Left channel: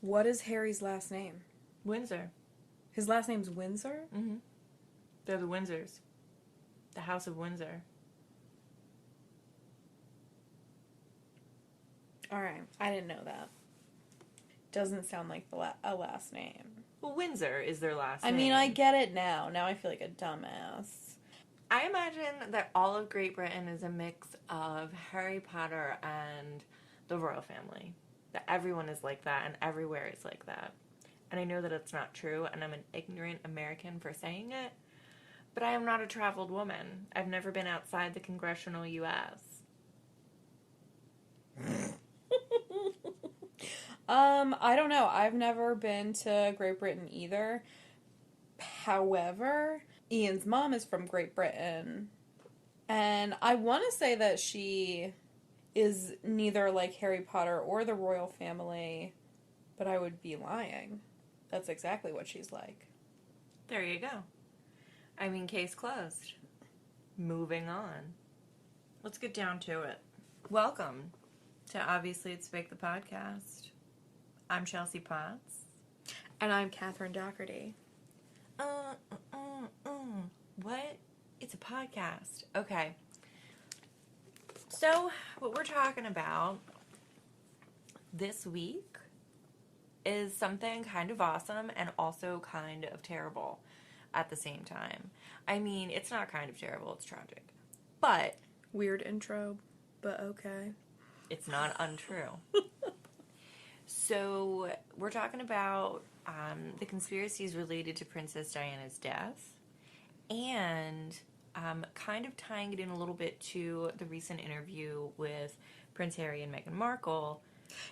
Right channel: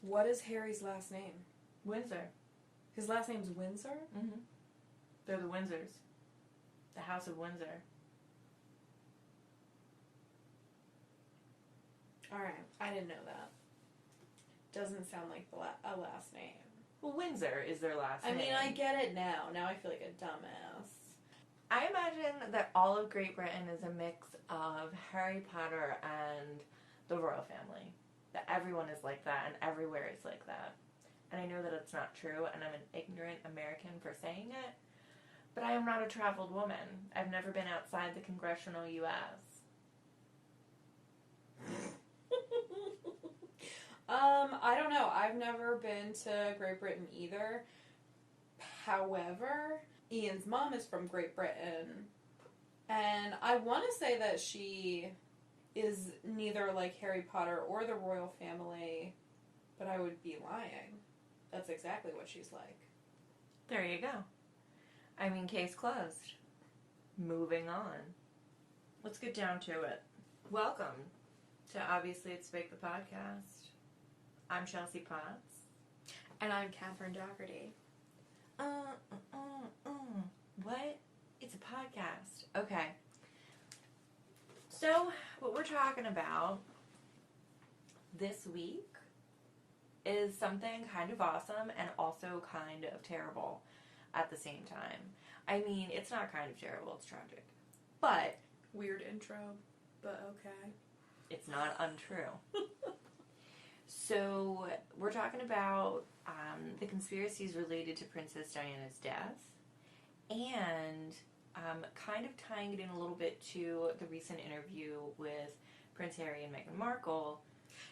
What is Harry's last name? Windsor. His last name's Windsor? Mm-hmm. They're the Windsors. The House of Windsor. Alright, I didn't know that. Doesn't sound like a last name. Well, Windsor is their last name. I mean, I get it now. Now I feel like a dumbass. I imagine that all of Great Britain is a mix of Harry Potter and the royal family. That everyone is like that and everywhere is like that. And I know that it's not true, and I'm an ignorant American for saying it, but I am not a traveled woman. I've never been outside the congressional U.S. I don't know. I've never been to Great Britain either. However, Ian's mom is from Great Britain, and I want to say that she is neither like Harry Potter or the royal family, but I would be lying. That's exactly what she's like. There you go. I mean, case closed. Moving on. Let's get down to it. Welcome to Obviously It's Fake the Podcast. I'm Chelsea Potts. And I'm Catherine Doherty. What? It's a podcast. Okay. So, what we're talking about this week is something kind of awesome and also kind of terrible at the same time. I mean, it's not kind of terrible, it's tragic. But weird intro, but okay. It's not untrue. So, we're talking about the conspiracies related to Princess Diana's death and kind of tying it in a little bit to the recent interview with Prince Harry and Meghan Markle.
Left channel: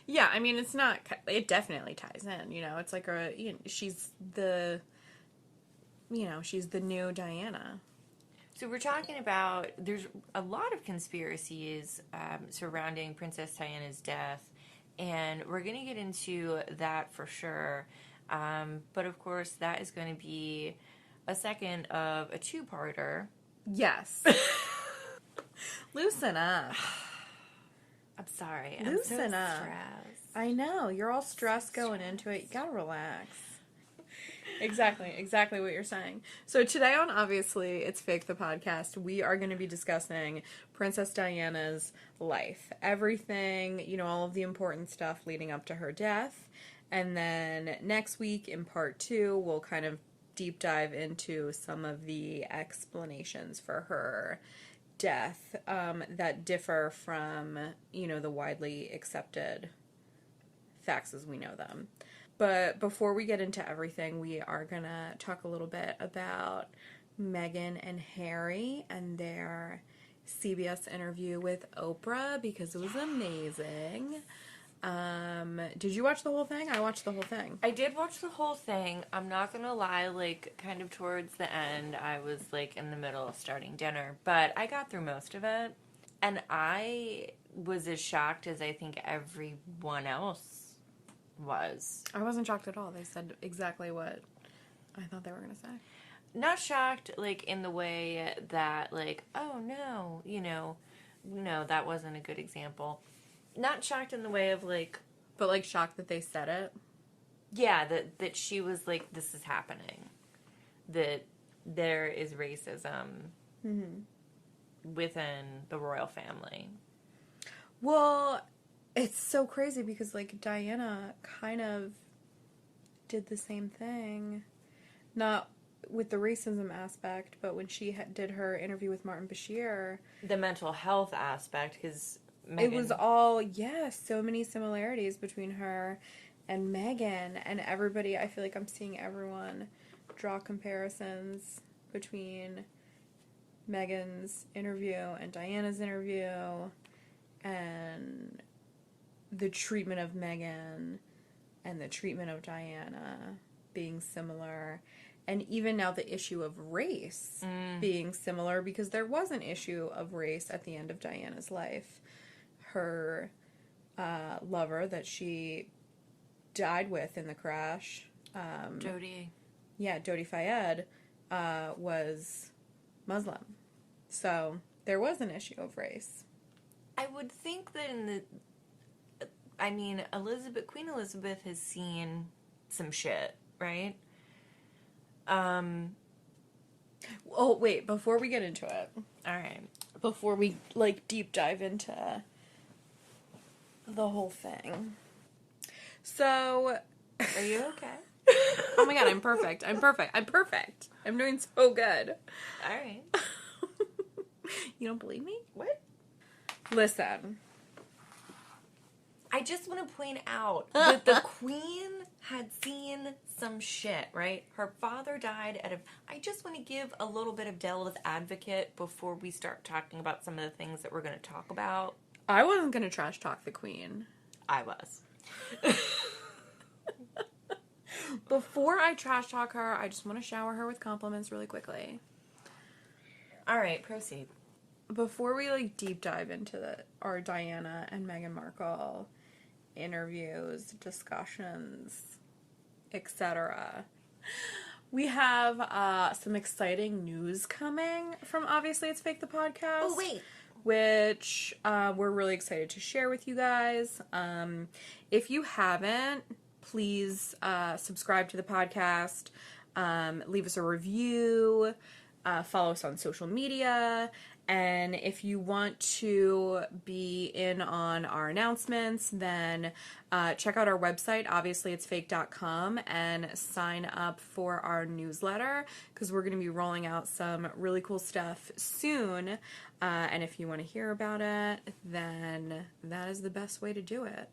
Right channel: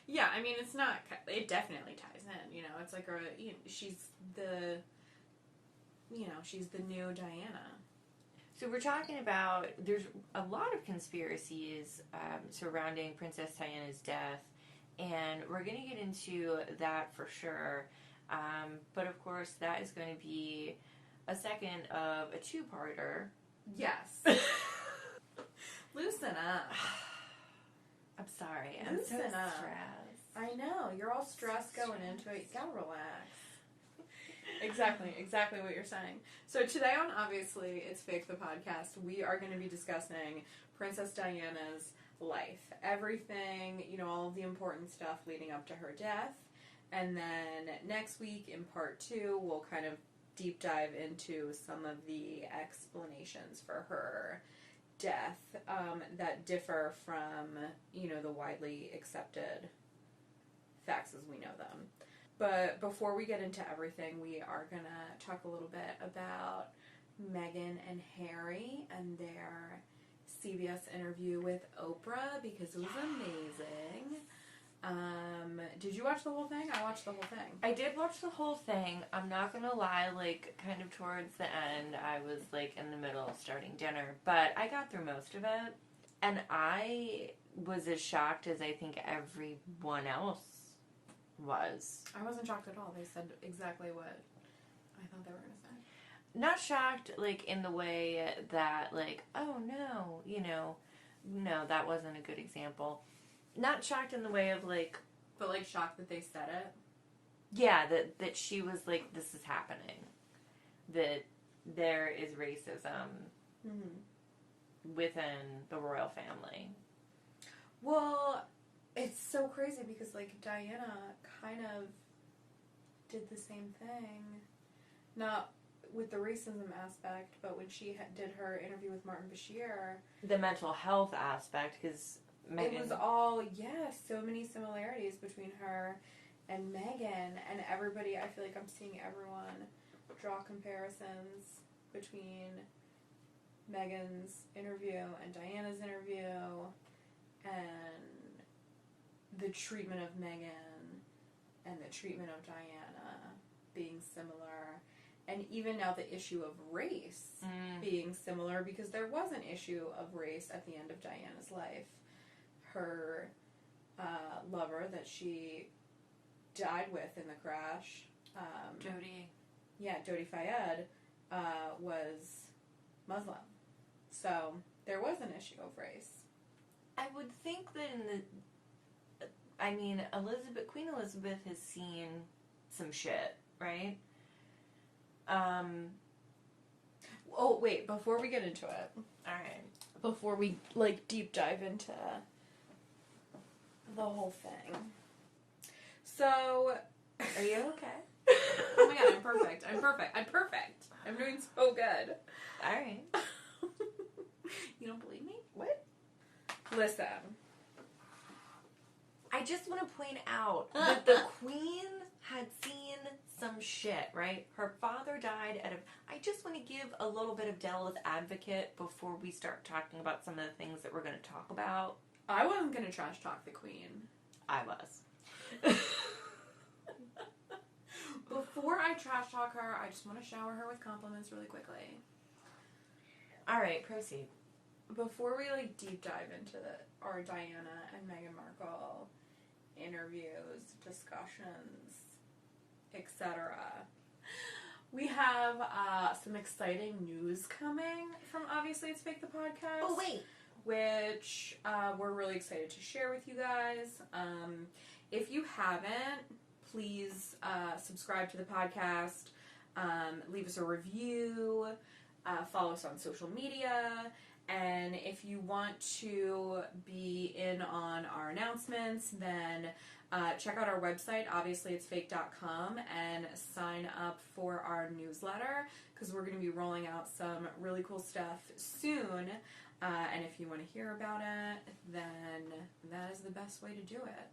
Yeah, I mean, it's not, it definitely ties in, it's like she's the new Diana. So we're talking about, there's a lot of conspiracies surrounding Princess Diana's death, and we're going to get into that for sure. But of course, that is going to be a second of a two-parter. Yes. Loosen up. I'm sorry. Loosen I'm so up. stressed. I know. You're all stressed going into it. You gotta relax. Exactly what you're saying. So today on Obviously It's Fake the Podcast, we are going to be discussing Princess Diana's life. Everything, all of the important stuff leading up to her death. And then next week in part 2, we'll kind of deep dive into some of the explanations for her death that differ from, the widely accepted facts as we know them. But before we get into everything, we are going to talk a little bit about Meghan and Harry and their CBS interview with Oprah, because it was amazing. Did you watch the whole thing? I watched the whole thing. I did watch the whole thing. I'm not gonna lie, kind of towards the end, I was, in the middle of starting dinner. But I got through most of it. And I was as shocked as I think everyone else was. I wasn't shocked at all. They said exactly what I thought they were going to say. Not shocked, in the way that, oh, no, no, that wasn't a good example. Not shocked in the way of, But, shocked that they said it? Yeah, that she was this is happening. That there is racism within the royal family. Well, it's so crazy because, Diana kind of did the same thing. Not with the racism aspect, but when she did her interview with Martin Bashir. The mental health aspect, because Meghan... It was all, so many similarities between her and Meghan. And everybody, I feel like I'm seeing everyone draw comparisons between Meghan's interview and Diana's interview, and the treatment of Meghan and the treatment of Diana being similar, and even now the issue of race being similar, because there was an issue of race at the end of Diana's life. Her lover that she died with in the crash, Jodie. Yeah, Jodie Fayed, was Muslim. So there was an issue of race. I would think that in the I mean, Queen Elizabeth has seen some shit, right? Oh, wait, before we get into it. Alright. Before we, deep dive into the whole thing. So... Are you okay? Oh my god, I'm perfect. I'm doing so good. Alright. You don't believe me? What? Listen. I just want to point out that the Queen had seen some shit, right? Her father died I just want to give a little bit of devil's advocate before we start talking about some of the things that we're going to talk about. I wasn't going to trash talk the Queen. I was. Before I trash talk her, I just want to shower her with compliments really quickly. Alright, proceed. Before we deep dive into our Diana and Meghan Markle interviews, discussions, etc., we have some exciting news coming from Obviously It's Fake the podcast. Oh, wait. Which we're really excited to share with you guys. If you haven't, please subscribe to the podcast, leave us a review, follow us on social media, and if you want to be in on our announcements, then check out our website, obviouslyitsfake.com, and sign up for our newsletter, because we're going to be rolling out some really cool stuff soon, and if you want to hear about it, then that is the best way to do it.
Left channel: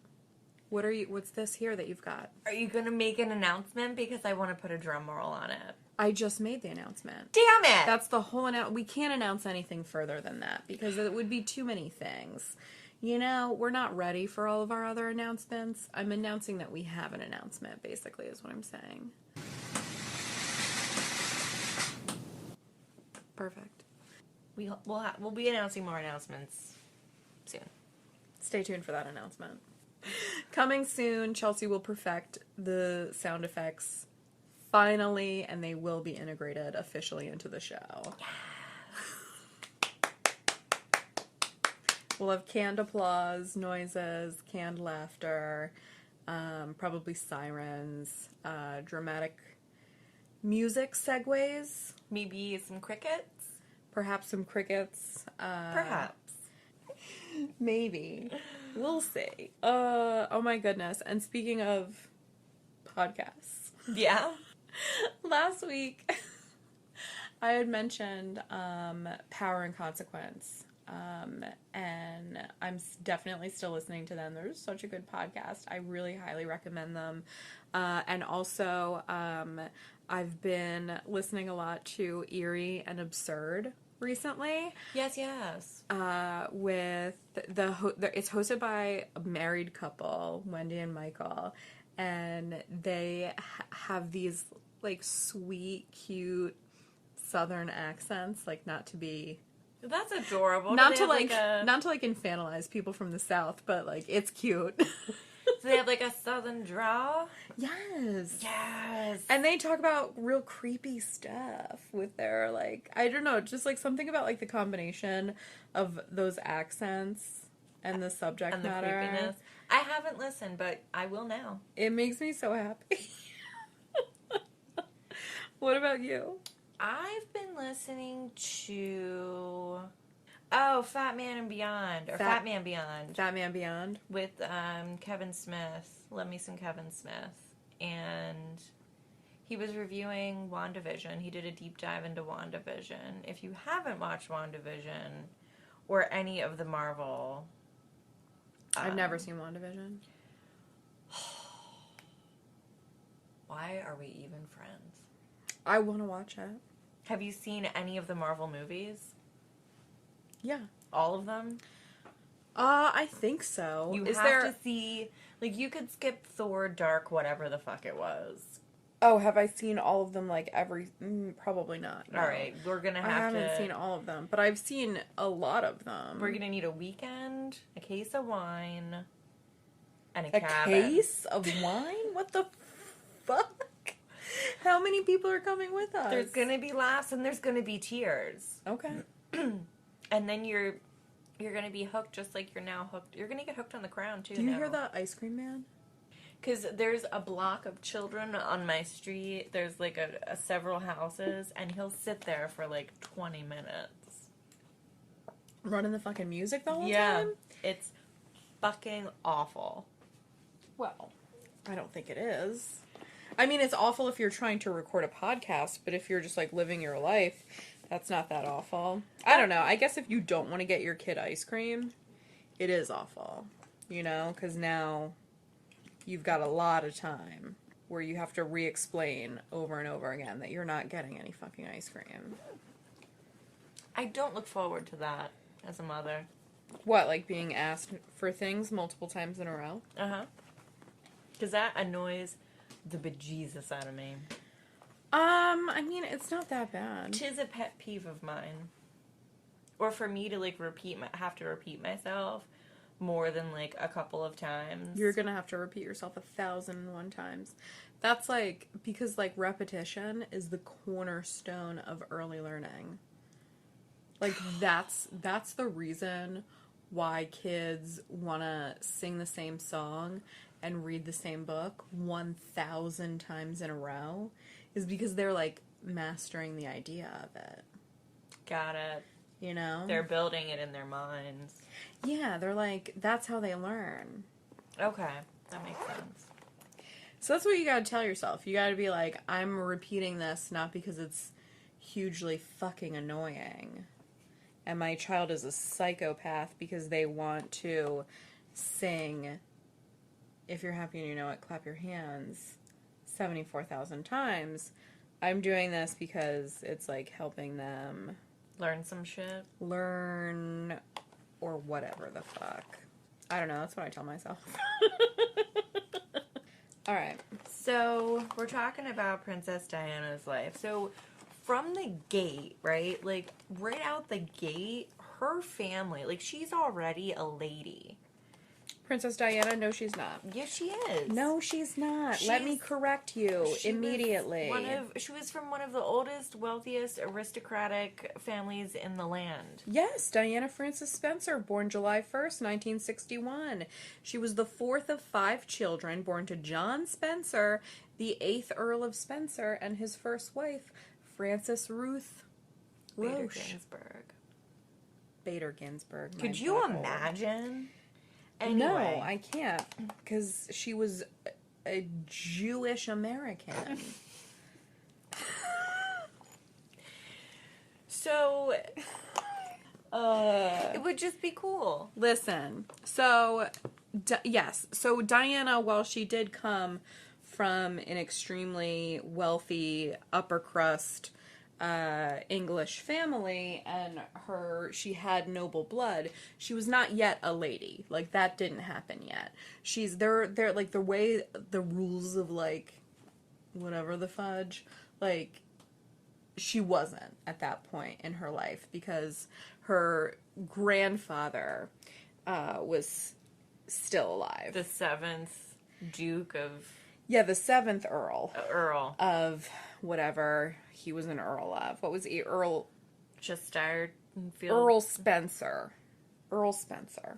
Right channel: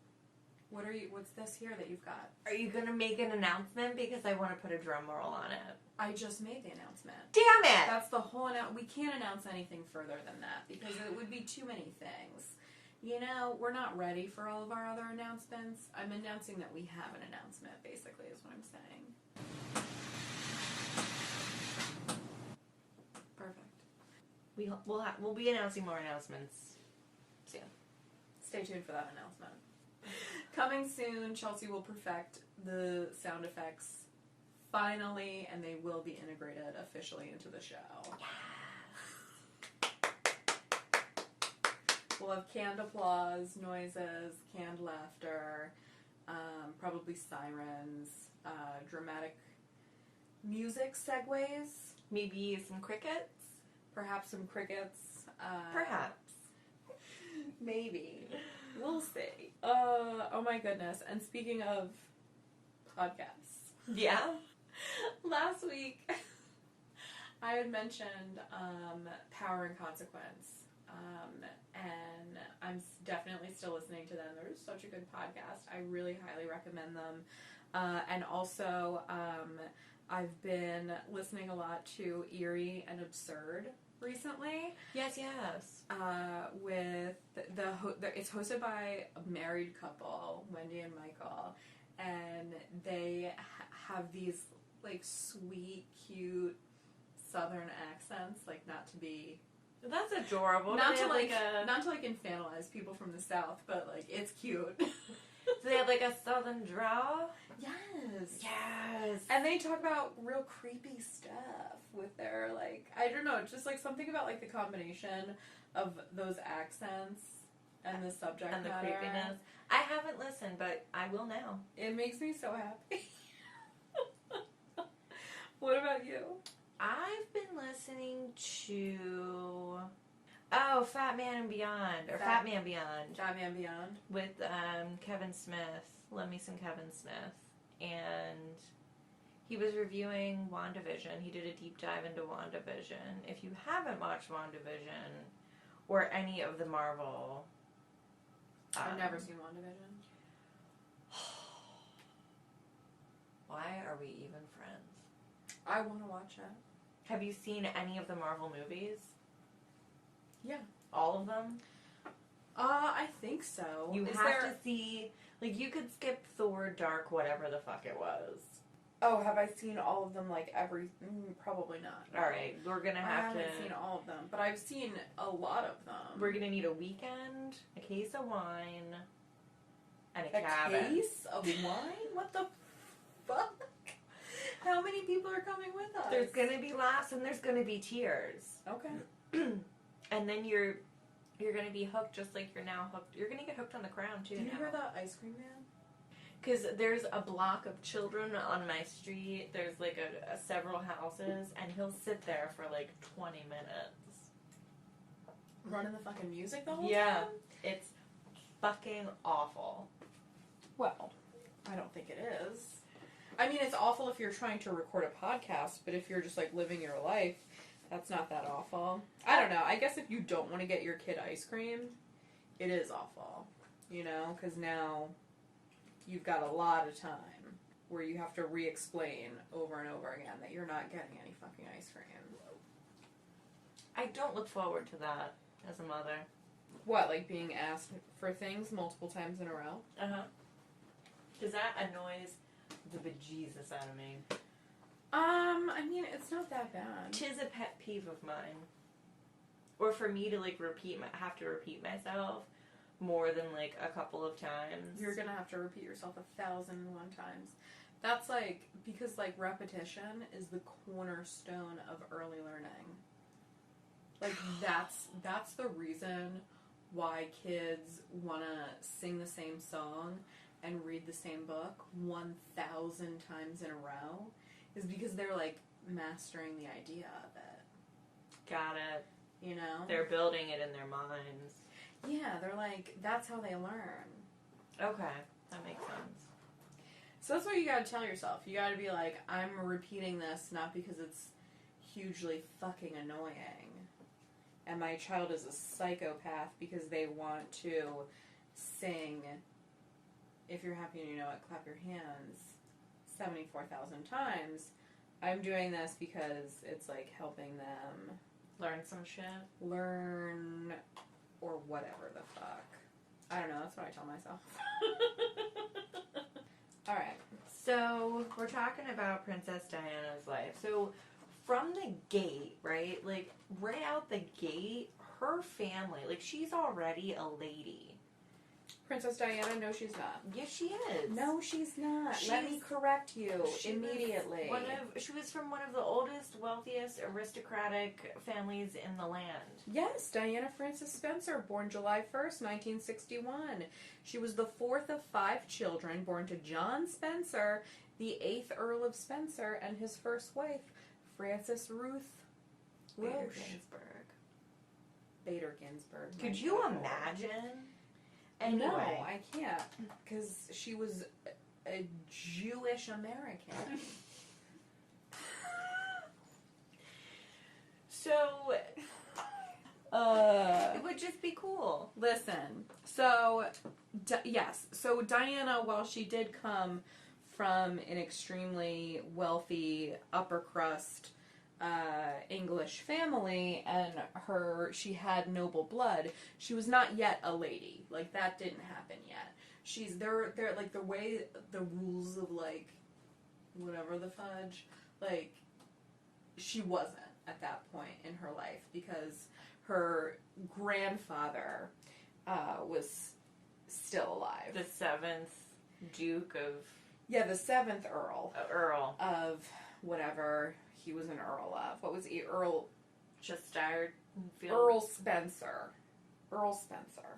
What's this here that you've got? Are you going to make an announcement? Because I want to put a drum roll on it. I just made the announcement. Damn it! That's the whole we can't announce anything further than that because it would be too many things. You know, we're not ready for all of our other announcements. I'm announcing that we have an announcement, basically, is what I'm saying. Perfect. We'll be announcing more announcements soon. Stay tuned for that announcement. Coming soon, Chelsea will perfect the sound effects finally, and they will be integrated officially into the show. Yes. We'll have canned applause, noises, canned laughter, probably sirens, dramatic music segues. Maybe some crickets? Perhaps some crickets. Perhaps. Maybe. We'll see. Oh my goodness. And speaking of podcasts. Yeah? Last week, I had mentioned Power and Consequence. And I'm definitely still listening to them. They're such a good podcast. I really highly recommend them. And also, I've been listening a lot to Eerie and Absurd recently. Yes. With it's hosted by a married couple, Wendy and Michael, and they have these sweet, cute Southern accents. Not to be. That's adorable. Not to infantilize people from the South, but it's cute. So they have a Southern drawl? Yes. Yes. And they talk about real creepy stuff with their I don't know, just something about the combination of those accents and the subject and the matter. Creepiness. I haven't listened, but I will now. It makes me so happy. What about you? I've been listening to Fat Man Beyond. Fat Man Beyond. With Kevin Smith. Love me some Kevin Smith. And he was reviewing WandaVision. He did a deep dive into WandaVision. If you haven't watched WandaVision or any of the Marvel... I've never seen WandaVision. Why are we even friends? I want to watch it. Have you seen any of the Marvel movies? Yeah. All of them? I think so. You have to see... you could skip Thor, Dark, whatever the fuck it was. Oh, have I seen all of them, every... probably not. No. Alright, we're gonna have I haven't seen all of them, but I've seen a lot of them. We're gonna need a weekend, a case of wine, and a cabin. Case of wine? What the fuck? How many people are coming with us? There's gonna be laughs and there's gonna be tears. Okay. And then you're You're going to be hooked just like you're now hooked. You're going to get hooked on the crown, too. Do you hear the ice cream man? Because there's a block of children on my street. There's like a several houses, and he'll sit there for like 20 minutes. Running the fucking music the whole time? Yeah. It's fucking awful. Well, I don't think it is. I mean, it's awful if you're trying to record a podcast, but if you're just, like, living your life, that's not that awful. I don't know. I guess if you don't want to get your kid ice cream, it is awful. You know? Because now you've got a lot of time where you have to re-explain over and over again that you're not getting any fucking ice cream. I don't look forward to that as a mother. What, like being asked for things multiple times in a row? Uh-huh. Because that annoys the bejesus out of me. I mean, it's not that bad. Tis a pet peeve of mine. Or for me to, like, have to repeat myself more than, like, a couple of times. You're gonna have to repeat yourself 1,001 times. That's, like, because, like, repetition is the cornerstone of early learning. Like, that's the reason why kids want to sing the same song and read the same book 1,000 times in a row, is because they're, like, mastering the idea of it. Got it. You know? They're building it in their minds. Yeah, they're like, that's how they learn. Okay, that makes sense. So that's what you gotta tell yourself. You gotta be like, I'm repeating this not because it's hugely fucking annoying, and my child is a psychopath because they want to sing "If You're Happy and You Know It, Clap Your Hands" 74,000 times. I'm doing this because it's, like, helping them Learn some shit. Learn or whatever the fuck. I don't know. That's what I tell myself. All right. So we're talking about Princess Diana's life. So from the gate, right? Like, right out the gate, her family, like, she's already a lady. Princess Diana, no, she's not. Yes, she is. No, she's not. Let me correct you immediately. She was from one of the oldest, wealthiest, aristocratic families in the land. Yes, Diana Frances Spencer, born July 1st, 1961. She was the fourth of 5 children, born to John Spencer, the 8th Earl of Spencer, and his first wife, Frances Ruth Roche. Bader Ginsburg. Could you imagine? Anyway. No, I can't, because she was a Jewish American. So, it would just be cool. Listen, so, yes, so Diana, while she did come from an extremely wealthy, upper crust, English family, and she had noble blood, she was not yet a lady. Like, that didn't happen yet. They're like, the way, the rules of, like, whatever the fudge, like, she wasn't at that point in her life, because her grandfather, was still alive. The 7th Duke of... Yeah, the 7th Earl. Earl. Of whatever he was an Earl of. What was he? Earl Spencer. Earl Spencer.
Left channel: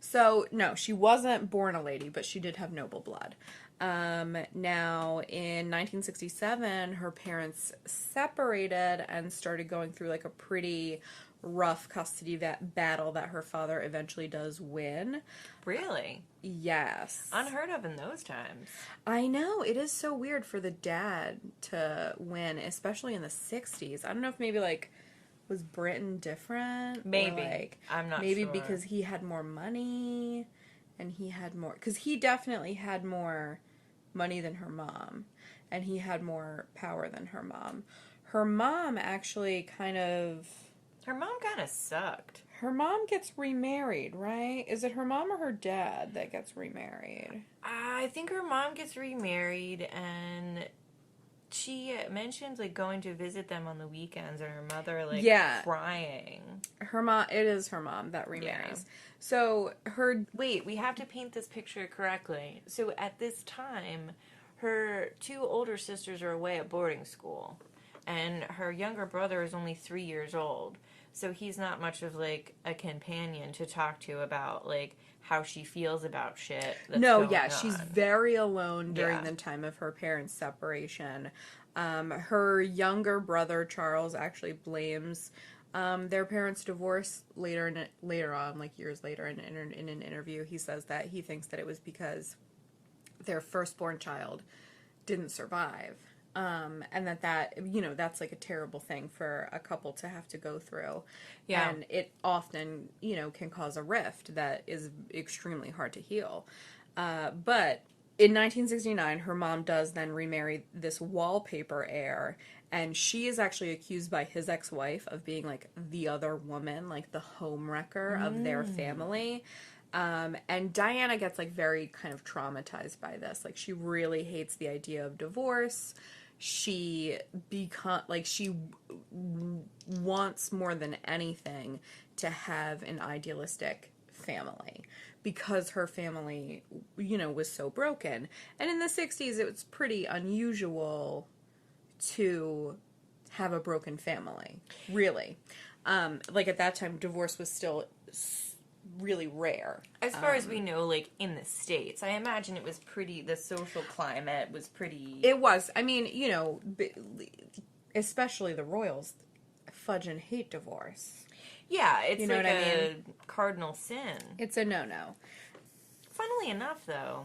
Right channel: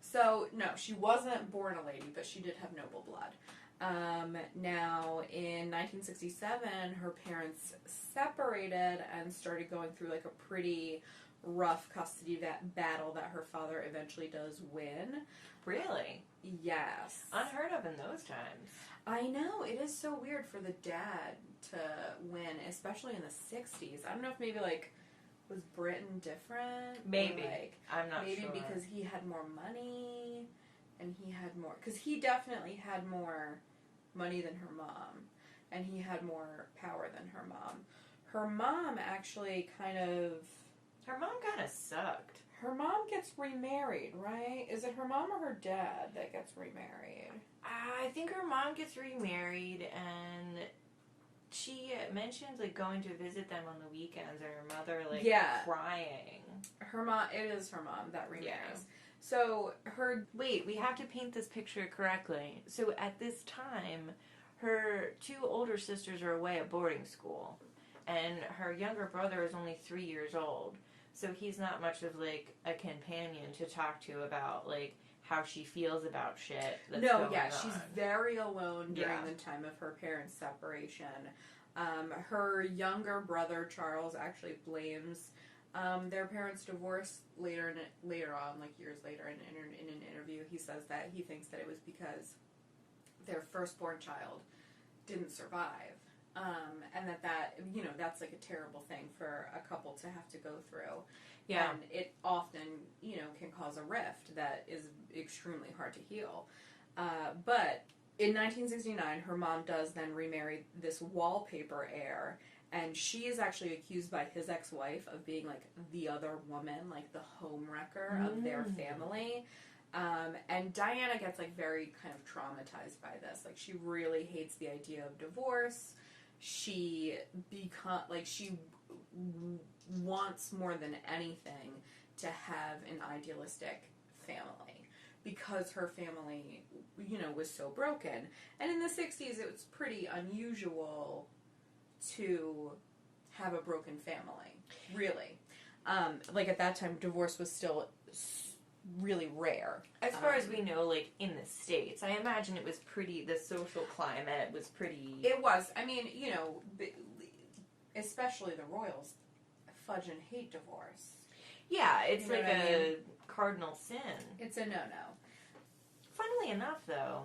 So, no, she wasn't born a lady, but she did have noble blood. Now, in 1967, her parents separated and started going through, like, a pretty rough custody battle that her father eventually does win. Really? Yes. Unheard of in those times. I know. It is so weird for the dad to win, especially in the 60s. I don't know if maybe, like, was Britain different? Maybe. Or, like, I'm not maybe sure. because he had more money and he had more... Because he definitely had more money than her mom. And he had more power than her mom. Her mom actually kind of... Her mom kind of sucked. Her mom gets remarried, right? Is it her mom or her dad that gets remarried? I think her mom gets remarried, and she mentions, like, going to visit them on the weekends, or her mother, like, crying. Her mom, it is her mom that remarries. Yeah. So, Wait, we have to paint this picture correctly. So, at this time, her 2 older sisters are away at boarding school, and her younger brother is only 3 years old. So he's not much of, like, a companion to talk to about, like, how she feels about shit that's going on. She's very alone during Yeah. the time of her parents' separation. Her younger brother, Charles, actually blames their parents' divorce later on, like years later, in an interview. He says that he thinks that it was because their firstborn child didn't survive. And that, you know, that's like a terrible thing for a couple to have to go through. Yeah. And it often, you know, can cause a rift that is extremely hard to heal. But in 1969, her mom does then remarry this wallpaper heir, and she is actually accused by his ex-wife of being like the other woman, like the homewrecker of their family. And Diana gets like very kind of traumatized by this. Like she really hates the idea of divorce. She wants more than anything to have an idealistic family because her family, you know, was so broken. And in the 60s, it was pretty unusual to have a broken family, really. Like at that time, divorce was still really rare. As far as we know, like, in the States, I imagine it was pretty, the social climate was pretty... It was. I mean, you know, especially the royals fudge and hate divorce. Yeah, it's, you know like what I mean? a cardinal sin. It's a no-no. Funnily enough, though,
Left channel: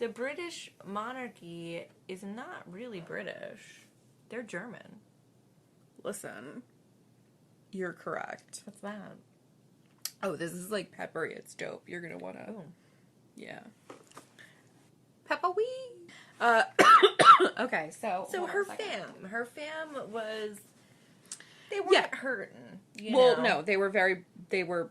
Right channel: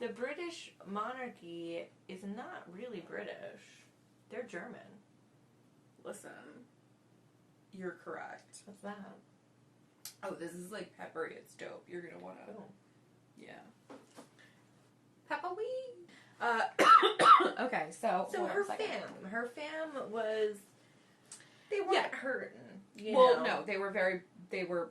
the British monarchy is not really British. They're German. Listen, you're correct. What's that? Oh, this is like peppery. It's dope. You're gonna wanna... Oh. Yeah. Pepper-wee! Okay, so... So her fam was... They weren't Yeah. hurting, Well, know? no, they were...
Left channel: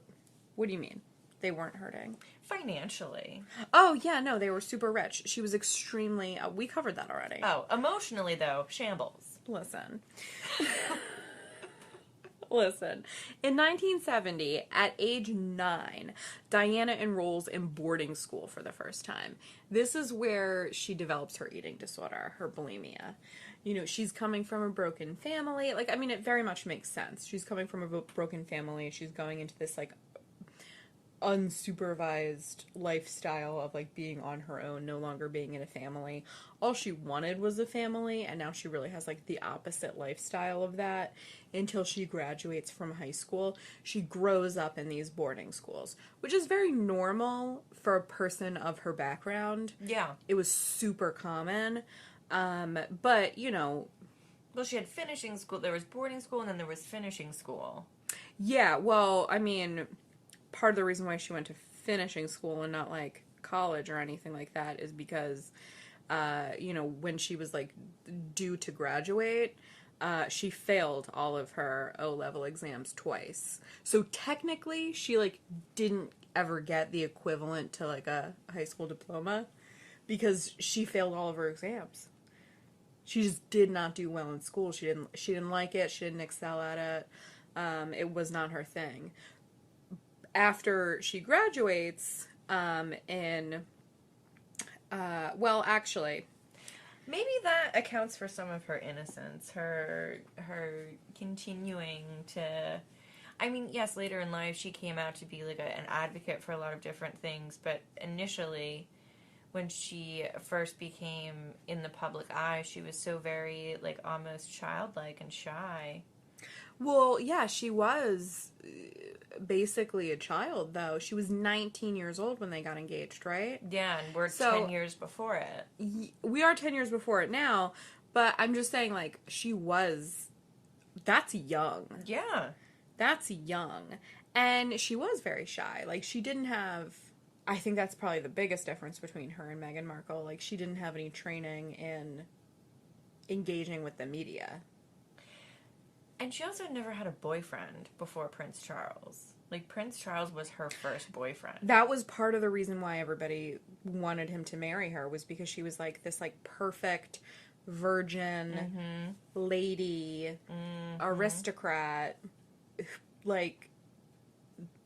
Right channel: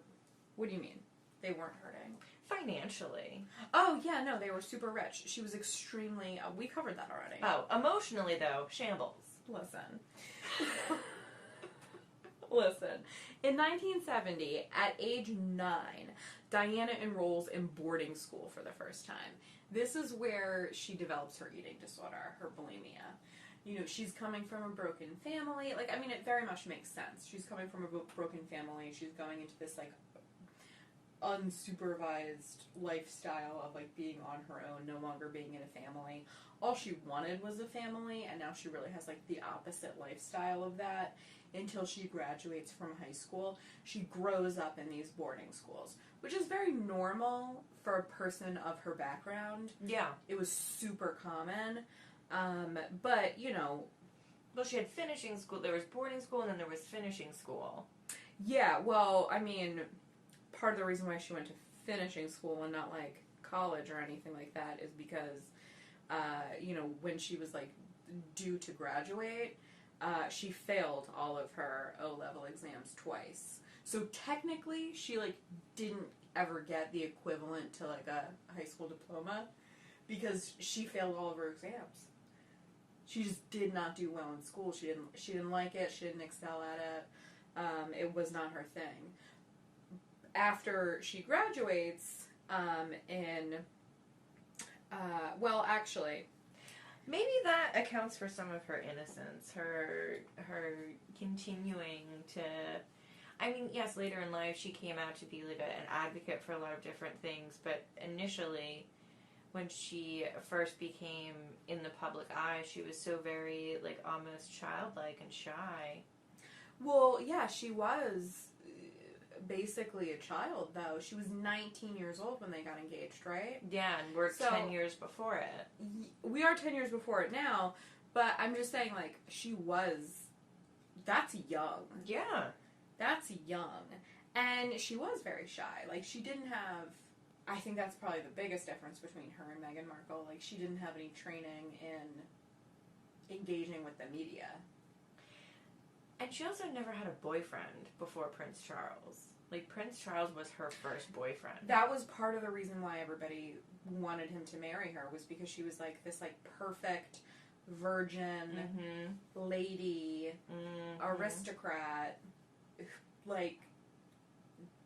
What do you mean? They weren't hurting? Financially. Oh, yeah, no, they were super rich. She was extremely... we covered that already. Oh, emotionally, though, shambles. Listen. Listen. In 1970, at age 9, Diana enrolls in boarding school for the first time. This is where she develops her eating disorder, her bulimia. You know, she's coming from a broken family. Like, I mean, it very much makes sense. She's coming from a broken family. She's going into this, like, unsupervised lifestyle of, like, being on her own, no longer being in a family. All she wanted was a family, and now she really has, like, the opposite lifestyle of that until she graduates from high school. She grows up in these boarding schools, which is very normal for a person of her background. Yeah. It was super common. But, you know... Well, she had finishing school. There was boarding school, and then there was finishing school. Yeah, well, I mean, part of the reason why she went to finishing school and not, like, college or anything like that is because, you know, when she was, like, due to graduate... she failed all of her O-level exams twice. So technically, she, like, didn't ever get the equivalent to, like, a high school diploma because she failed all of her exams. She just did not do well in school. She didn't like it. She didn't excel at it. It was not her thing. After she graduates, well, actually... Maybe that accounts for some of her innocence, her continuing to... I mean, yes, later in life she came out to be like an advocate for a lot of different things, but initially, when she first became in the public eye, she was so very, like, almost childlike and shy. Well, yeah, she was basically a child, though. She was 19 years old when they got engaged, right? Yeah, and we're 10 years before it. We are 10 years before it now, but I'm just saying, like, she was... That's young. Yeah. That's young. And she was very shy. Like, she didn't have... I think that's probably the biggest difference between her and Meghan Markle. Like, she didn't have any training in engaging with the media. And she also never had a boyfriend before Prince Charles. Like, Prince Charles was her first boyfriend. That was part of the reason why everybody wanted him to marry her, was because she was, like, this, like, perfect virgin lady, aristocrat, like,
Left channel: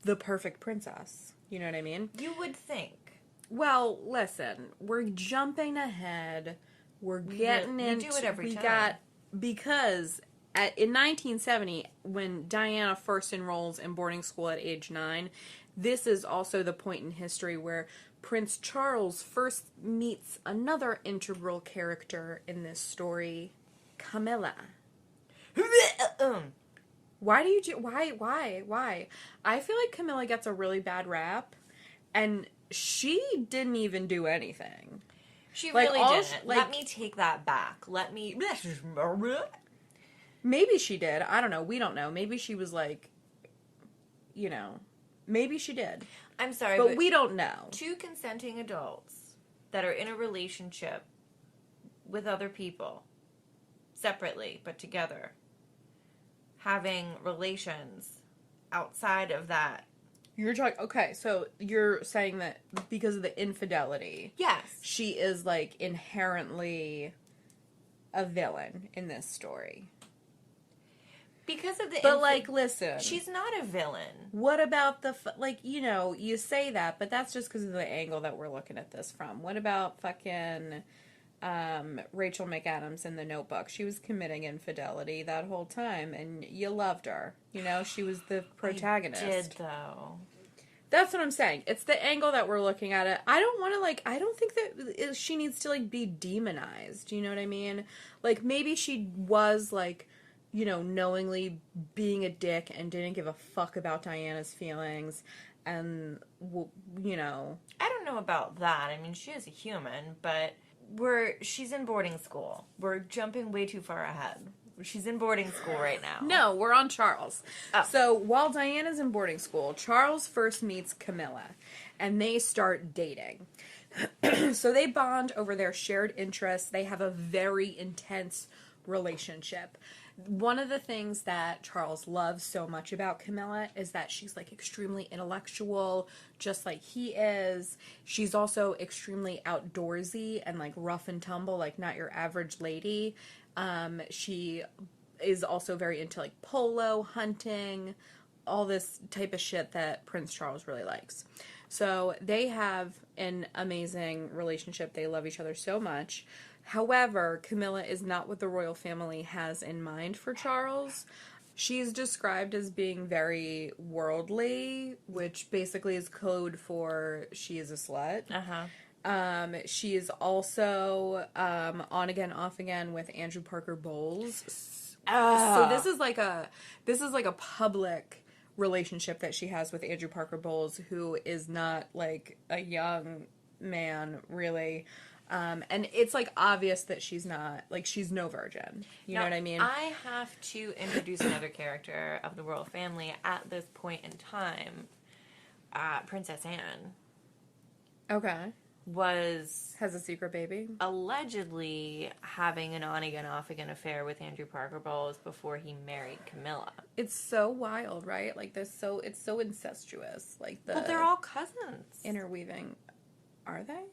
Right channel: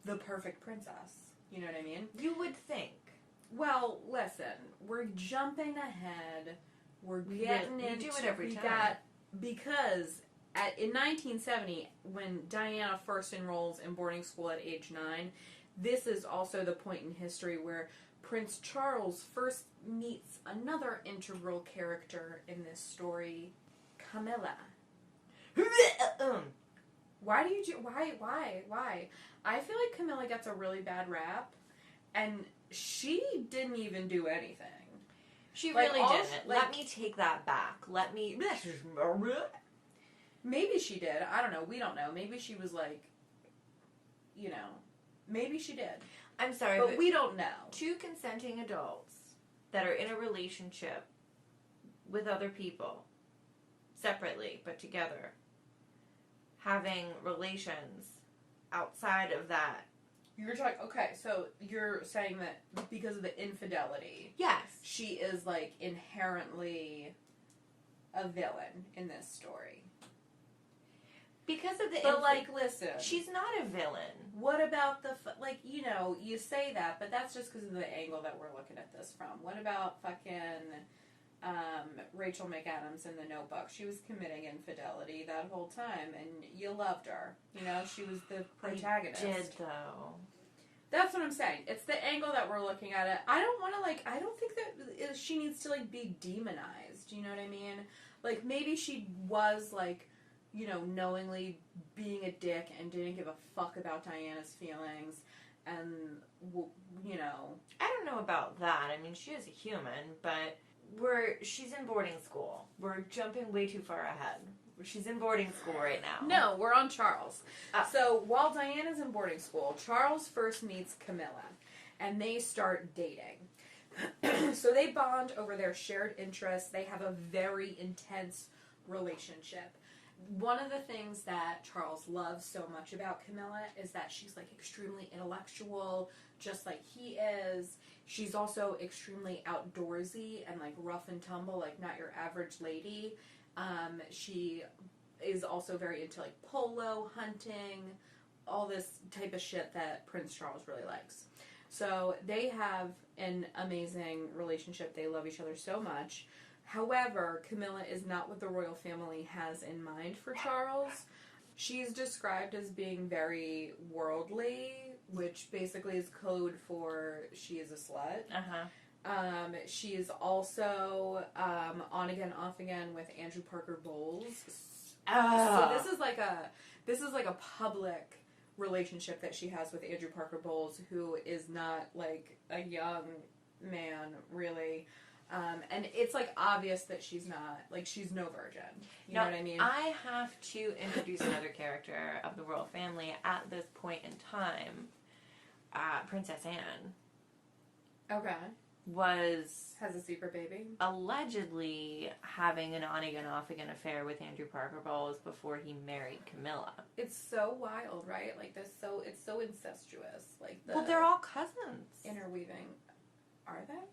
the perfect princess. You know what I mean? You would think. Well, listen, we're jumping ahead. We're getting into... We do it every time. Because in 1970, when Diana first enrolls in boarding school at age 9, this is also the point in history where Prince Charles first meets another integral character in this story, Camilla. Why do you do... Why? I feel like Camilla gets a really bad rap, and she didn't even do anything. She like, really didn't. Let me take that back. Let me... Maybe she did. I don't know. We don't know. Maybe she was like, you know, maybe she did. I'm sorry, but we don't know. Two consenting adults that are in a relationship with other people, separately but together, having relations outside of that. You're talking, okay, so you're saying that because of the infidelity. Yes. She is, like, inherently a villain in this story. Because of the... But, like, listen. She's not a villain. What about the... Like, you know, you say that, but that's just because of the angle that we're looking at this from. What about fucking Rachel McAdams in The Notebook? She was committing infidelity that whole time, and you loved her. You know, she was the protagonist. I did, though. That's what I'm saying. It's the angle that we're looking at it. I don't want to, like, I don't think that she needs to, like, be demonized. You know what I mean? Like, maybe she was, like, you know, knowingly being a dick and didn't give a fuck about Diana's feelings. And, you know. I don't know about that. I mean, she is a human, but she's in boarding school. We're jumping way too far ahead. She's in boarding school right now. No, we're on Charles. Oh. So while Diana's in boarding school, Charles first meets Camilla, and they start dating. So they bond over their shared interests. They have a very intense relationship. One of the things that Charles loves so much about Camilla is that she's, like, extremely intellectual, just like he is. She's also extremely outdoorsy and, like, rough and tumble, like, not your average lady. She is also very into, like, polo, hunting, all this type of shit that Prince Charles really likes. So they have an amazing relationship. They love each other so much. However, Camilla is not what the royal family has in mind for Charles. She's described as being very worldly, which basically is code for she is a slut. She is also on again, off again with Andrew Parker Bowles. So this is like a public relationship that she has with Andrew Parker Bowles, who is not like a young man really. And it's, like, obvious that she's not, like, she's no virgin. You know what I mean? I have to introduce another character of the royal family at this point in time. Princess Anne. Okay. Has a secret baby? Allegedly having an on-again, off-again affair with Andrew Parker Bowles before he married Camilla. It's so wild, right? Like, it's so incestuous. Like, well, they're all cousins. Interweaving. Are they?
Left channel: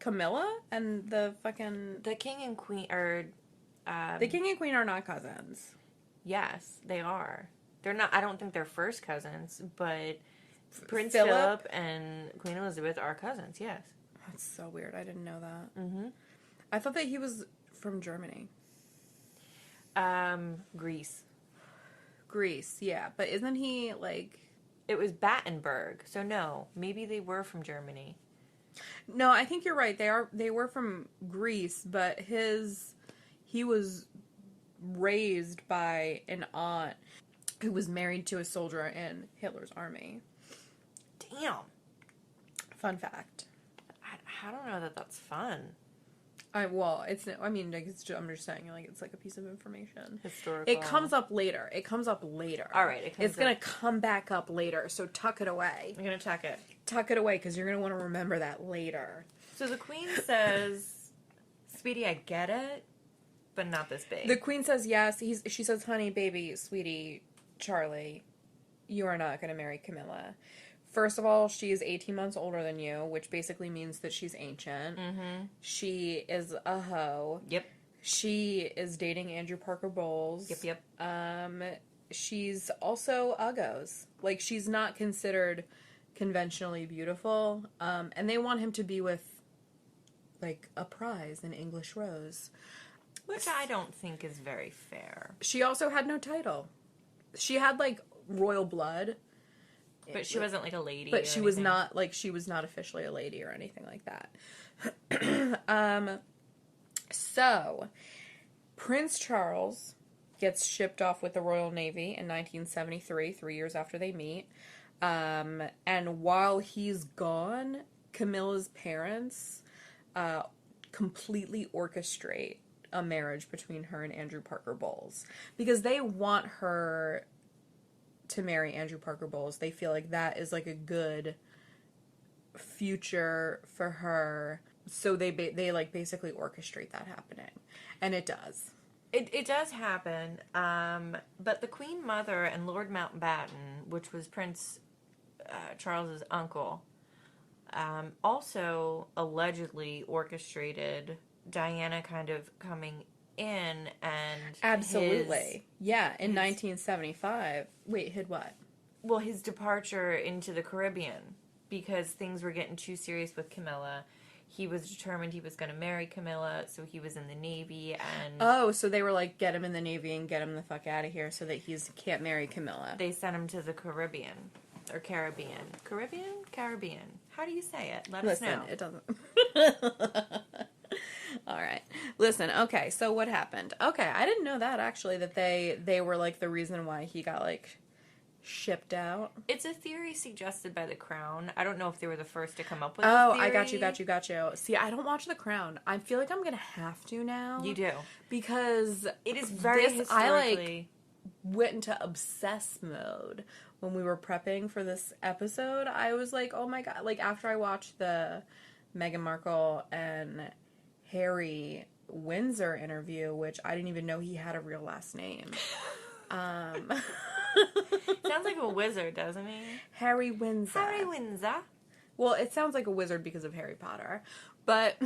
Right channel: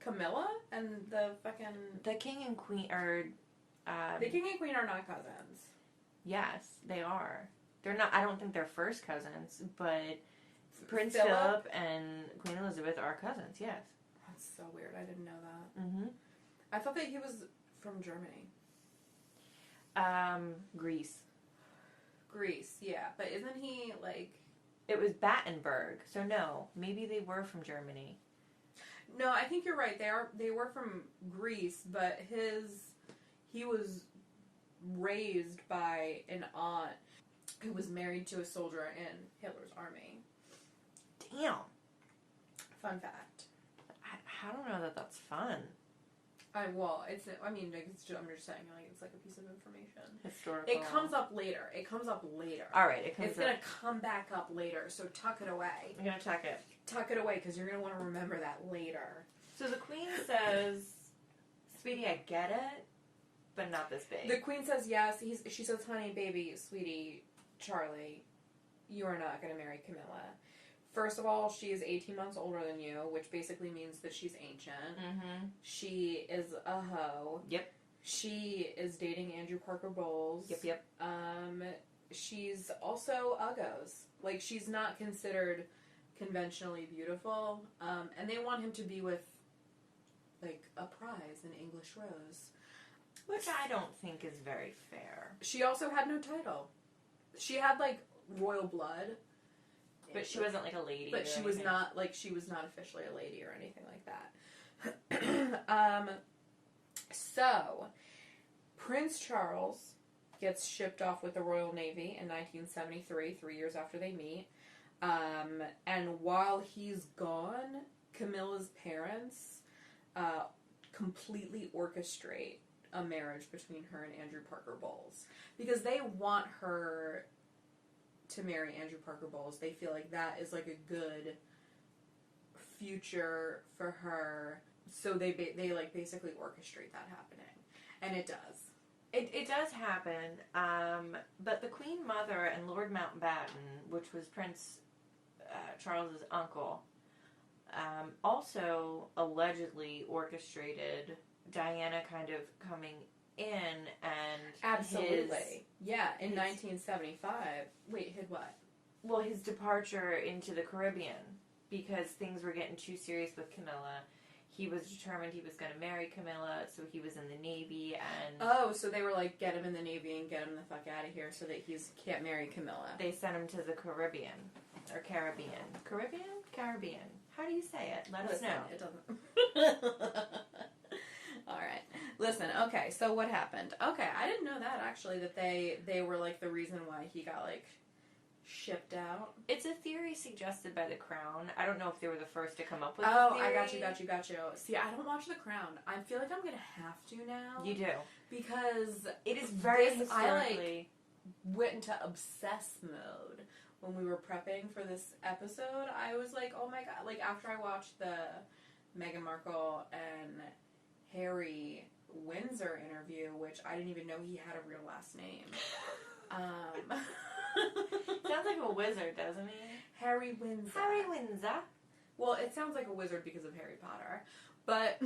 Camilla and the fucking... The king and queen are... the king and queen are not cousins. Yes, they are. They're not... I don't think they're first cousins, but Prince Philip Philip and Queen Elizabeth are cousins, yes. That's so weird. I didn't know that. Mm-hmm. I thought that he was from Germany. Greece, yeah. But isn't he, like... It was Battenberg, so no. Maybe they were from Germany. No, I think you're right. They were from Greece, but he was raised by an aunt who was married to a soldier in Hitler's army. Damn. Fun fact. I don't know that that's fun. I'm just saying, like, it's like a piece of information. Historical. It comes up later. All right. It's going to come back up later, so tuck it away. I'm going to tuck it. Tuck it away, because you're going to want to remember that later. So the queen says, sweetie, I get it, but not this big. The queen says yes. She says, honey, baby, sweetie, Charlie, you are not going to marry Camilla. First of all, she is 18 months older than you, which basically means that she's ancient. Mm-hmm. She is a hoe. Yep. She is dating Andrew Parker Bowles. Yep. She's also uggos. Like, she's not considered conventionally beautiful. And they want him to be with, like, a prize, an English rose. Which I don't think is very fair. She also had no title. She had, like, royal blood. But she wasn't, like, a lady. But she was not, like, she was not officially a lady or anything like that. So, Prince Charles gets shipped off with the Royal Navy in 1973, 3 years after they meet. And while he's gone, Camilla's parents completely orchestrate a marriage between her and Andrew Parker Bowles. Because they want her to marry Andrew Parker Bowles. They feel like that is, like, a good future for her. So they like, basically orchestrate that happening. And it does. It does happen, but the Queen Mother and Lord Mountbatten, which was Prince Charles's uncle, also allegedly orchestrated Diana kind of coming in and... Absolutely. In 1975. Wait, hid what? Well, his departure into the Caribbean, because things were getting too serious with Camilla. He was determined he was going to marry Camilla, so he was in the Navy, and... Oh, so they were like, get him in the Navy and get him the fuck out of here so that he can't marry Camilla. They sent him to the Caribbean. Or Caribbean. Caribbean? Caribbean. How do you say it? Let us know. Listen, it doesn't... Alright. Listen, okay, so what happened? Okay, I didn't know that, actually, that they were, like, the reason why he got, like... shipped out. It's a theory suggested by The Crown. I don't know if they were the first to come up with Oh, this theory. I got you. See, I don't watch The Crown. I feel like I'm gonna have to now. You do. Because it is very historically... I, like, went into obsess mode when we were prepping for this episode. I was like, oh my god. Like, after I watched the Meghan Markle and Harry Windsor interview, which I didn't even know he had a real last name. Sounds like a wizard, doesn't he? Harry Windsor. Harry Windsor. Well, it sounds like a wizard because of Harry Potter. But...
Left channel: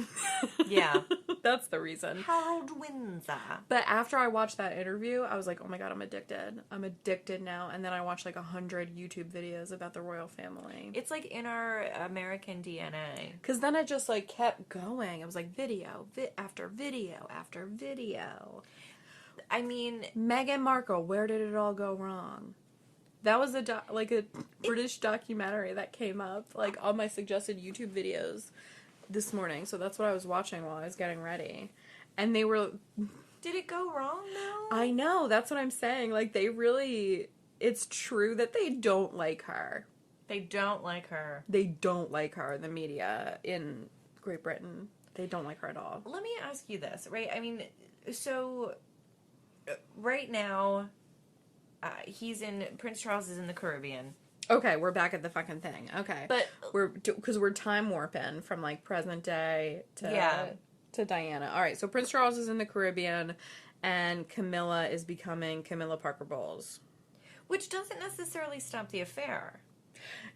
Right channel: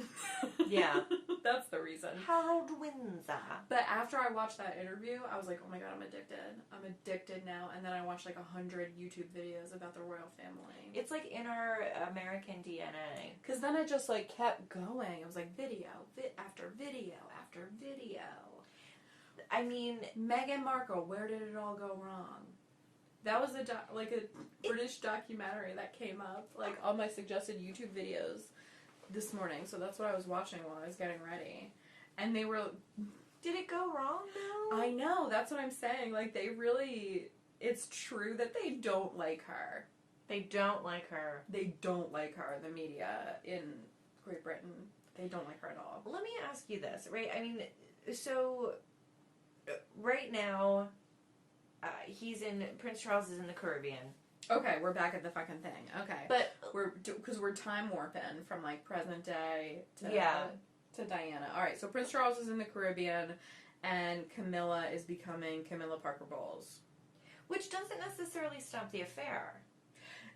yeah. That's the reason. Harold Windsor. But after I watched that interview, I was like, oh my god, I'm addicted. I'm addicted now. And then I watched like 100 YouTube videos about the royal family. It's like in our American DNA. Because then it just like kept going. It was like video after video after video. I mean... Meghan Markle, where did it all go wrong? That was a British documentary that came up like on my suggested YouTube videos this morning. So that's what I was watching while I was getting ready. And they were... Did it go wrong though? I know, that's what I'm saying. Like, they really... It's true that they don't like her. They don't like her. They don't like her, the media in Great Britain. They don't like her at all. Let me ask you this, right? I mean, so... Right now, Prince Charles is in the Caribbean. Okay, we're back at the fucking thing. Okay. But... Because we're time warping from, like, present day to Diana. Alright, so Prince Charles is in the Caribbean, and Camilla is becoming Camilla Parker Bowles. Which doesn't necessarily stop the affair.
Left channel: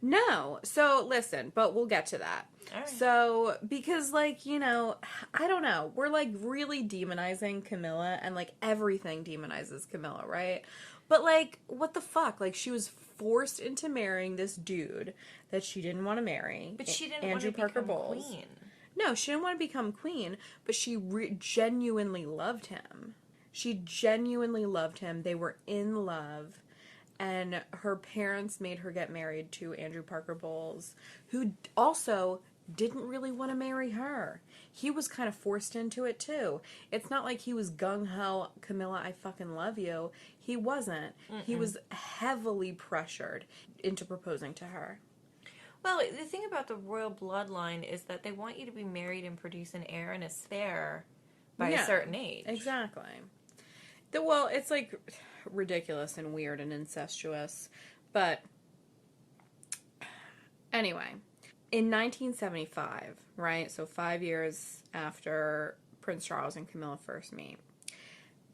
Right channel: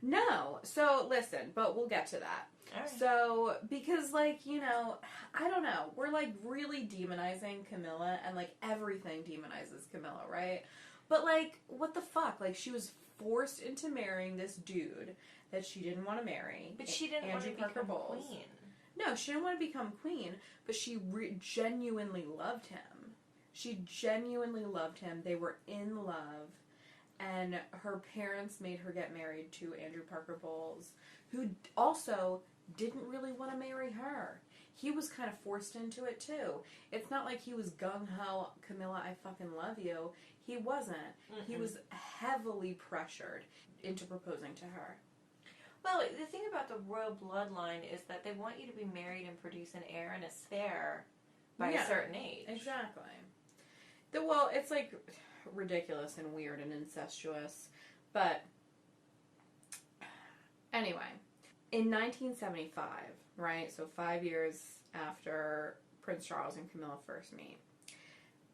No. So, listen, but we'll get to that. Right. So, because, like, you know, I don't know. We're, like, really demonizing Camilla, and, like, everything demonizes Camilla, right? But, like, what the fuck? Like, she was forced into marrying this dude that she didn't want to marry. But she didn't Andrew want to Parker become Bowles. queen. No, she didn't want to become queen, but she genuinely loved him. She genuinely loved him. They were in love. And her parents made her get married to Andrew Parker Bowles, who also didn't really want to marry her. He was kind of forced into it, too. It's not like he was gung-ho, Camilla, I fucking love you. He wasn't. Mm-mm. He was heavily pressured into proposing to her. Well, the thing about the royal bloodline is that they want you to be married and produce an heir and a spare by a certain age. Exactly. Well, it's like... ridiculous and weird and incestuous. But anyway, in 1975, right, so 5 years after Prince Charles and Camilla first meet,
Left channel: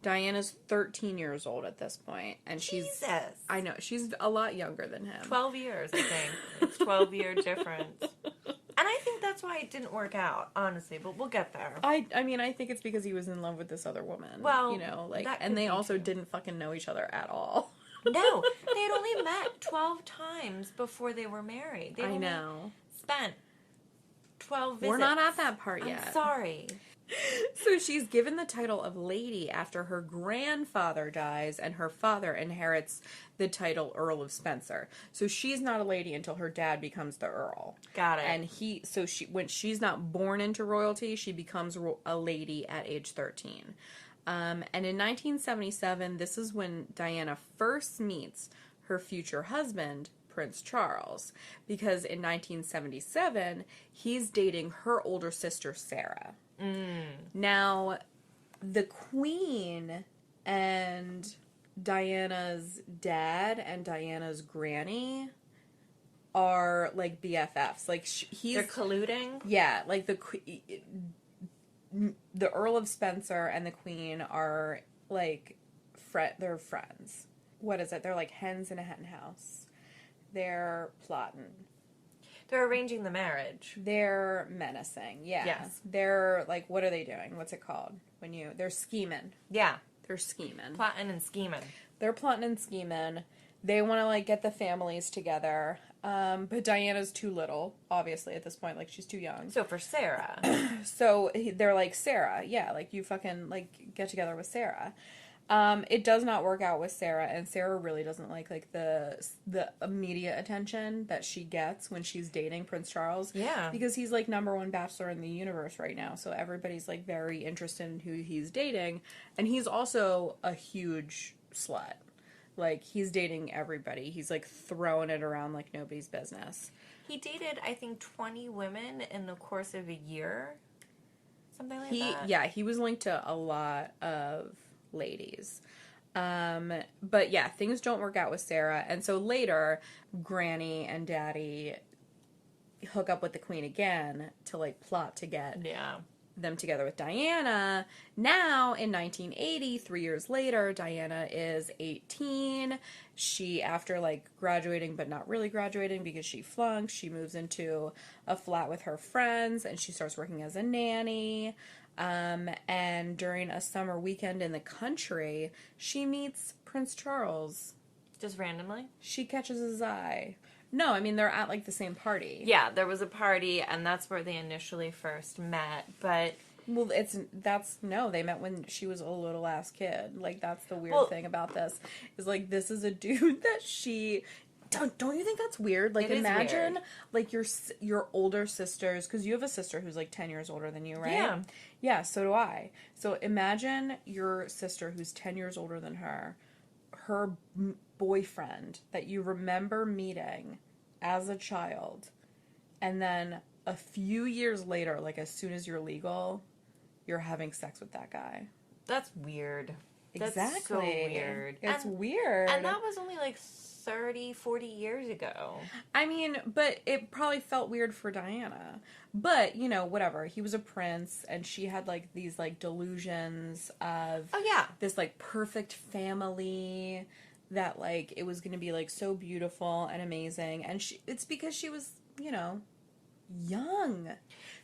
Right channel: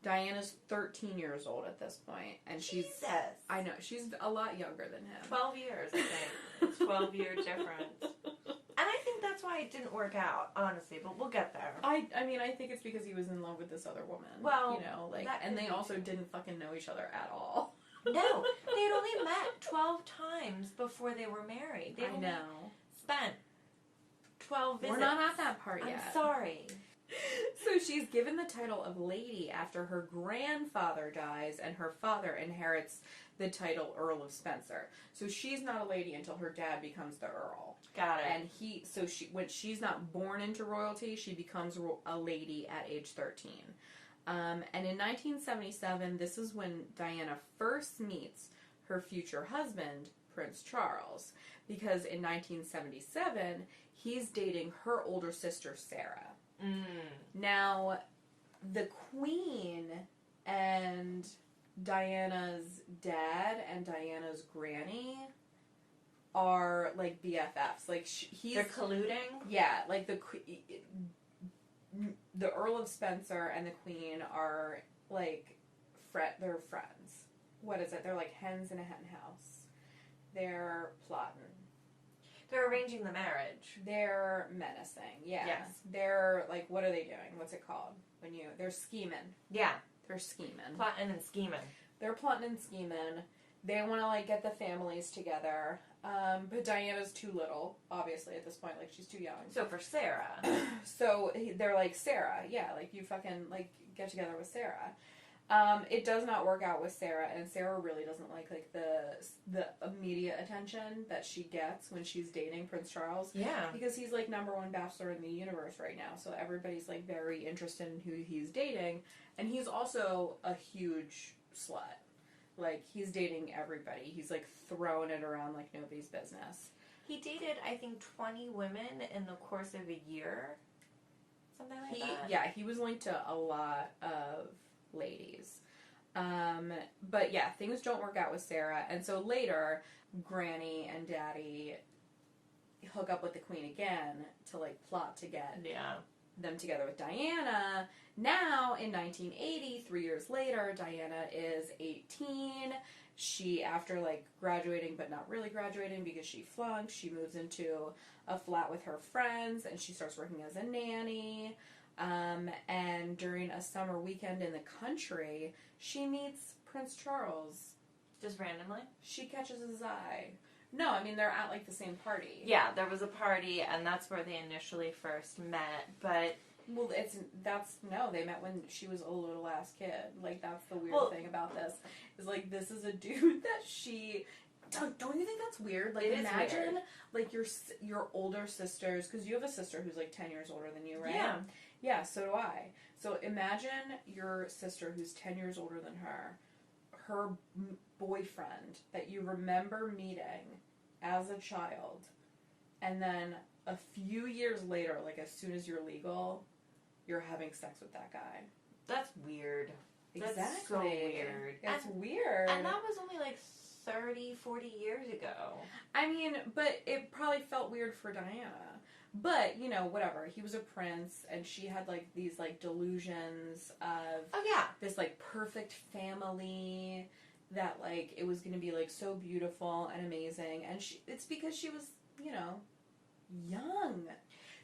Diana's 13 years old at this point, and Jesus. I know, she's a lot younger than him. 12 years, I think. It's 12-year difference. And I think that's why it didn't work out, honestly, but we'll get there. I mean, I think it's because he was in love with this other woman. Well, you know, like, and they also didn't fucking know each other at all. No, they had only met 12 times before they were married. They I know. Spent 12 visits. We're not at that part yet. I'm sorry. So she's given the title of lady after her grandfather dies and her father inherits the title Earl of Spencer. So she's not a lady until her dad becomes the Earl. Got it. And when she's not born into royalty, she becomes a lady at age 13. And in 1977, this is when Diana first meets her future husband, Prince Charles, because in 1977, he's dating her older sister, Sarah. Now, the Queen and Diana's dad and Diana's granny are, like, BFFs. Like, They're colluding? Yeah, like, the Earl of Spencer and the Queen are, like, they're friends. What is it? They're like hens in a hen house. They're plotting. They're arranging the marriage. They're menacing, yeah. Yes. They're, like, what are they doing? What's it called? They're scheming. Yeah. They're scheming. Plotting and scheming. They're plotting and scheming. They want to, like, get the families together. But Diana's too little, obviously, at this point. Like, she's too young. So for Sarah. So they're like, Sarah, yeah, like, you fucking, like, get together with Sarah. It does not work out with Sarah, and Sarah really doesn't like the immediate attention that she gets when she's dating Prince Charles. Yeah. Because he's, like, #1 bachelor in the universe right now, so everybody's, like, very interested in who he's dating, and he's also a huge slut. Like, he's dating everybody. He's, like, throwing it around like nobody's business. He dated, I think, 20 women in the course of a year. Something like that. Yeah, he was linked to a lot of ladies. But yeah, things don't work out with Sarah. And so later, Granny and Daddy hook up with the Queen again to, like, plot to get them together with Diana. Now, in 1980, 3 years later, Diana is 18. She, after, like, graduating, but not really graduating because she flunked, she moves into a flat with her friends, and she starts working as a nanny. And during a summer weekend in the country, she meets Prince Charles. Just randomly? She catches his eye. No, I mean, they're at, like, the same party. Yeah, there was a party, and that's where they initially first met, but... Well, they met when she was a little ass kid. Like, that's the weird thing about this. Is, like, this is a dude that she... Don't you think that's weird? Like, imagine, like, your older sisters... Because you have a sister who's, like, 10 years older than you, right? Yeah. Yeah, so do I. So imagine your sister who's 10 years older than her boyfriend that you remember meeting as a child, and then a few years later, like, as soon as you're legal, you're having sex with that guy. That's weird. Exactly. That's so weird. It's weird. And that was only, like, 30, 40 years ago. I mean, but it probably felt weird for Diana. But, you know, whatever. He was a prince, and she had, like, these, like, delusions of... Oh, yeah. This, like, perfect family that, like, it was going to be, like, so beautiful and amazing. And it's because she was, you know, young.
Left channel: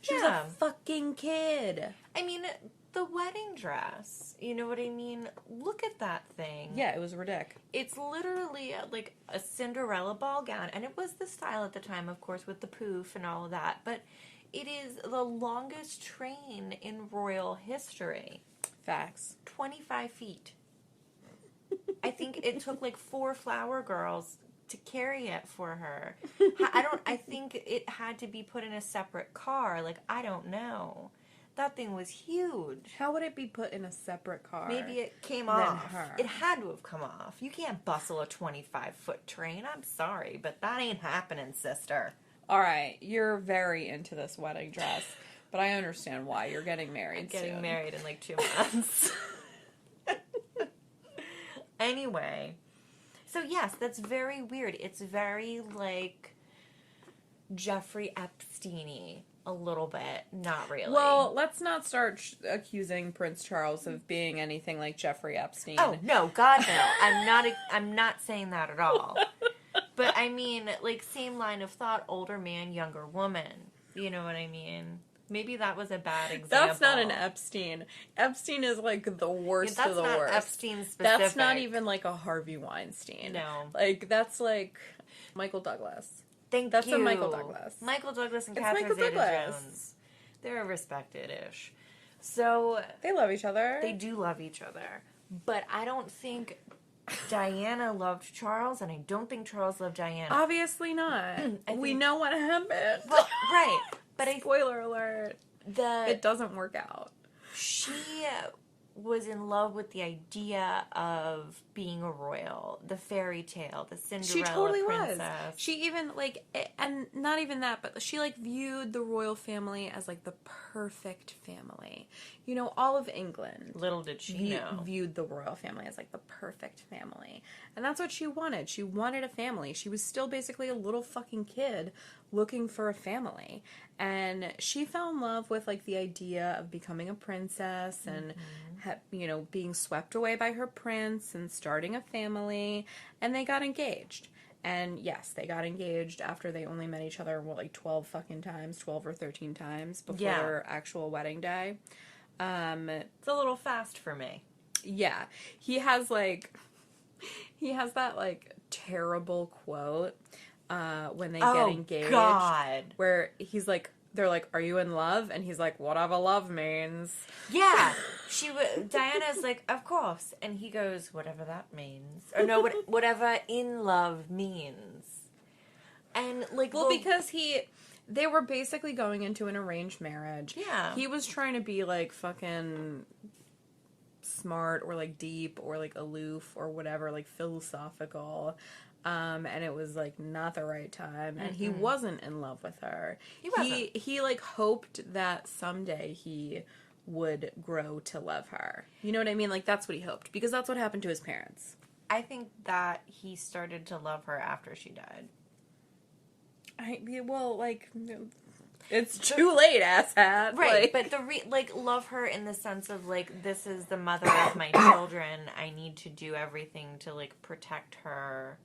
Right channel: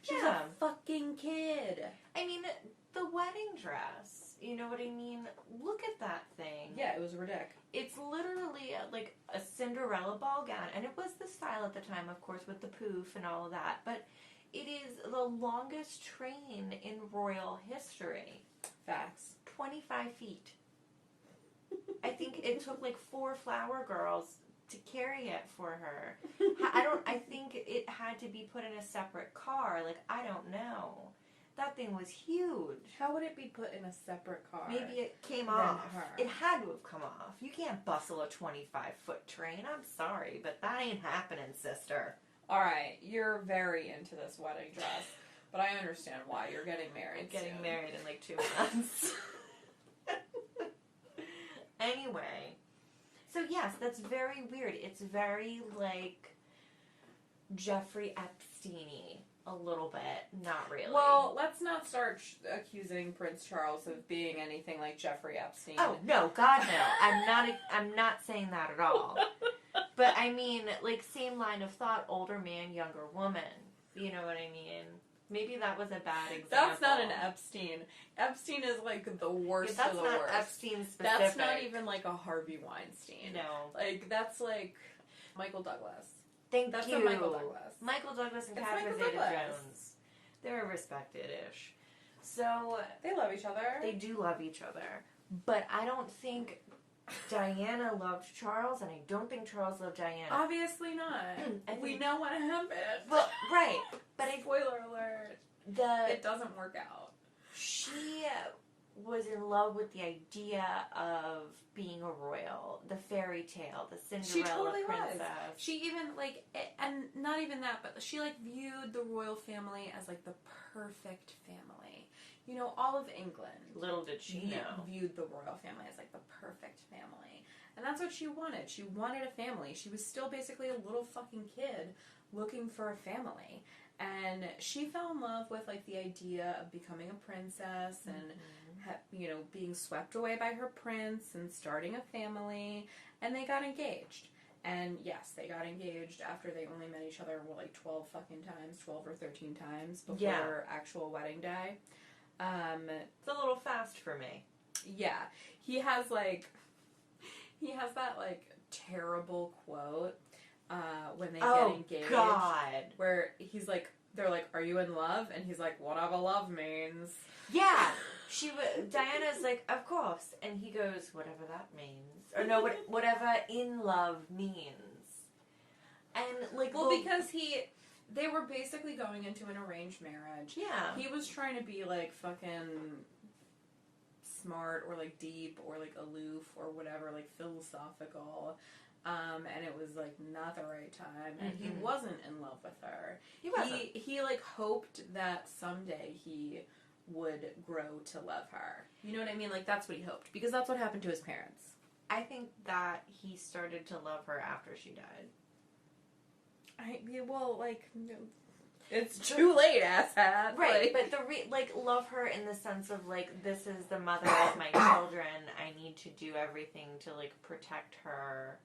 She was a fucking kid. I mean, the wedding dress, you know what I mean? Look at that thing. Yeah, it was ridiculous. It's literally like a Cinderella ball gown, and it was the style at the time, of course, with the poof and all of that, but it is the longest train in royal history. Facts. 25 feet. I think it took like 4 flower girls to carry it for her. I think it had to be put in a separate car. Like, I don't know. That thing was huge. How would it be put in a separate car? Maybe it came than off. her? It had to have come off. You can't bustle a 25-foot train. I'm sorry, but that ain't happening, sister. All right, you're very into this wedding dress, but I understand why. You're getting married soon. Getting married in like 2 months. Anyway, so yes, that's very weird. It's very like Jeffrey Epstein-y a little bit. Not really. Well, let's not start accusing Prince Charles of being anything like Jeffrey Epstein. Oh, no, God, no. I'm not saying that at all. But I mean, like, same line of thought, older man, younger woman. You know what I mean? Maybe that was a bad example. That's not an Epstein. Epstein is, like, the worst of the worst. That's not Epstein specific. That's not even, like, a Harvey Weinstein. No. Like, that's, like, Michael Douglas. That's a Michael Douglas. Michael Douglas and It's Catherine Michael Douglas. Zeta-Jones. They're respected-ish. So They love each other. they do love each other. But I don't think Diana loved Charles, and I don't think Charles loved Diana. Obviously not. We know what happened. Well, right. But Spoiler alert. It doesn't work out. She was in love with the idea of being a royal, the fairy tale, the Cinderella She totally princess. was. She even, like, and not even that, but she, like, viewed the royal family as, like, the perfect family. You know, all of England. Little did she know. Viewed the royal family as, like, the perfect family. And that's what she wanted. She wanted a family. She was still basically a little fucking kid looking for a family. And she fell in love with, like, the idea of becoming a princess and, you know, being swept away by her prince and starting a family. And they got engaged. And yes, they got engaged after they only met each other, 12 fucking times, 12 or 13 times before their actual wedding day. It's a little fast for me. Yeah. He has that, like, terrible quote when they get engaged. God. Where he's like, they're like, are you in love? And he's like, whatever love means. Yeah. Diana's like, of course. And he goes, whatever that means. Or no, whatever in love means. And, like... Well, because they were basically going into an arranged marriage. Yeah. He was trying to be, like, fucking smart or, like, deep or, like, aloof or whatever, like, philosophical. And it was, like, not the right time. And he wasn't in love with her. He wasn't. He, like, hoped that someday he would grow to love her. You know what I mean? Like, that's what he hoped. Because that's what happened to his parents. I think that he started to love her after she died. It's too late, asshat. Right, but love her in the sense of, like, this is the mother of my children. I need to do everything to, like, protect her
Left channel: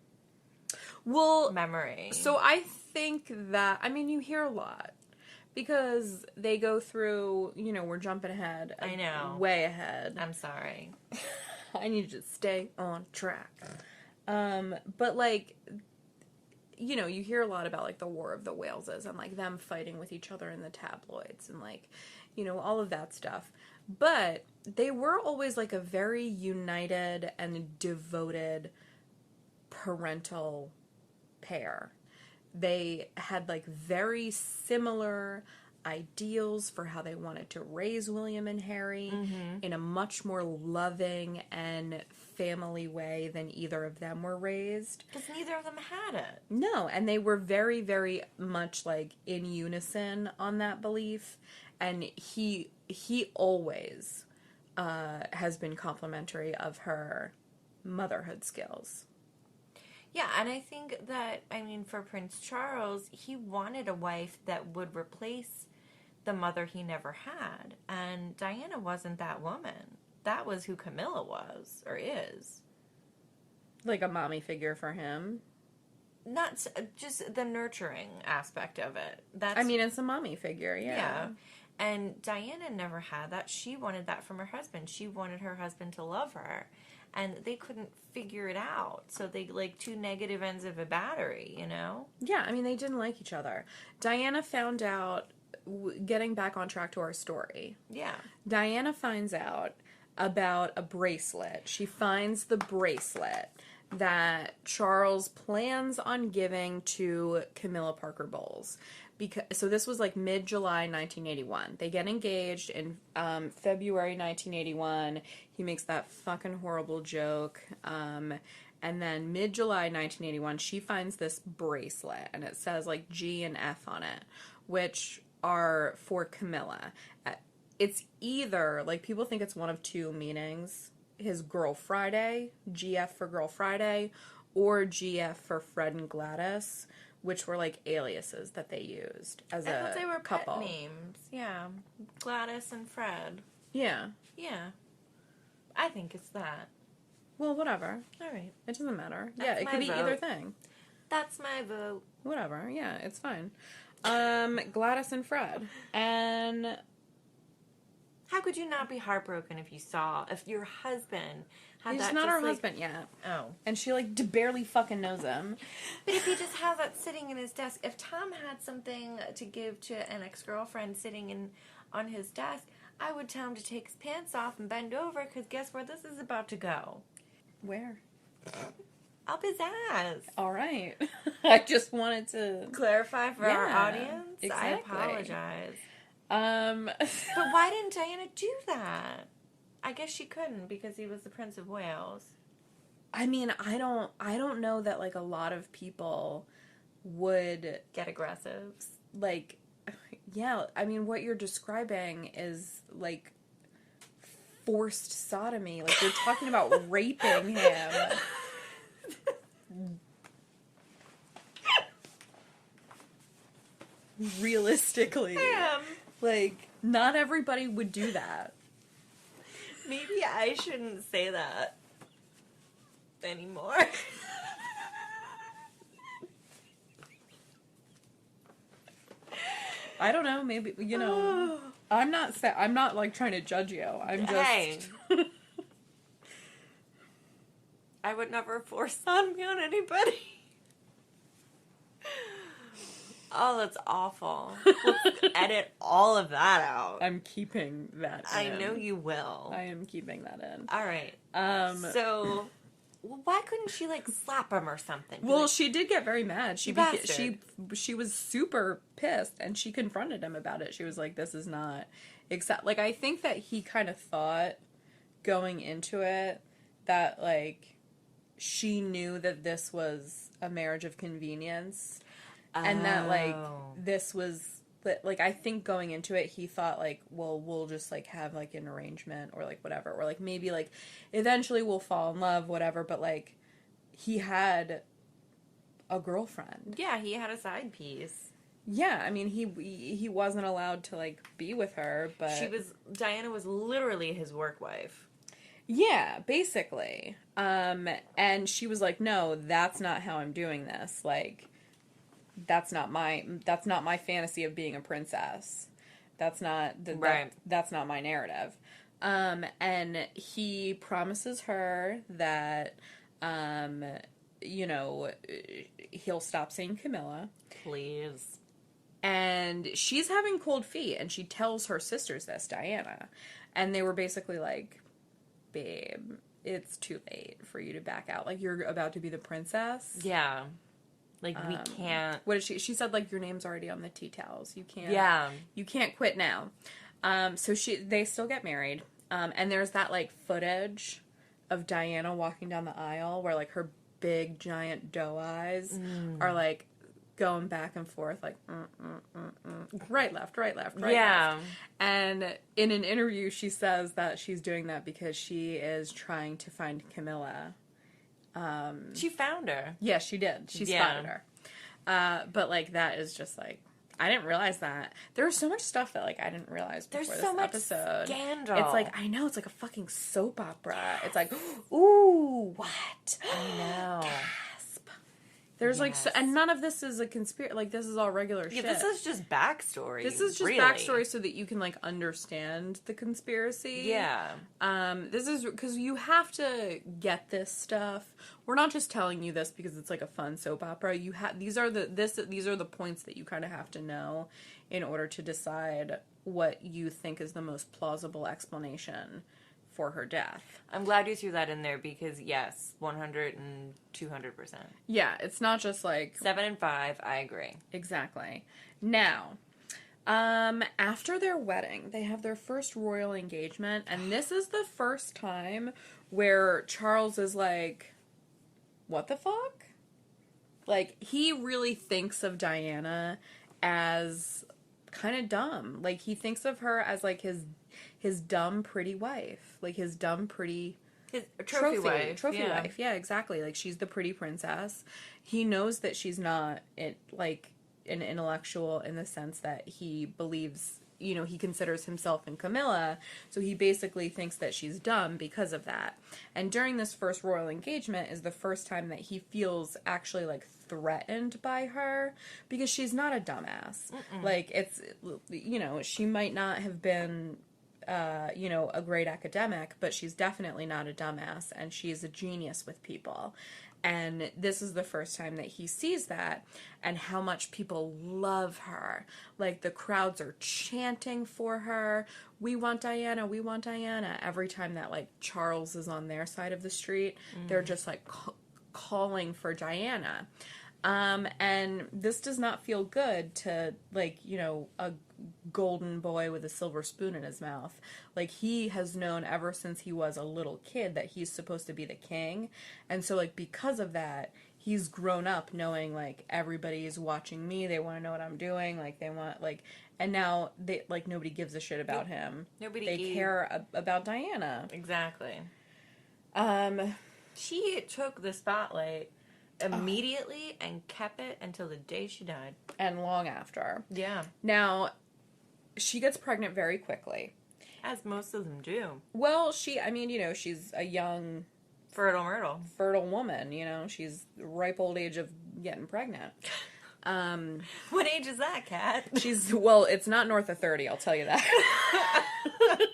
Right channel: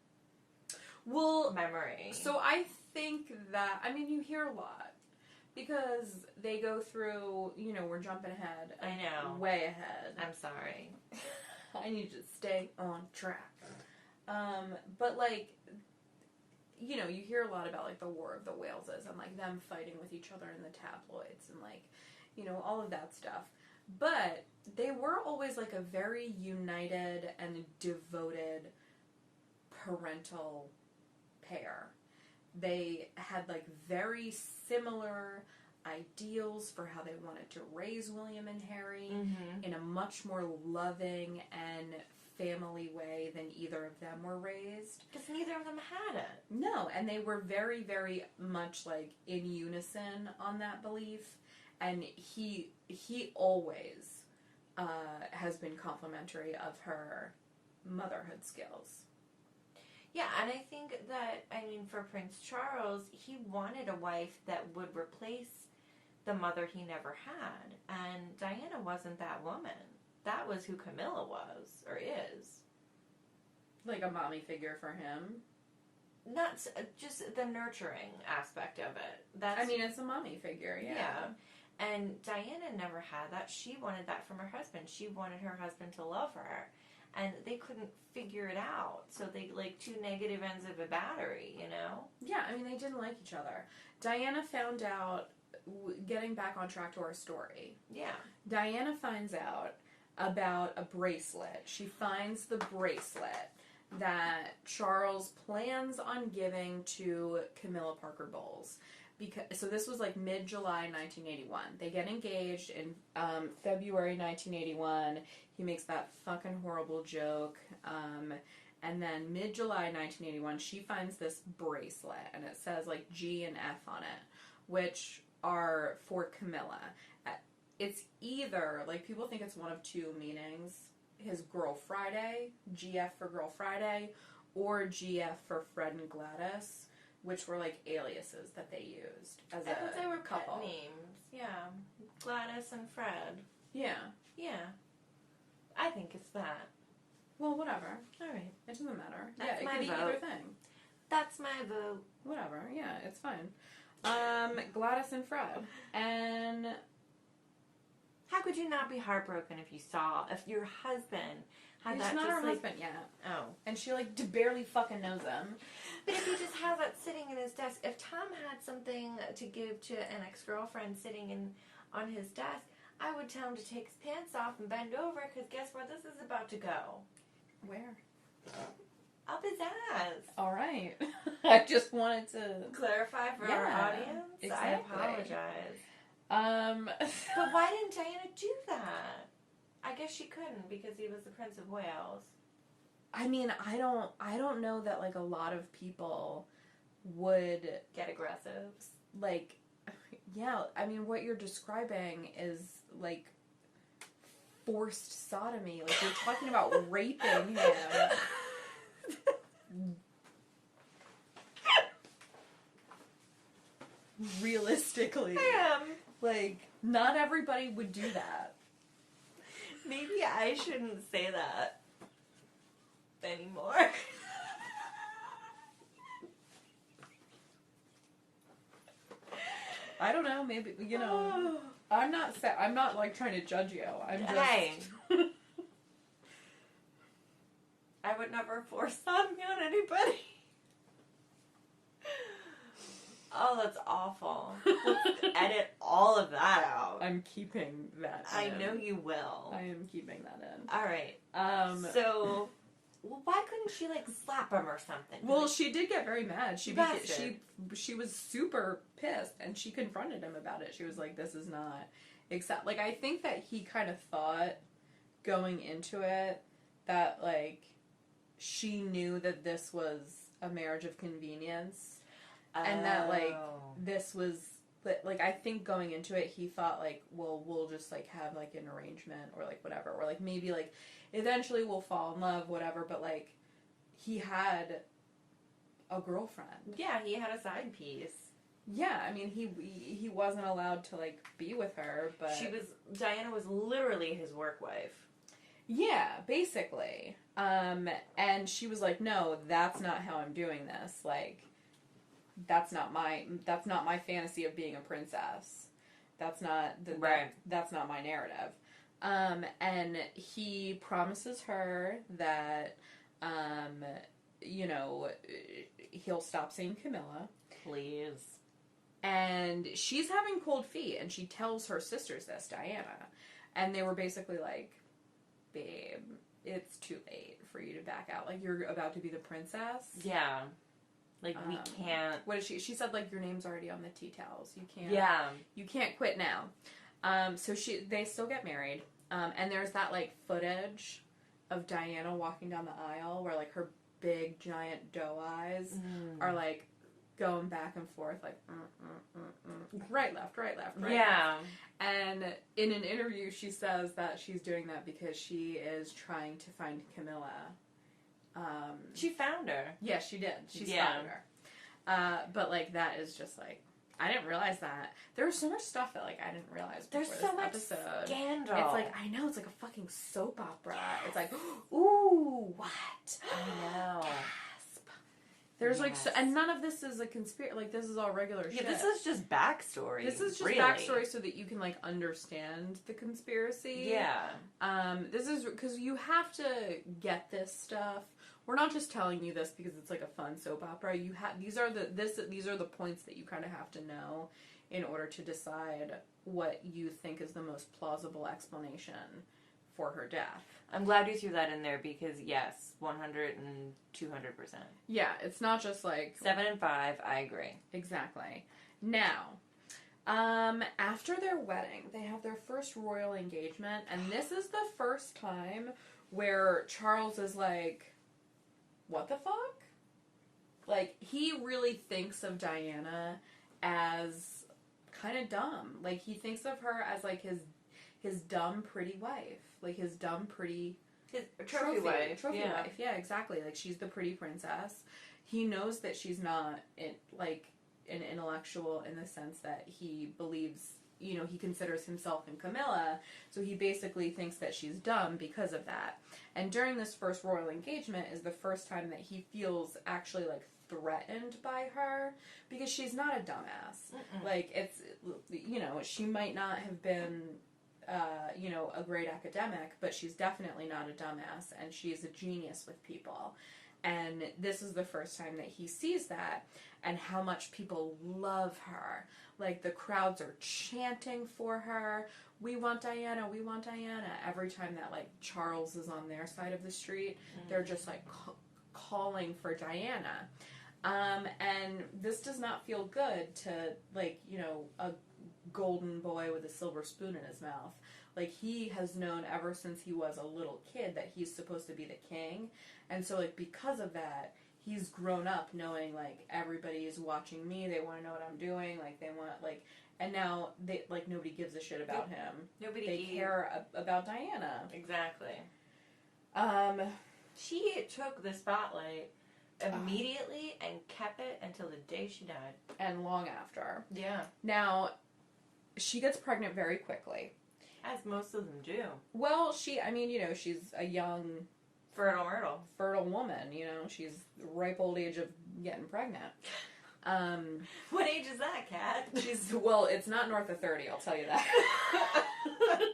memory. So I think that, I mean, you hear a lot. Because they go through, you know, we're jumping ahead. I know. Way ahead. I'm sorry. I need to stay on track. But, like, you know, you hear a lot about, like, the War of the Waleses and, like, them fighting with each other in the tabloids and, like, you know, all of that stuff. But they were always, like, a very united and devoted parental pair. They had, like, very similar ideals for how they wanted to raise William and Harry in a much more loving and family way than either of them were raised. Because neither of them had it. No, and they were very, very much, like, in unison on that belief. And he always has been complimentary of her motherhood skills. Yeah, and I think that, I mean, for Prince Charles, he wanted a wife that would replace the mother he never had. And Diana wasn't that woman. That was who Camilla was, or is. Like a mommy figure for him. Not just the nurturing aspect of it. I mean, it's a mommy figure, yeah. And Diana never had that. She wanted that from her husband. She wanted her husband to love her. And they couldn't figure it out. So they, like, two negative ends of a battery, you know? Yeah, I mean, they didn't like each other. Diana found out, getting back on track to our story. Yeah. Diana finds out about a bracelet. She finds the bracelet that Charles plans on giving to Camilla Parker Bowles. So this was like mid-July 1981. They get engaged in February 1981. He makes that fucking horrible joke. And then mid-July 1981, she finds this bracelet. And it says like G and F on it, which are for Camilla. It's either, like, people think it's one of two meanings. His Girl Friday, GF for Girl Friday, or GF for Fred and Gladys, which were, like, aliases that they used as a they were couple. Pet names. Yeah. Gladys and Fred. Yeah. Yeah. I think it's that. Well, whatever. All right. It doesn't matter. That's yeah, it could my be vote. either thing. That's my vote. Whatever. Yeah, it's fine. Gladys and Fred. And... How could you not be heartbroken if your husband had he's that? not just, her like, husband yet. Oh. And she, like, barely fucking knows him. But if he just has that sitting in his desk, if Tom had something to give to an ex-girlfriend sitting on his desk, I would tell him to take his pants off and bend over, because guess where this is about to go? Where? Up his ass. All right. I just wanted to clarify for our audience. Exactly. I apologize. But why didn't Diana do that? I guess she couldn't because he was the Prince of Wales. I mean, I don't know that like a lot of people would get aggressive. Like, yeah, I mean, what you're describing is like forced sodomy. Like, you're talking about raping him. Realistically. Like, not everybody would do that. Maybe I shouldn't say that anymore. I don't know, maybe, you know, I'm not like trying to judge you. I'm just... Hey. I would never force sodomy on anybody. Oh, that's awful. Let's edit all of that out. I'm keeping that in. I know you will. I am keeping that in. All right. So, why couldn't she, like, slap him or something? Well, she did get very mad. She was super pissed, and she confronted him about it. She was like, this is not... Like, I think that he kind of thought, going into it, that, like, she knew that this was a marriage of convenience. And that, like, this was, like, I think going into it, he thought, like, well, we'll just, like, have, like, an arrangement or, like, whatever. Or, like, maybe, like, eventually we'll fall in love, whatever. But, like, he had a girlfriend. Yeah, he had a side piece. Yeah, I mean, he wasn't allowed to, like, be with her, but... Diana was literally his work wife. Yeah, basically. And she was like, no, that's not how I'm doing this. Like... That's not my fantasy of being a princess. That's not that's not my narrative. And he promises her that, you know, he'll stop seeing Camilla. Please. And she's having cold feet, and she tells her sisters this, Diana. And they were basically like, babe, it's too late for you to back out. Like, you're about to be the princess. Yeah. Like, we can't... What is she? She said, like, your name's already on the tea towels. You can't... Yeah. You can't quit now. So they still get married. And there's that, like, footage of Diana walking down the aisle where, like, her big, giant doe eyes are, like, going back and forth, like, right, left, right, left, right, left. And in an interview, she says that she's doing that because she is trying to find Camilla. She found her. Yeah, she did. She spotted her. But, like, that is just, like, I didn't realize that. There was so much stuff that, like, I didn't realize before this episode. Scandal. It's like, I know, it's like a fucking soap opera. It's like, ooh, what? I know. Gasp. There's, like, so, and none of this is a conspiracy. Like, this is all regular shit. This is just backstory. This is just backstory so that you can, like, understand the conspiracy. Yeah. This is, because you have to get this stuff. We're not just telling you this because it's like a fun soap opera. You have these are the points that you kind of have to know in order to decide what you think is the most plausible explanation for her death. I'm glad you threw that in there because yes, 100 and 200%. Yeah, it's not just like 7 and 5. I agree. Exactly. Now, after their wedding, they have their first royal engagement, and this is the first time where Charles is like, what the fuck? Like, he really thinks of Diana as kind of dumb. Like, he thinks of her as, like, his dumb, pretty wife. Like, his dumb, pretty... His trophy wife. Yeah, exactly. Like, she's the pretty princess. He knows that she's not, like, an intellectual in the sense that he believes... You know, he considers himself and Camilla, so he basically thinks that she's dumb because of that. And during this first royal engagement is the first time that he feels actually, like, threatened by her, because she's not a dumbass. Like, it's, you know, she might not have been, you know, a great academic, but she's definitely not a dumbass, and she's a genius with people. And this is the first time that he sees that and how much people love her. Like, the crowds are chanting for her. We want Diana. We want Diana. Every time that, like, Charles is on their side of the street, they're just, like, calling for Diana. And this does not feel good to, like, you know, a golden boy with a silver spoon in his mouth. Like, he has known ever since he was a little kid that he's supposed to be the king. And so, like, because of that, he's grown up knowing, like, everybody is watching me. They want to know what I'm doing. Like, they want, like, and now they, like, nobody gives a shit about him. They care about Diana. Exactly. She took the spotlight immediately and kept it until the day she died. And long after. Yeah. Now, she gets pregnant very quickly. As most of them do. Well, I mean, you know, she's a young... Fertile woman, you know. She's ripe old age of getting pregnant. What age is that, Kat? Well, it's not north of 30, I'll tell you that.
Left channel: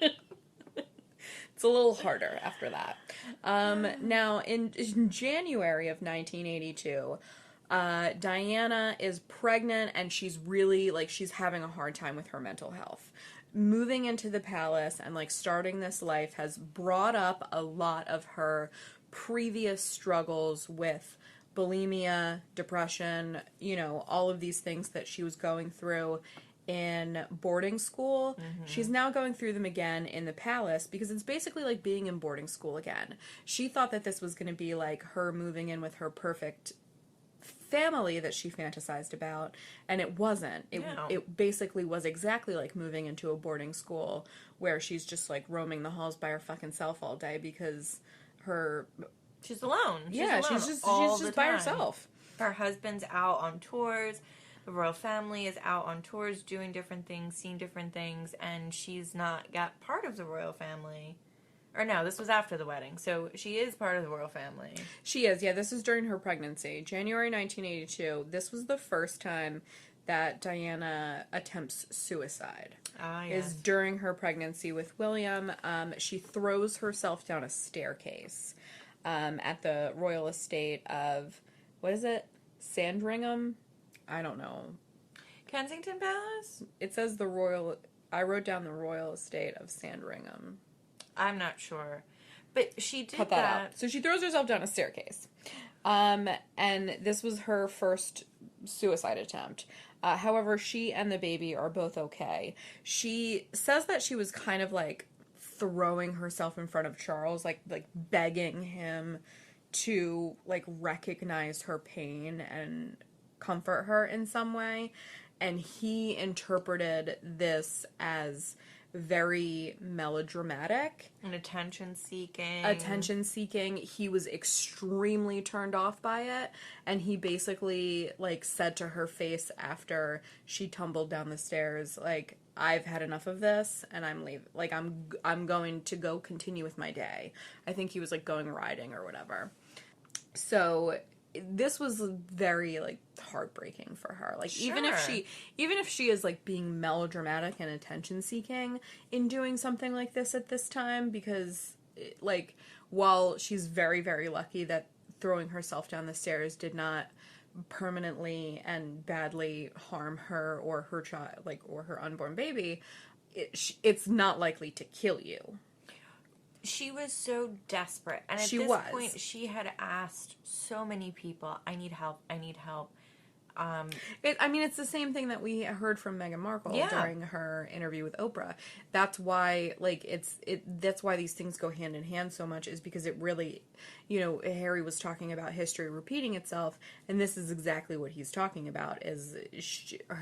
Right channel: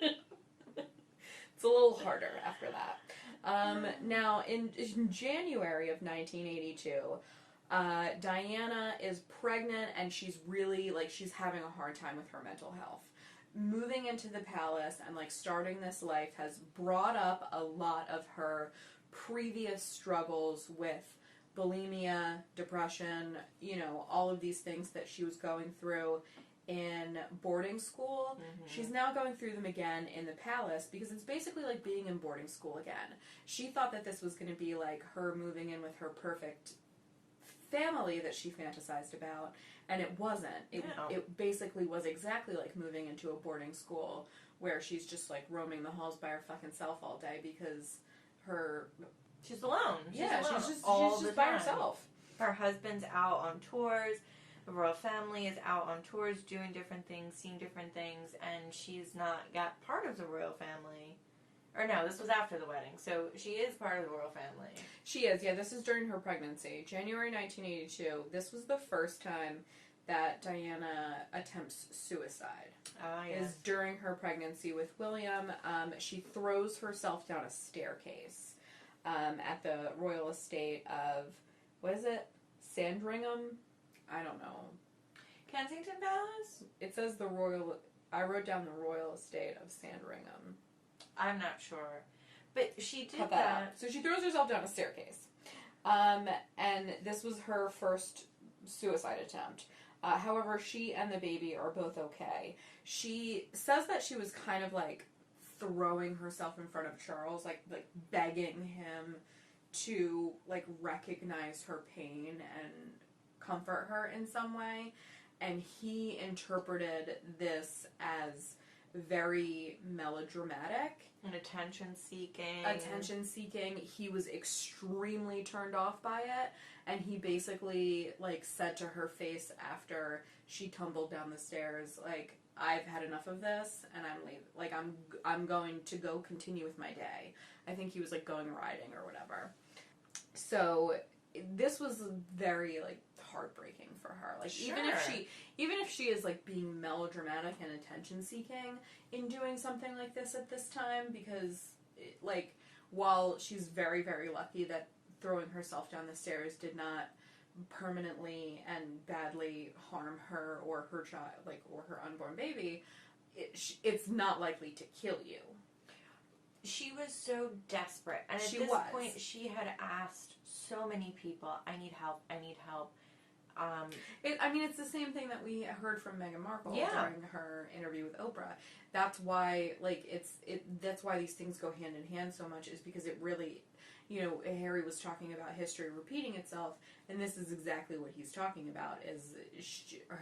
It's a little harder after that. Now, in January of 1982, Diana is pregnant and she's really, like, she's having a hard time with her mental health. Moving into the palace and, like, starting this life has brought up a lot of her previous struggles with bulimia, depression, you know, all of these things that she was going through in boarding school. Mm-hmm. She's now going through them again in the palace because it's basically like being in boarding school again. She thought that this was going to be like her moving in with her perfect family that she fantasized about, and it wasn't. It basically was exactly like moving into a boarding school where she's just like roaming the halls by her fucking self all day because she's alone. She's just by herself. Her husband's out on tours. The royal family is out on tours, doing different things, seeing different things, and she's not got part of the royal family. Or no, this was after the wedding, so she is part of the royal family. She is, yeah. This is during her pregnancy. January 1982. This was the first time that Diana attempts suicide. Yes. Is during her pregnancy with William. She throws herself down a staircase at the royal estate of, what is it? Sandringham? I don't know. Kensington Palace? It says I wrote down the royal estate of Sandringham. I'm not sure. But she did Cut that out. So she throws herself down a staircase. And this was her first suicide attempt. However, she and the baby are both okay. She says that she was kind of like throwing herself in front of Charles, like begging him to like recognize her pain and comfort her in some way. And he interpreted this as very melodramatic. And attention seeking. He was extremely turned off by it, and he basically like said to her face after she tumbled down the stairs, like, I've had enough of this and I'm leaving. Like, I'm going to go continue with my day. I think he was like going riding or whatever. So this was very like heartbreaking for her. Like, sure. even if she is like being melodramatic and attention seeking in doing something like this at this time, because like while she's very, very lucky that throwing herself down the stairs did not permanently and badly harm her or her child, like, or her unborn baby, it's not likely to kill you. She was so desperate. And at this point, she had asked so many people, I need help. It's the same thing that we heard from Meghan Markle during her interview with Oprah. That's why, like, that's why these things go hand in hand so much, is because it really, you know, Harry was talking about history repeating itself, and this is exactly what he's talking about, is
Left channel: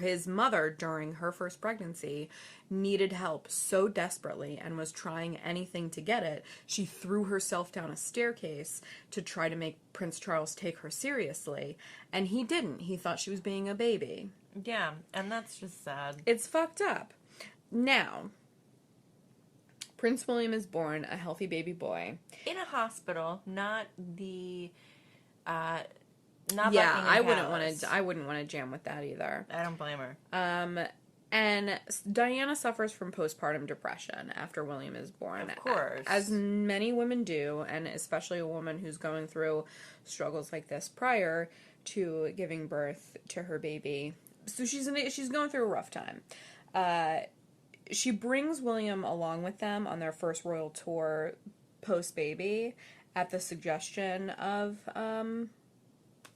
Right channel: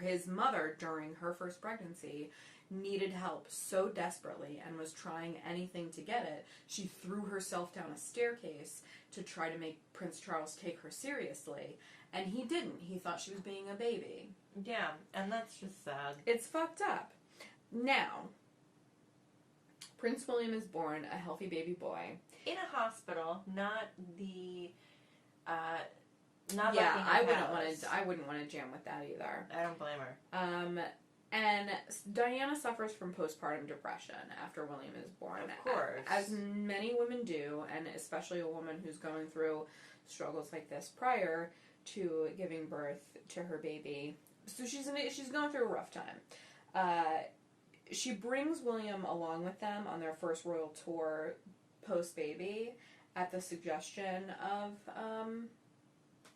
his mother, during her first pregnancy, needed help so desperately and was trying anything to get it. She threw herself down a staircase to try to make Prince Charles take her seriously, and he didn't. He thought she was being a baby. Yeah, and that's just sad. It's fucked up. Now, Prince William is born a healthy baby boy. In a hospital, not the... I wouldn't want to jam with that either. I don't blame her. And Diana suffers from postpartum depression after William is born. Of course. As many women do, and especially a woman who's going through struggles like this prior to giving birth to her baby. So she's going through a rough time. She brings William along with them on their first royal tour post-baby at the suggestion of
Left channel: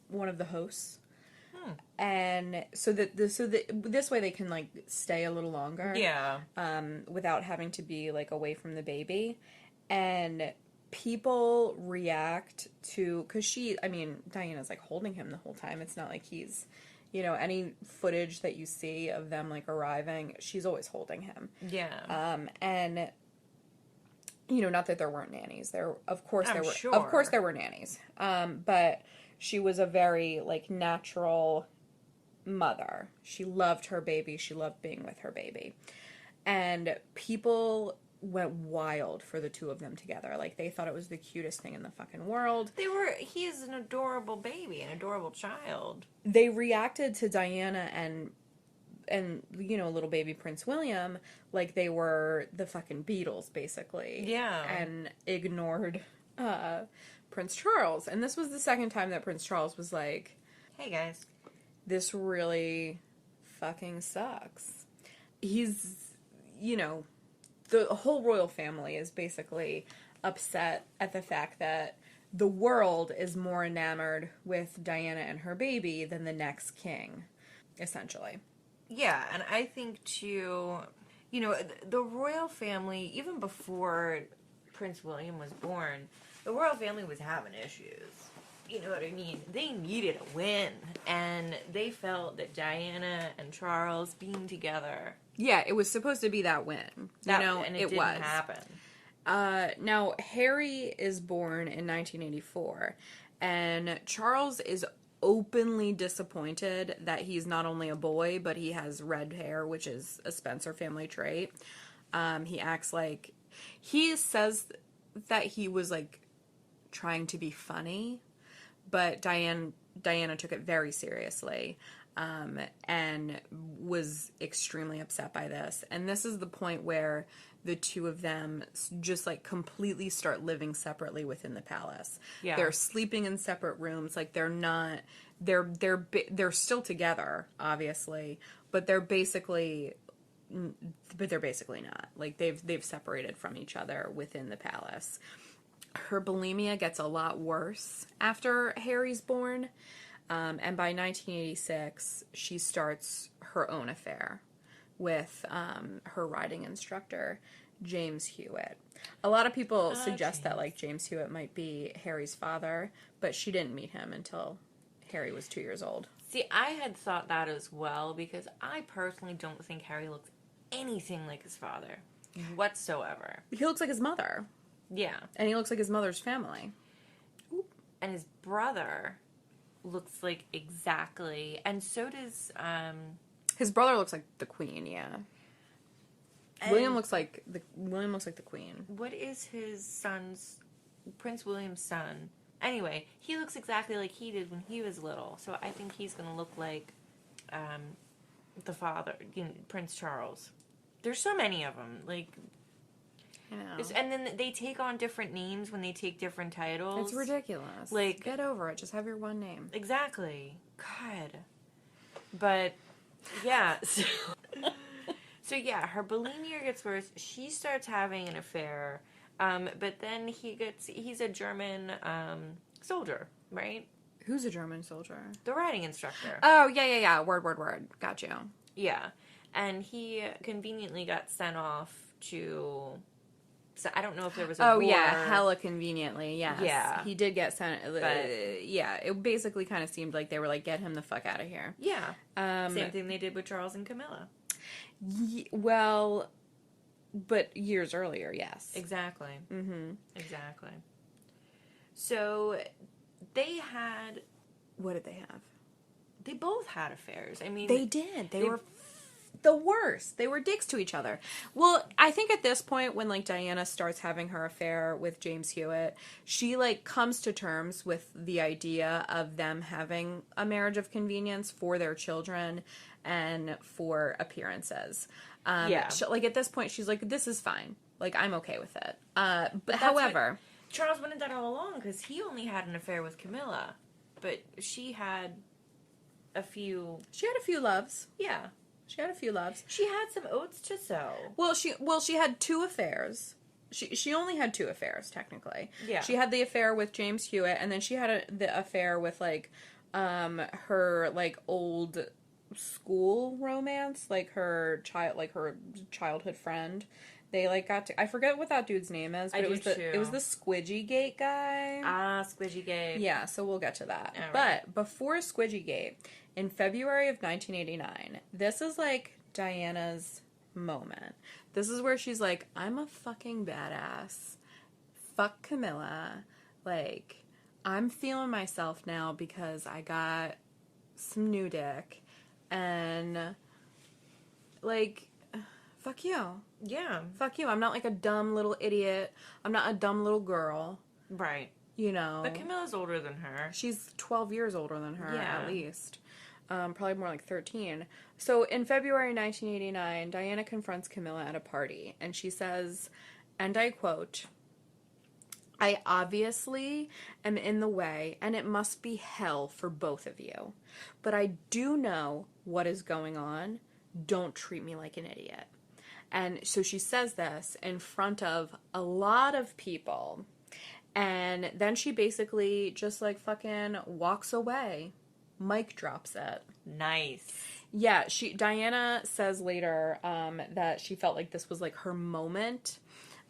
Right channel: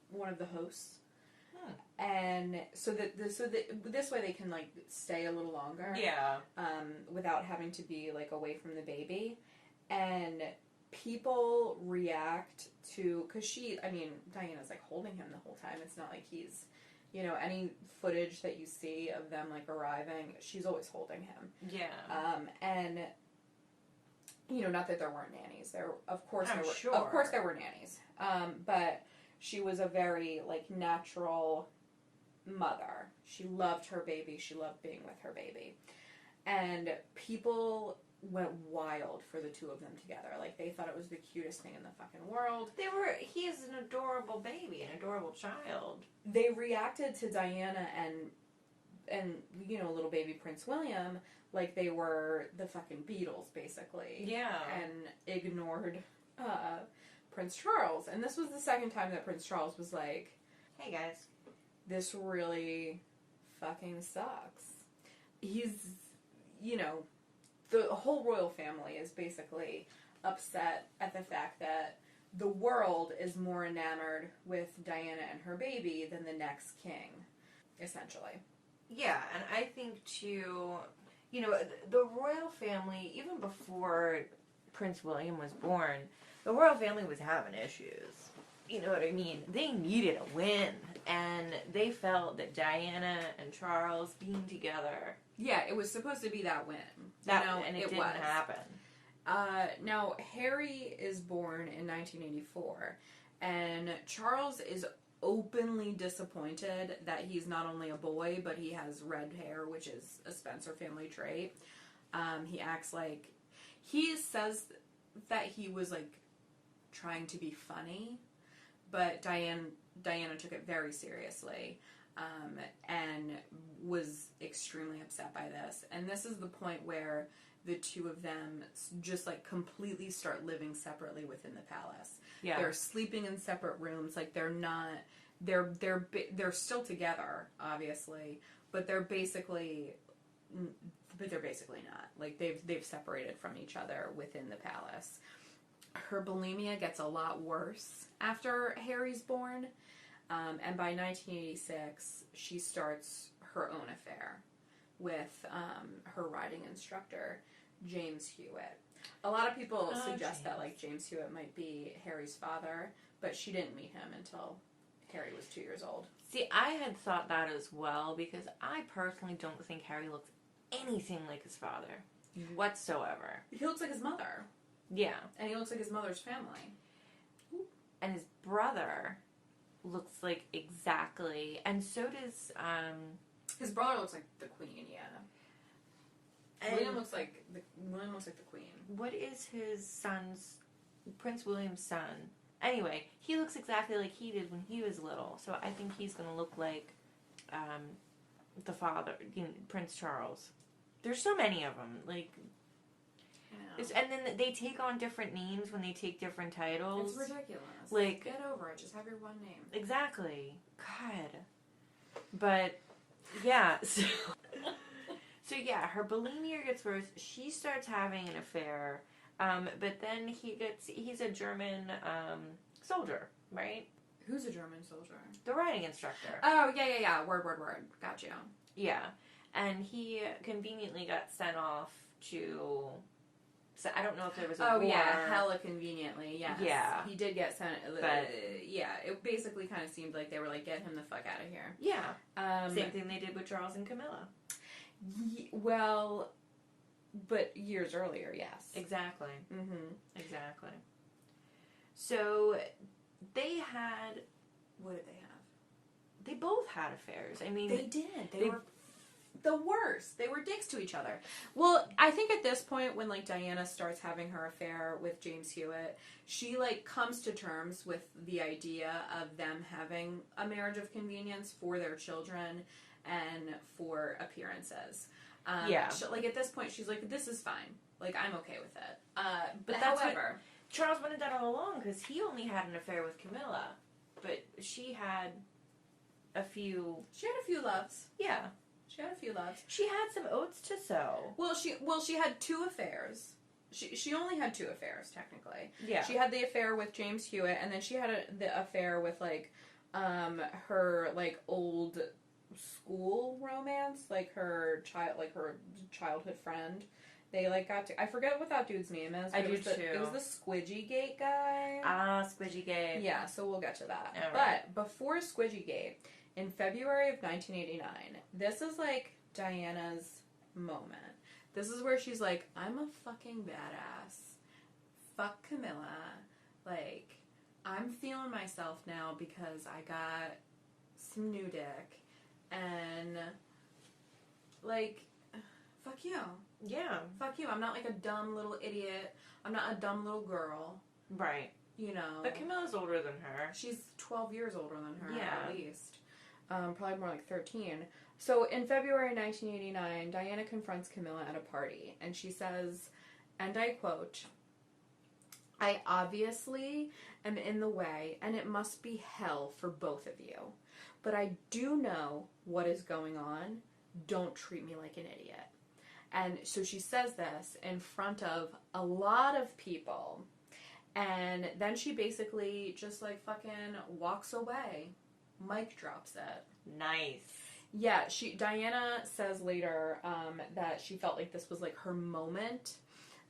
one of the hosts. And this way they can like stay a little longer, without having to be like away from the baby. And people react to, because Diana's like holding him the whole time. It's not like he's, any footage that you see of them like arriving, she's always holding him. And not that there weren't nannies. Of course there were nannies. But she was a very like natural mother. She loved her baby. She loved being with her baby. And people went wild for the two of them together. Like, they thought it was the cutest thing in the fucking world. He is an adorable baby, an adorable child. They reacted to Diana and little baby Prince William like they were the fucking Beatles, basically. Yeah. And ignored Prince Charles. And this was the second time that Prince Charles was like, hey guys, this really fucking sucks. He's, the whole royal family is basically upset at the fact that the world is more enamored with Diana and her baby than the next king, essentially. Yeah, and I think too, the royal family, even before Prince William was born, the royal family was having issues. You know what I mean? They needed a win, and they felt that Diana and Charles being together. Yeah, it was supposed to be that win. And it didn't happen. Now, Harry is born in 1984, and Charles is openly disappointed that he's not only a boy, but he has red hair, which is a Spencer family trait. He says that he was, like, trying to be funny, but Diana took it very seriously, and was extremely upset by this. And this is the point where the two of them just like completely start living separately within the palace. Yeah. They're sleeping in separate rooms. Like they're still together, obviously, but they're basically not. Like they've separated from each other within the palace. Her bulimia gets a lot worse after Harry's born, and by 1986, she starts her own affair with her riding instructor, James Hewitt. A lot of people suggest that like James Hewitt might be Harry's father, but she didn't meet him until Harry was 2 years old. See, I had thought that as well, because I personally don't think Harry looks anything like his father whatsoever. He looks like his mother. Yeah. And he looks like his mother's family. Oop. And his brother looks like exactly, and so does his brother looks like the Queen, yeah. William looks like the Queen. What is his son's, Prince William's son? Anyway, he looks exactly like he did when he was little. So I think he's going to look like the father, Prince Charles. There's so many of them. Like, I know. And then they take on different names when they take different titles. It's ridiculous. Like, get over it. Just have your one name. Exactly. God. But yeah. So yeah, her bulimia gets worse. She starts having an affair. But then he's a German soldier, right? Who's a German soldier? The riding instructor. Oh, yeah. Word. Got you. Yeah. And he conveniently got sent off to... So I don't know if there was a war. Yeah, hella conveniently, yes. Yeah. He did get sent... yeah, it basically kind of seemed like they were like, get him the fuck out of here. Yeah. Same thing they did with Charles and Camilla. Well... But years earlier, yes. Exactly. Mm-hmm. Exactly. So, they had... What did they have? They both had affairs. I mean... They did. They were the worst. They were dicks to each other. Well, I think at this point, when, like, Diana starts having her affair with James Hewitt, she, like, comes to terms with the idea of them having a marriage of convenience for their children, and for appearances. Yeah. Like, at this point, she's like, this is fine. Like, I'm okay with it. But that's however... Charles wanted that all along, because he only had an affair with Camilla. But she had a few... She had a few loves. Yeah. She had a few loves. She had some oats to sow. Well, she had 2 affairs. She only had 2 affairs, technically. Yeah. She had the affair with James Hewitt, and then she had the affair with, like, her, like, old school romance, like her childhood friend. They, like, got to... I forget what that dude's name is, but it was the Squidgy Gate guy. Ah, Squidgy Gate. Yeah, so we'll get to that. All but right. before Squidgy Gate, in February of 1989, this is, like, Diana's moment. This is where she's like, I'm a fucking badass. Fuck Camilla. Like, I'm feeling myself now because I got some new dick. And, like, fuck you. Yeah. Fuck you. I'm not like a dumb little idiot. I'm not a dumb little girl. Right. You know. But Camilla's older than her. She's 12 years older than her, Yeah. at least. Probably more like 13. So in February 1989, Diana confronts Camilla at a party, and she says, and I quote, I obviously am in the way, and it must be hell for both of you. But I do know what is going on. Don't treat me like an idiot. And so she says this in front of a lot of people. And then she basically just, like, fucking walks away. Mic drops it. Nice. Yeah, Diana says later that she felt like this was, like, her moment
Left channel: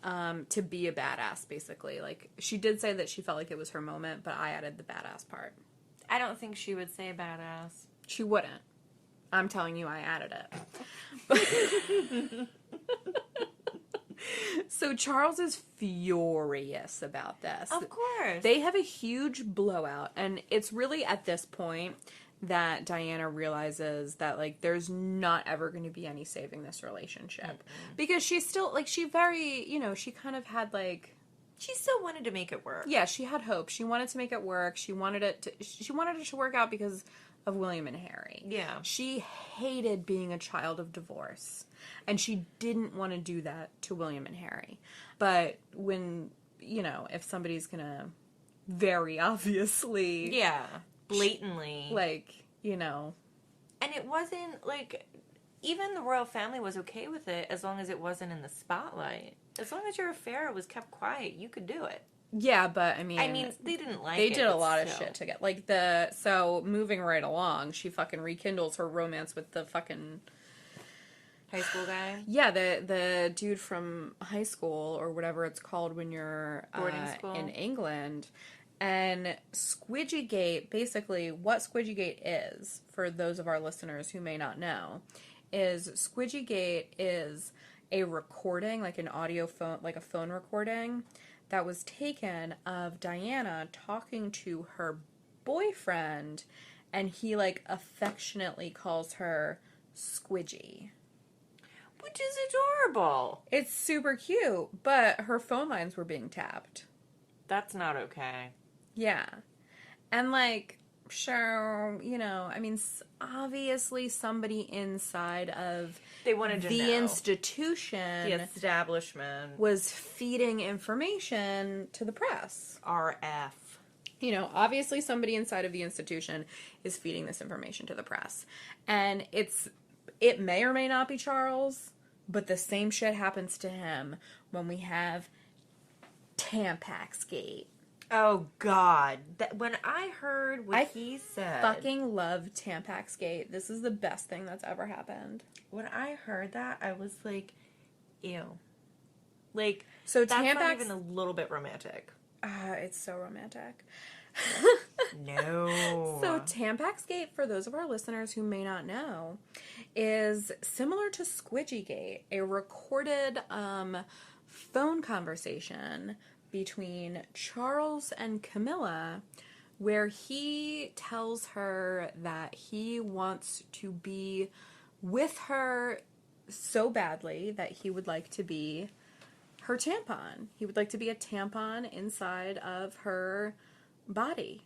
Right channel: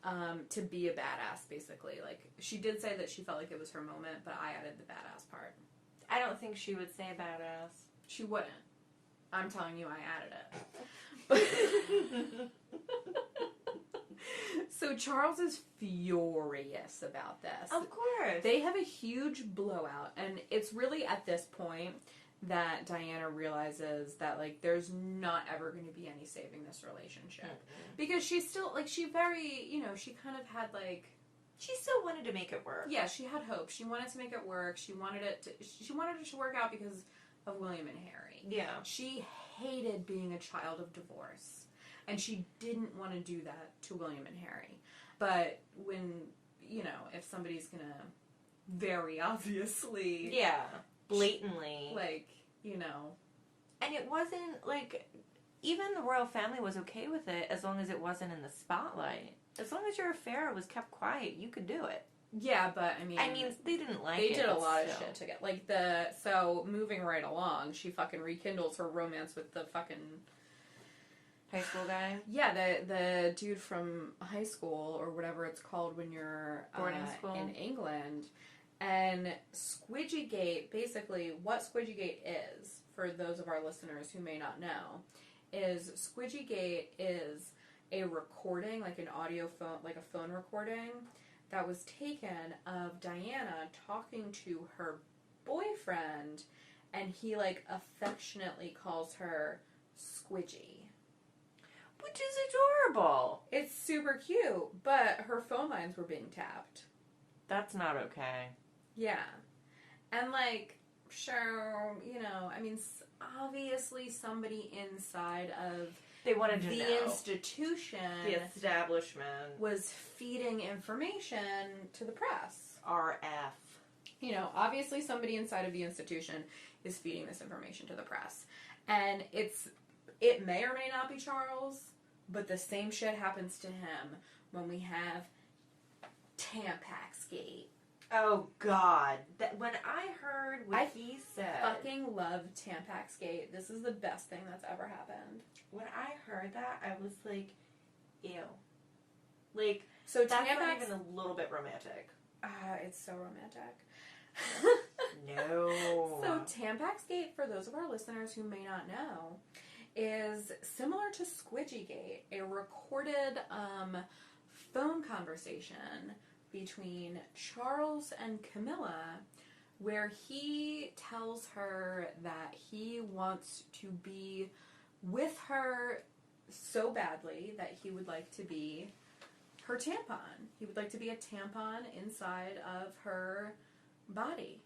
to be a badass, basically. Like, she did say that she felt like it was her moment, but I added the badass part. I don't think she would say badass. She wouldn't. I'm telling you, I added it. So Charles is furious about this. Of course. They have a huge blowout, and it's really at this point that Diana realizes that, like, there's not ever going to be any saving this relationship. Mm-hmm. Because she's still, like, she very, you know, she kind of had, like... She still wanted to make it work. Yeah, she had hope. She wanted to make it work. She wanted it to work out because of William and Harry. Yeah. She hated being a child of divorce. And she didn't want to do that to William and Harry. But when, you know, if somebody's gonna very obviously... Yeah, blatantly. Like, you know... And it wasn't, like... Even the royal family was okay with it as long as it wasn't in the spotlight. As long as your affair was kept quiet, you could do it. Yeah, but, I mean... they didn't like it. They did a lot of shit to get... Like, So, moving right along, she fucking rekindles her romance with the fucking... High school guy? Yeah, the dude from high school, or whatever it's called when you're in England. And Squidgygate, basically, what Squidgygate is, for those of our listeners who may not know, is Squidgygate is a recording, like an audio phone, like a phone recording, that was taken of Diana talking to her boyfriend, and he, like, affectionately calls her Squidgy. Which is adorable. It's super cute, but her phone lines were being tapped. That's not okay. Yeah. And, like, sure, you know, I mean, obviously somebody inside of they wanted to the know. Institution, the establishment, was feeding information to the press. RF. You know, obviously somebody inside of the institution is feeding this information to the press. And it may or may not be Charles, but the same shit happens to him when we have Tampaxgate. Oh, God. When I heard what he said... I fucking love Tampaxgate. This is the best thing that's ever happened. When I heard that, I was like, ew. Like, so that's not even a little bit romantic. It's so romantic. No. So Tampaxgate, for those of our listeners who may not know, is similar to Squidgygate, a recorded phone conversation between Charles and Camilla, where he tells her that he wants to be with her so badly that he would like to be her tampon. He would like to be a tampon inside of her body.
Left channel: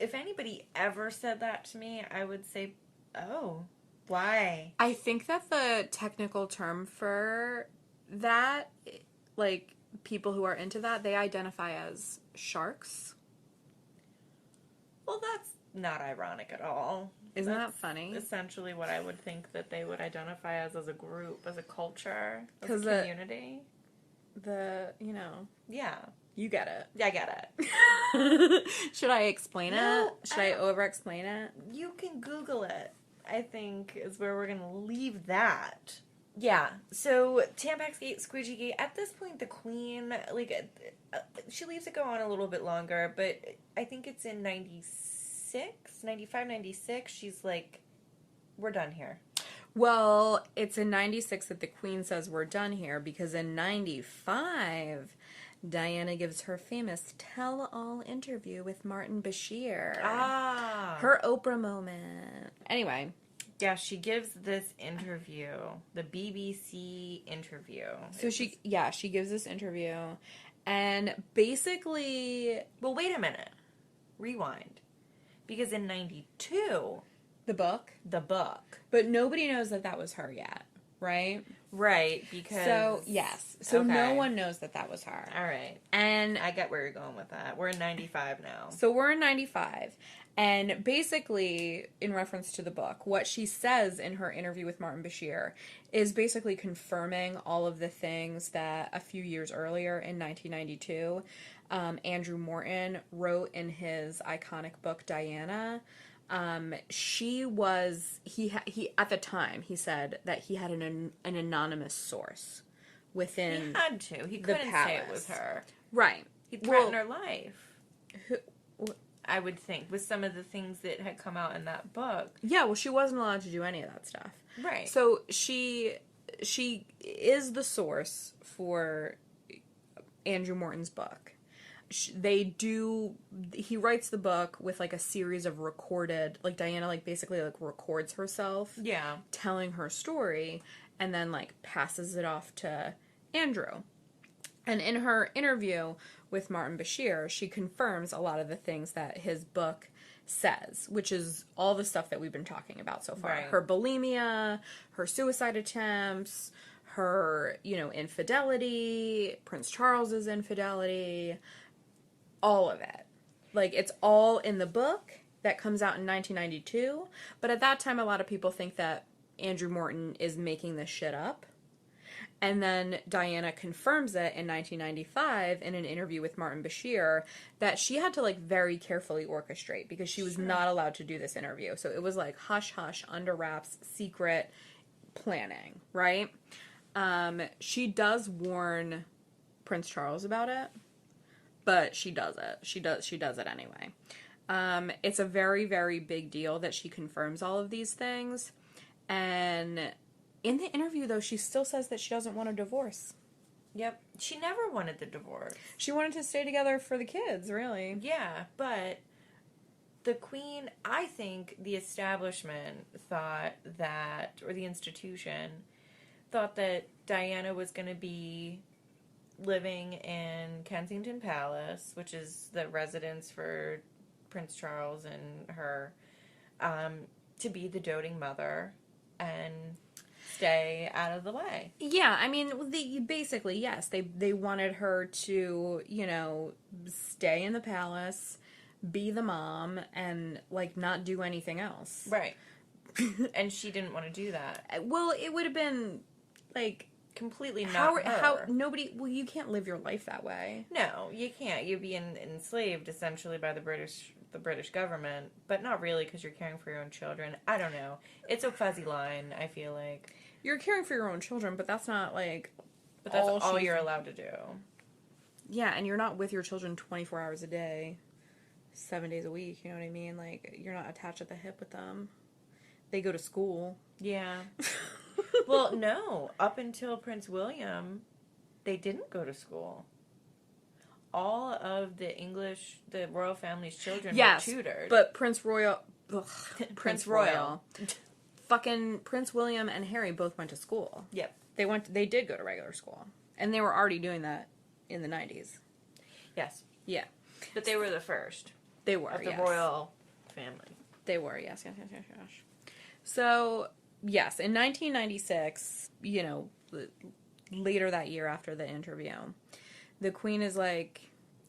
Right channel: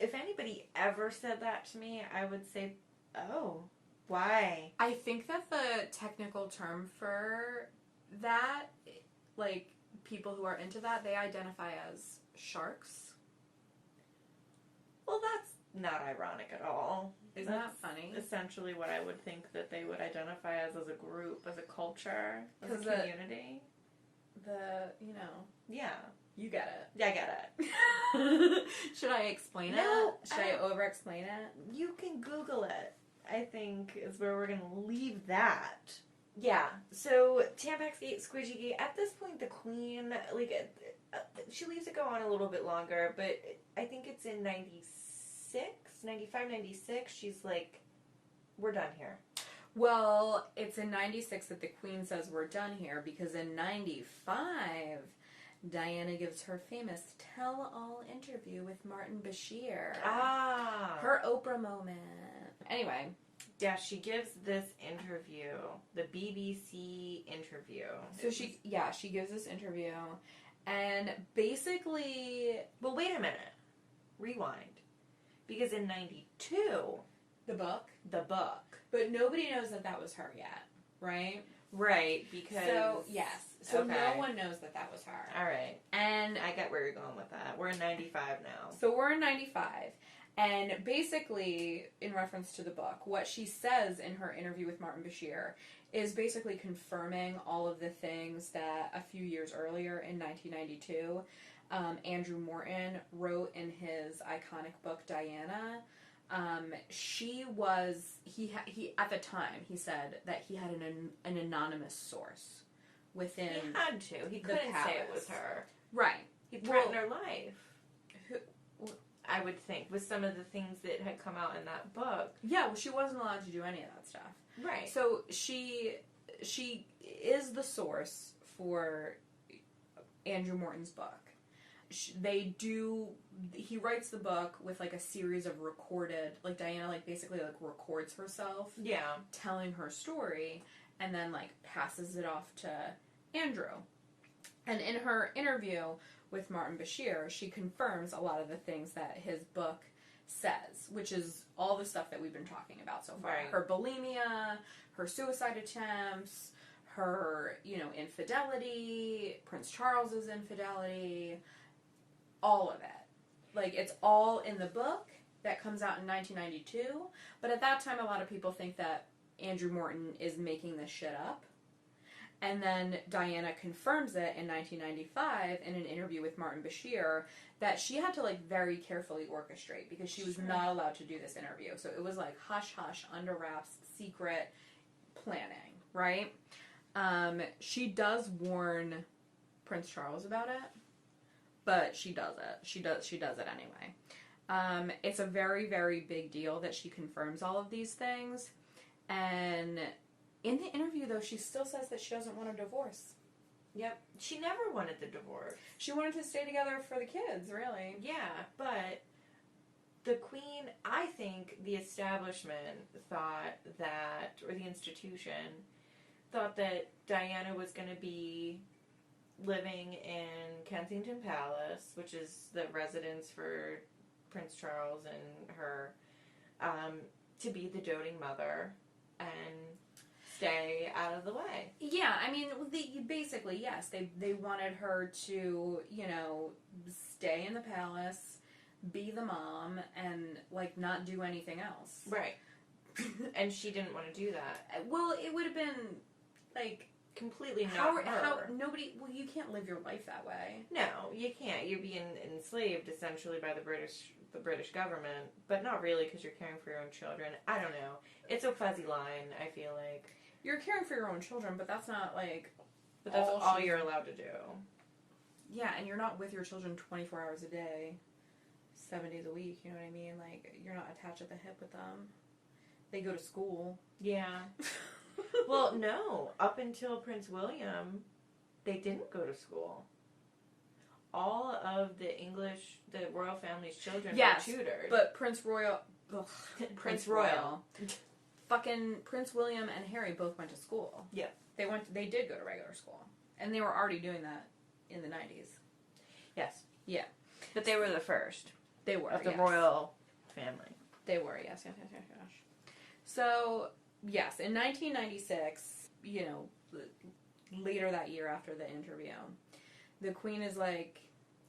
if anybody ever said that to me, I would say, oh, why? I think that the technical term for that, like, people who are into that, they identify as sharks. Well, that's not ironic at all. Isn't That's that funny? Essentially what I would think that they would identify as a group, as a culture, as a 'Cause community. Yeah. You get it. Yeah, I get it. Should I explain No, it? Should I over-explain it? You can Google it, I think, is where we're going to leave that. Yeah, so Tampax Gate, Squidgy Gate, at this point the Queen, like, she leaves it go on a little bit longer, but I think it's in 95, 96, she's like, we're done here. Well, it's in 96 that the Queen says we're done here, because in 95, Diana gives her famous tell-all interview with Martin Bashir. Her Oprah moment. Anyway. Yeah, she gives this interview, the BBC interview. So she gives this interview, and basically... Well, wait a minute. Rewind. Because in 92... The book? The book. But nobody knows that was her yet, right? Right, because... So, yes. So okay. No one knows that was her. All right. And... I get where you're going with that. We're in 95 now. So we're in 95. And basically, in reference to the book, what she says in her interview with Martin Bashir is basically confirming all of the things that a few years earlier in 1992, Andrew Morton wrote in his iconic book, Diana. He at the time, he said that he had an anonymous source within He had to. He the couldn't palace. say it was her. Right. He threatened her life. I would think, with some of the things that had come out in that book. Yeah, well, she wasn't allowed to do any of that stuff. Right. So she is the source for Andrew Morton's book. He writes the book with, like, a series of recorded, like, Diana, like, basically, like, records herself. Yeah. Telling her story, and then, like, passes it off to Andrew. And in her interview with Martin Bashir, she confirms a lot of the things that his book says, which is all the stuff that we've been talking about so far. Right. Her bulimia, her suicide attempts, her, infidelity, Prince Charles's infidelity, all of it. Like, it's all in the book that comes out in 1992, but at that time a lot of people think that Andrew Morton is making this shit up. And then Diana confirms it in 1995 in an interview with Martin Bashir that she had to, like, very carefully orchestrate because she was not allowed to do this interview. So it was like hush hush, under wraps, secret planning, right? She does warn Prince Charles about it, but she does it. She does it anyway. It's a very, very big deal that she confirms all of these things. And in the interview, though, she still says that she doesn't want a divorce. Yep. She never wanted the divorce. She wanted to stay together for the kids, really. Yeah, but the Queen, I think the establishment thought that, or the institution, thought that Diana was going to be living in Kensington Palace, which is the residence for Prince Charles and her, to be the doting mother and stay out of the way. Yeah, I mean, basically, yes. They wanted her to, stay in the palace, be the mom, and, like, not do anything else. Right. And she didn't want to do that. Well, it would have been, like, completely not her. How nobody... Well, you can't live your life that way. No, you can't. You're being enslaved, essentially, by the British government, but not really, because you're caring for your own children. I don't know. It's a fuzzy line, I feel like. You're caring for your own children, but that's not, like... But that's all you're allowed to do. Yeah, and you're not with your children 24 hours a day, 7 days a week, you know what I mean? Like, you're not attached at the hip with them. They go to school. Yeah. Well, no. Up until Prince William, they didn't go to school. All of the royal family's children were tutored. But Prince Royal... Ugh, Prince Royal. Fucking Prince William and Harry both went to school. Yeah. They did go to regular school. And they were already doing that in the 90s. Yes. Yeah. But they were the first. They were, of the yes. royal family. They were, yes. So, yes, in 1996, later that year after the interview, the Queen is like,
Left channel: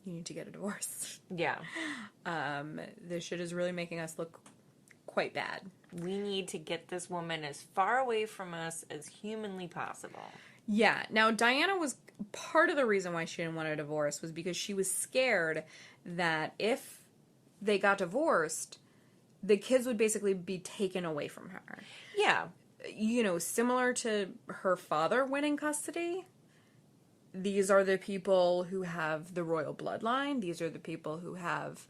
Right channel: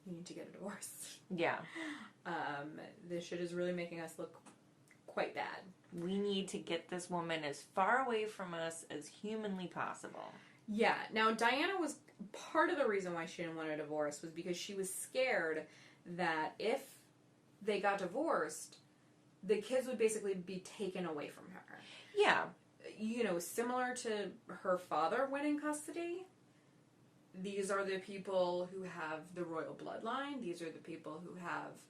you need to get a divorce. Yeah. This shit is really making us look quite bad. We need to get this woman as far away from us as humanly possible. Yeah. Now, Diana was part of the reason why she didn't want a divorce was because she was scared that if they got divorced, the kids would basically be taken away from her. Yeah. Similar to her father winning custody. These are the people who have the royal bloodline. These are the people who have,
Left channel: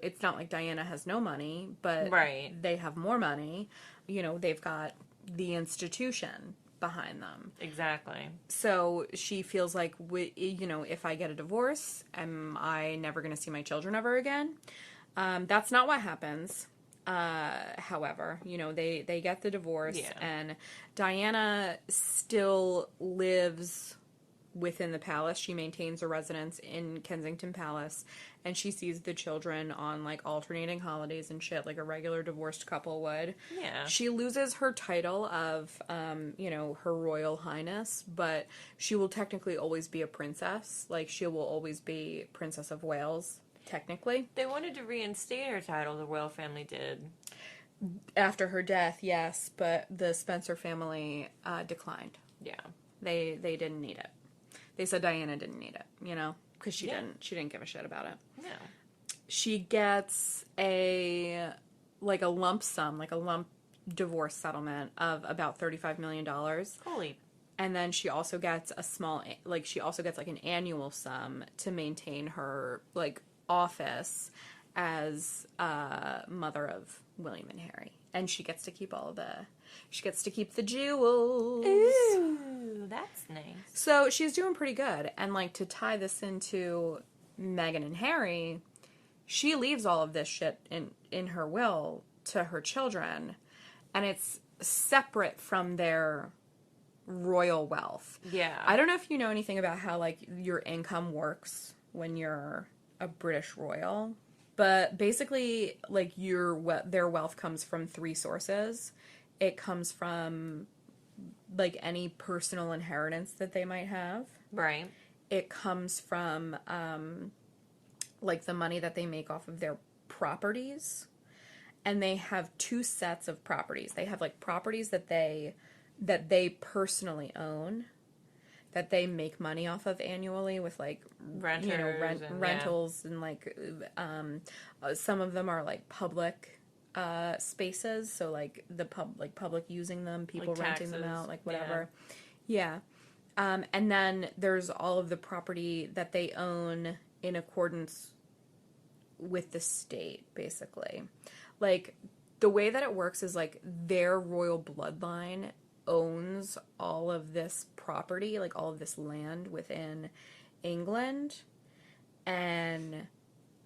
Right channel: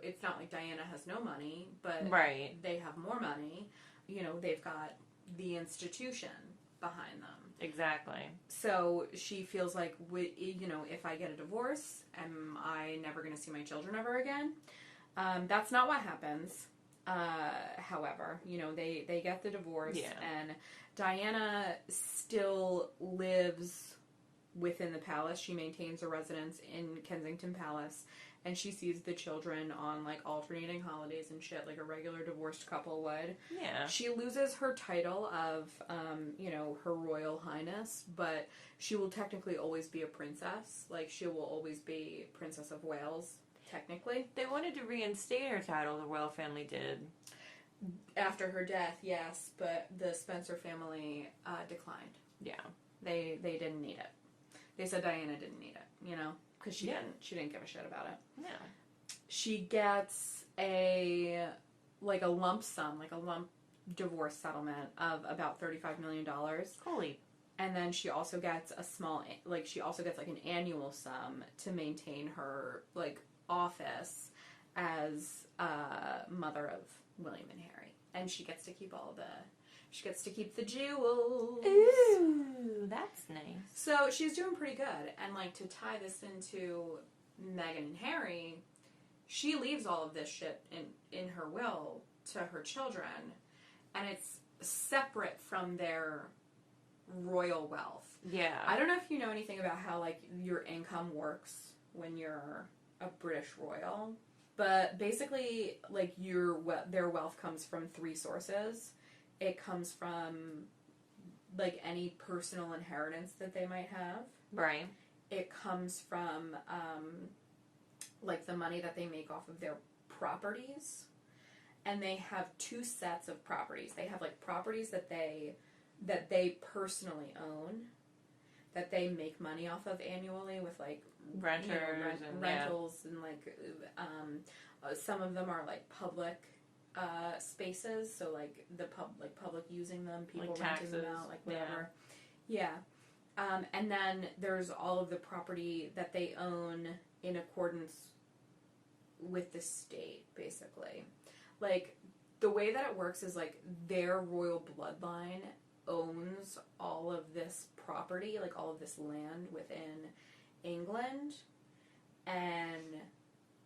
it's not like Diana has no money, but right. they have more money. They've got the institution behind them. Exactly. So she feels like, if I get a divorce, am I never going to see my children ever again? That's not what happens. However, they get the divorce, and Diana still lives within the palace. She maintains a residence in Kensington Palace, and she sees the children on like alternating holidays and shit, like a regular divorced couple would. Yeah. She loses her title of, Her Royal Highness, but she will technically always be a princess. Like, she will always be Princess of Wales, technically. They wanted to reinstate her title, the royal family did. After her death, yes, but the Spencer family declined. Yeah. They didn't need it. They said Diana didn't need it, because she didn't give a shit about it. No. She gets a lump sum, like a lump divorce settlement of about $35 million. Holy. And then she also gets an annual sum to maintain her, office as mother of William and Harry. And she gets to keep the jewels. Ooh, that's nice. So she's doing pretty good. And, to tie this into Meghan and Harry, she leaves all of this shit in her will to her children. And it's separate from their royal wealth. Yeah. I don't know if you know anything about how, your income works when you're a British royal. But basically, their wealth comes from three sources. It comes from, any personal inheritance that they might have. Right. It comes from, the money that they make off of their properties. And they have two sets of properties. They have, properties that they personally own, that they make money off of annually with, rentals and, some of them are, public spaces, so public using them, people renting them out, whatever. Yeah. And then there's all of the property that they own in accordance with the state, basically. The way that it works is their royal bloodline owns all of this property, all of this land within England, and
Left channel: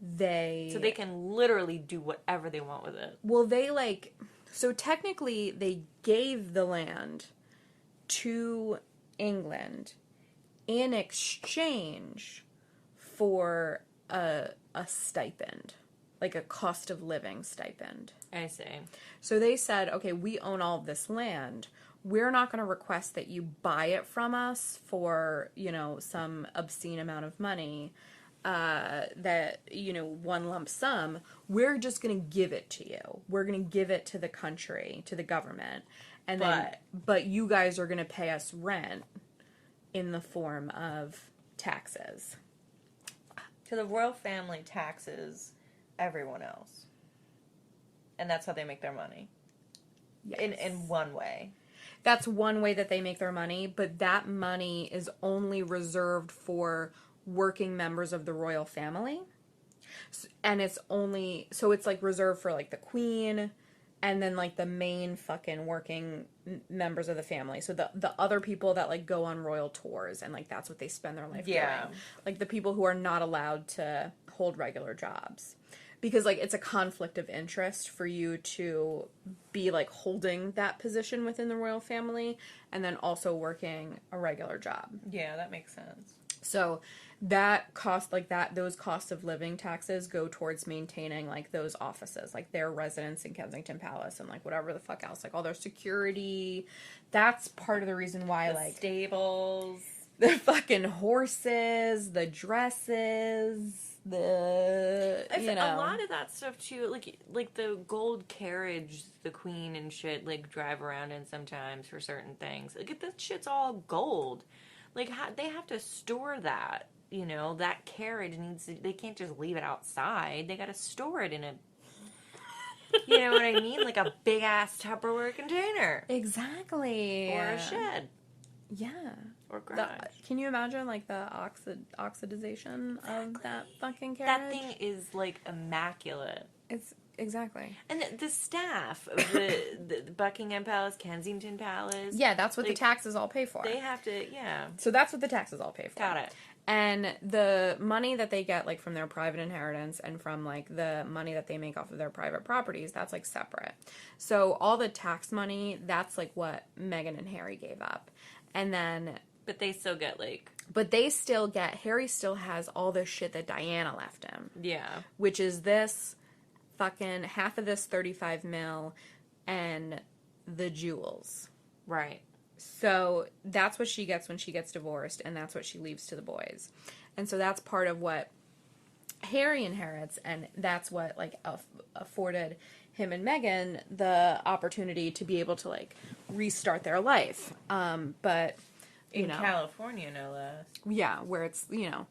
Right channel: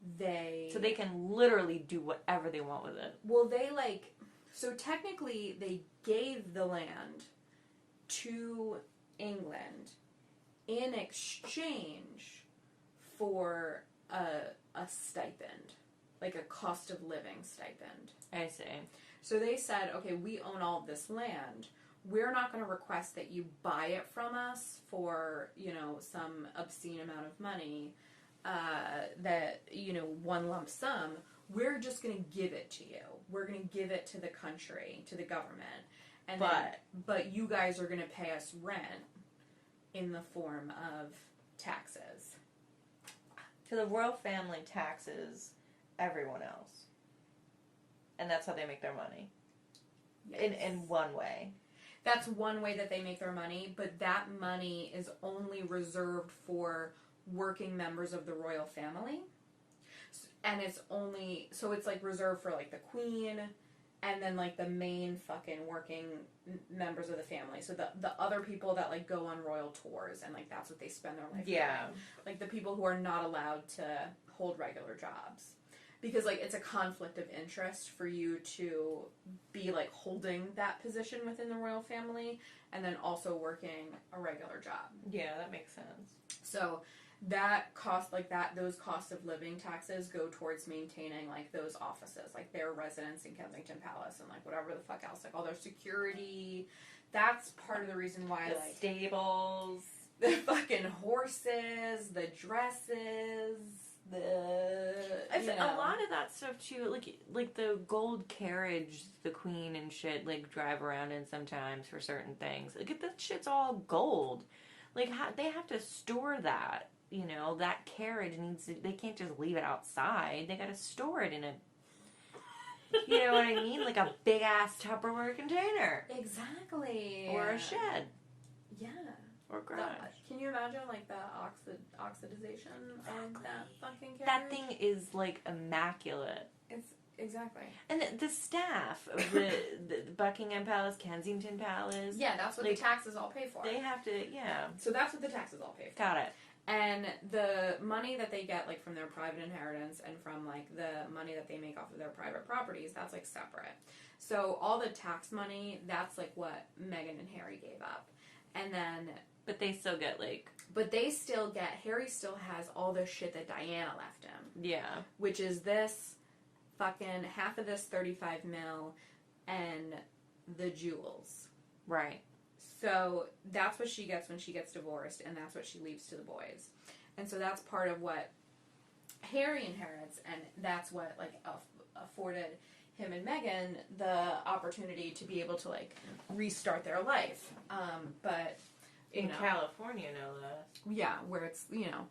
so they can literally do whatever they want with it. Well, so technically they gave the land to England in exchange for a stipend, a cost of living stipend. I see. So they said, okay, we own all of this land. We're not going to request that you buy it from us for, some obscene amount of money. One lump sum, we're just going to give it to you. We're going to give it to the country, to the government. And then, but you guys are going to pay us rent in the form of taxes. So the royal family taxes everyone else. And that's how they make their money. Yes. In one way. That's one way that they make their money, but that money is only reserved for working members of the royal family. And it's only, so it's reserved for the queen and then the main fucking working members of the family. So the other people that go on royal tours and that's what they spend their life doing. The people who are not allowed to hold regular jobs. Because it's a conflict of interest for you to be holding that position within the royal family and then also working a regular job. Yeah, that makes sense. So that cost, like that, those cost of living taxes go towards maintaining like those offices, like their residence in Kensington Palace and like whatever the fuck else, like all their security. That's part of the reason why, The like, stables, the fucking horses, the dresses, you know, a lot of that stuff too, like the gold carriage the queen and shit like drive around in sometimes for certain things. Like if this shit's all gold, like they have to store that. You know, that carriage needs to, they can't just leave it outside. They got to store it in a, you know what I mean? Like a big ass Tupperware container. Exactly. Or a shed. Yeah. Or garage. Can you imagine like the oxidization of that fucking carriage? That thing is like immaculate. It's exactly. And the staff of the Buckingham Palace, Kensington Palace. Yeah, that's what the taxes all pay for. They have to, yeah. So that's what the taxes all pay for. Got it. And the money that they get, like, from their private inheritance and from, like, the money that they make off of their private properties, that's, like, separate. So all the tax money, that's, like, what Meghan and Harry gave up. And then... But they still get, like... But they still get... Harry still has all the shit that Diana left him. Yeah. Which is this fucking... Half of this 35 mil and the jewels. Right. So that's what she gets when she gets divorced, and that's what she leaves to the boys. And so that's part of what Harry inherits, and that's what, like, afforded him and Meghan the opportunity to be able to, like, restart their life. But, in California, no less. Yeah, where it's, you know,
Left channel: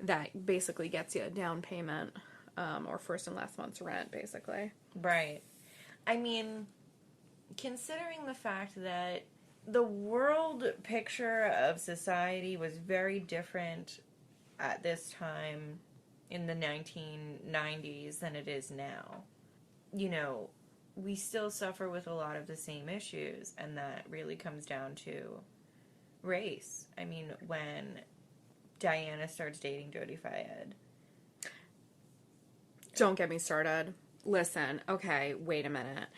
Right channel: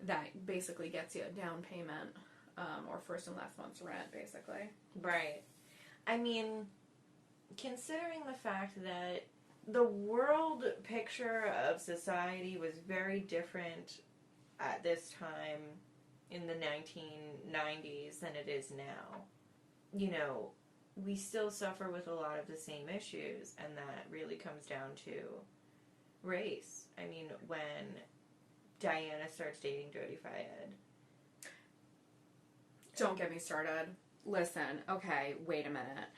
that basically gets you a down payment, or first and last month's rent, basically. Right. I mean, considering the fact that the world picture of society was very different at this time in the 1990s than it is now. You know, we still suffer with a lot of the same issues, and that really comes down to race. I mean, when Diana starts dating Jodie Fayed. Don't get me started. Listen, okay, wait a minute.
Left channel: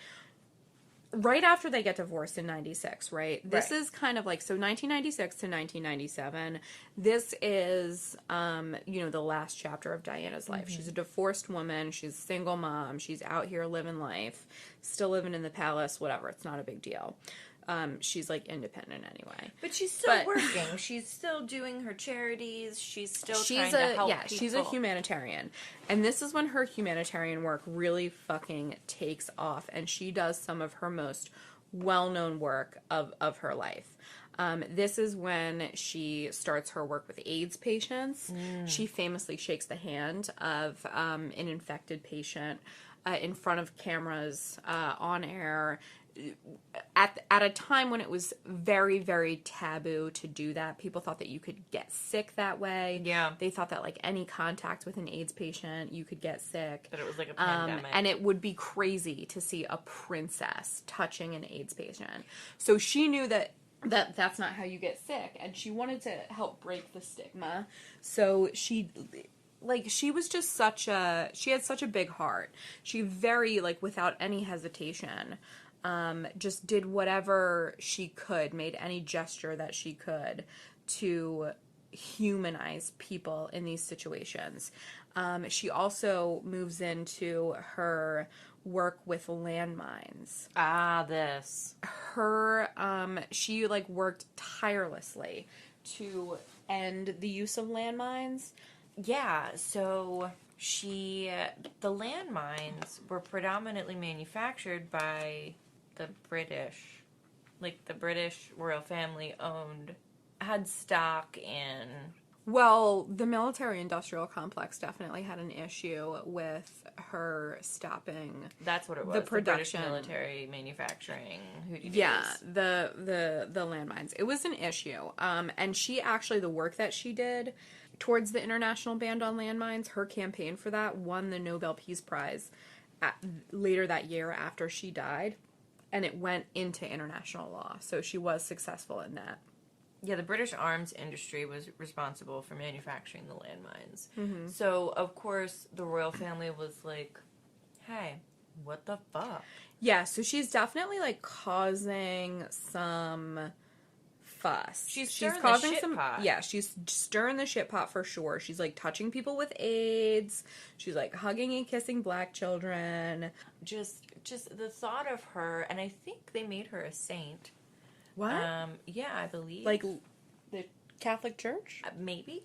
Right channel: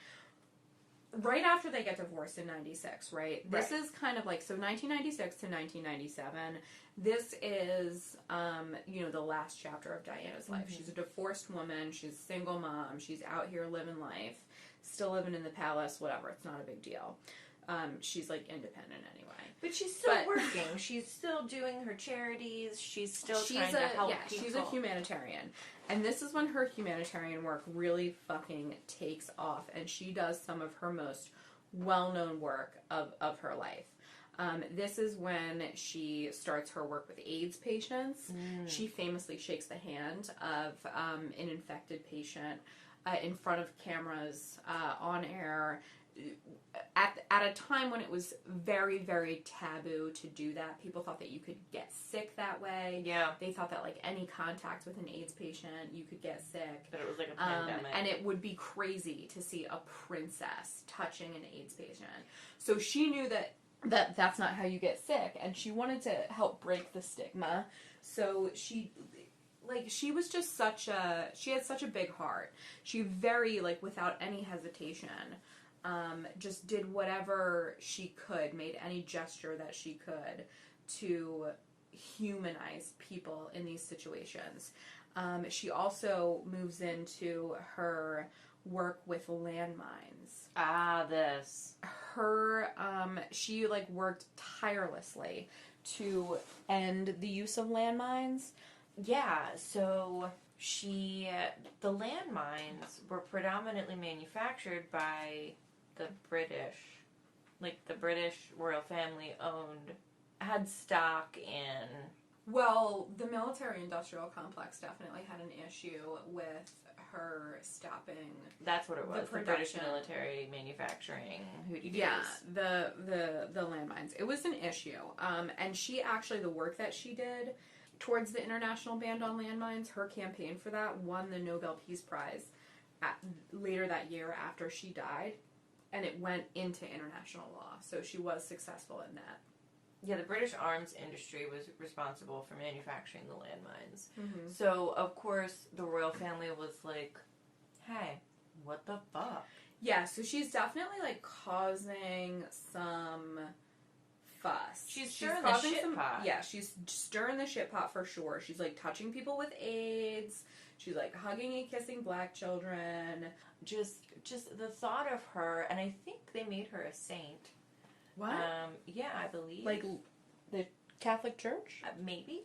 Right after they get divorced in 96, right? This is kind of like, so 1996 to 1997, this is, you know, the last chapter of Diana's life. Mm-hmm. She's a divorced woman. She's a single mom. She's out here living life, still living in the palace, whatever. It's not a big deal. She's, like, independent anyway. But she's still working. She's still doing her charities. She's still trying to help people. She's a humanitarian. And this is when her humanitarian work really fucking takes off. And she does some of her most well-known work of her life. This is when she starts her work with AIDS patients. She famously shakes the hand of an infected patient in front of cameras, on air, at a time when it was very, very taboo to do that. People thought that you could get sick that way. Yeah. They thought that, like, any contact with an AIDS patient, you could get sick. That it was like a pandemic. And it would be crazy to see a princess touching an AIDS patient. So she knew that that's not how you get sick, and she wanted to help break the stigma. So she was just she had such a big heart. She very, like, without any hesitation, just did whatever she could, made any gesture that she could to humanize people in these situations. She also moves into her work with landmines. She, like, worked tirelessly to end the use of landmines. Yeah, so the landmines were predominantly manufactured by the British. Like, the British royal family had stock in... Well, the military-industrial complex definitely had an issue with her stopping... That's what it was. The production. The British military manufacturing. Yeah, the landmines. It was an issue. And she actually, the work that she did towards the international ban on landmines, her campaign for that won the Nobel Peace Prize later that year after she died, and it went into international law. So she was successful in that. Yeah, the British arms industry was responsible for manufacturing the landmines. Mm-hmm. So, of course, the royal family was like, hey, what the fuck? Yeah, so she's definitely, like, causing some fuss. She's causing the shit pot. Yeah, she's stirring the shit pot for sure. She's like touching people with AIDS. She's like hugging and kissing black children. Just the thought of her, and I think they made her a saint. What? Yeah, I believe. Like the Catholic Church? Maybe.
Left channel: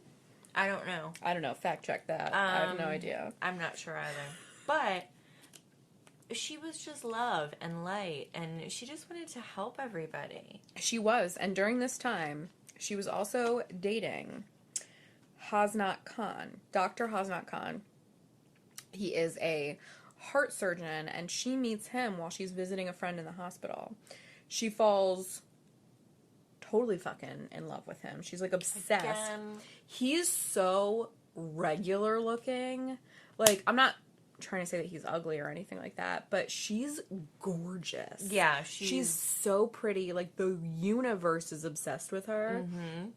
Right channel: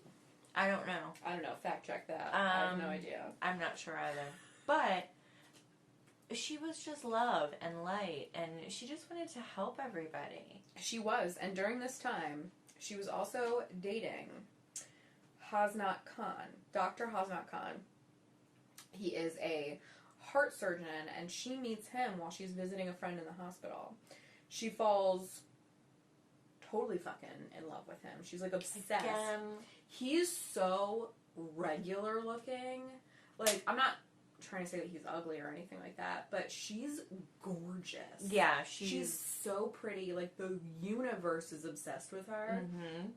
I don't know. I don't know. Fact check that. I have no idea. I'm not sure either. But she was just love and light, and she just wanted to help everybody. She was. And during this time, she was also dating Hasnat Khan. Dr. Hasnat Khan. He is a heart surgeon, and she meets him while she's visiting a friend in the hospital. She falls totally fucking in love with him. She's like obsessed. Again. He's so regular looking. Like, I'm not trying to say that he's ugly or anything like that, but she's gorgeous. Yeah, she's so pretty. Like, the universe is obsessed with her. Mm-hmm.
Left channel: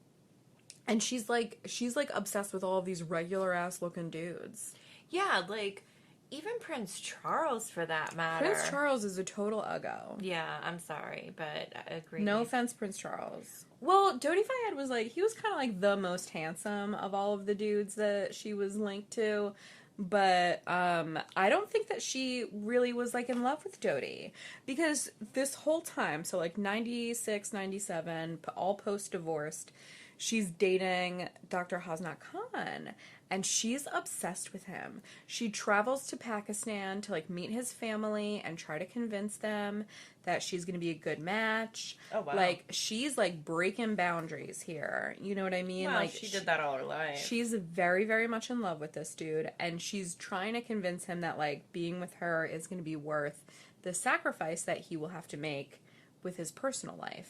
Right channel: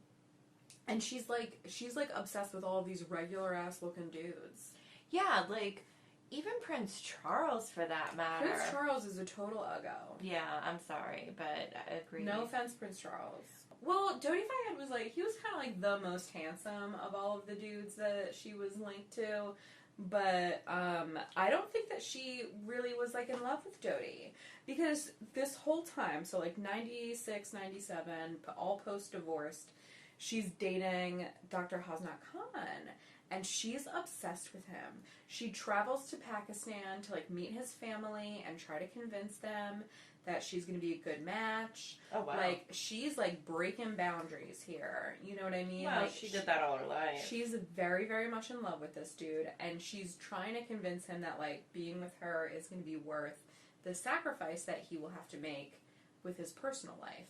And she's like obsessed with all of these regular ass looking dudes. Yeah, like even Prince Charles, for that matter. Prince Charles is a total uggo. Yeah, I'm sorry, but I agree. No offense, Prince Charles. Well, Dodi Fayed was like, he was kind of like the most handsome of all of the dudes that she was linked to. But I don't think that she really was like in love with Dodi. Because this whole time, so like 96, 97, all post-divorced, she's dating Dr. Hasnat Khan. And she's obsessed with him. She travels to Pakistan to, like, meet his family and try to convince them that she's going to be a good match. Oh, wow. Like, she's, like, breaking boundaries here. You know what I mean? Well, like, she did that all her life. She's very, very much in love with this dude. And she's trying to convince him that, like, being with her is going to be worth the sacrifice that he will have to make with his personal life.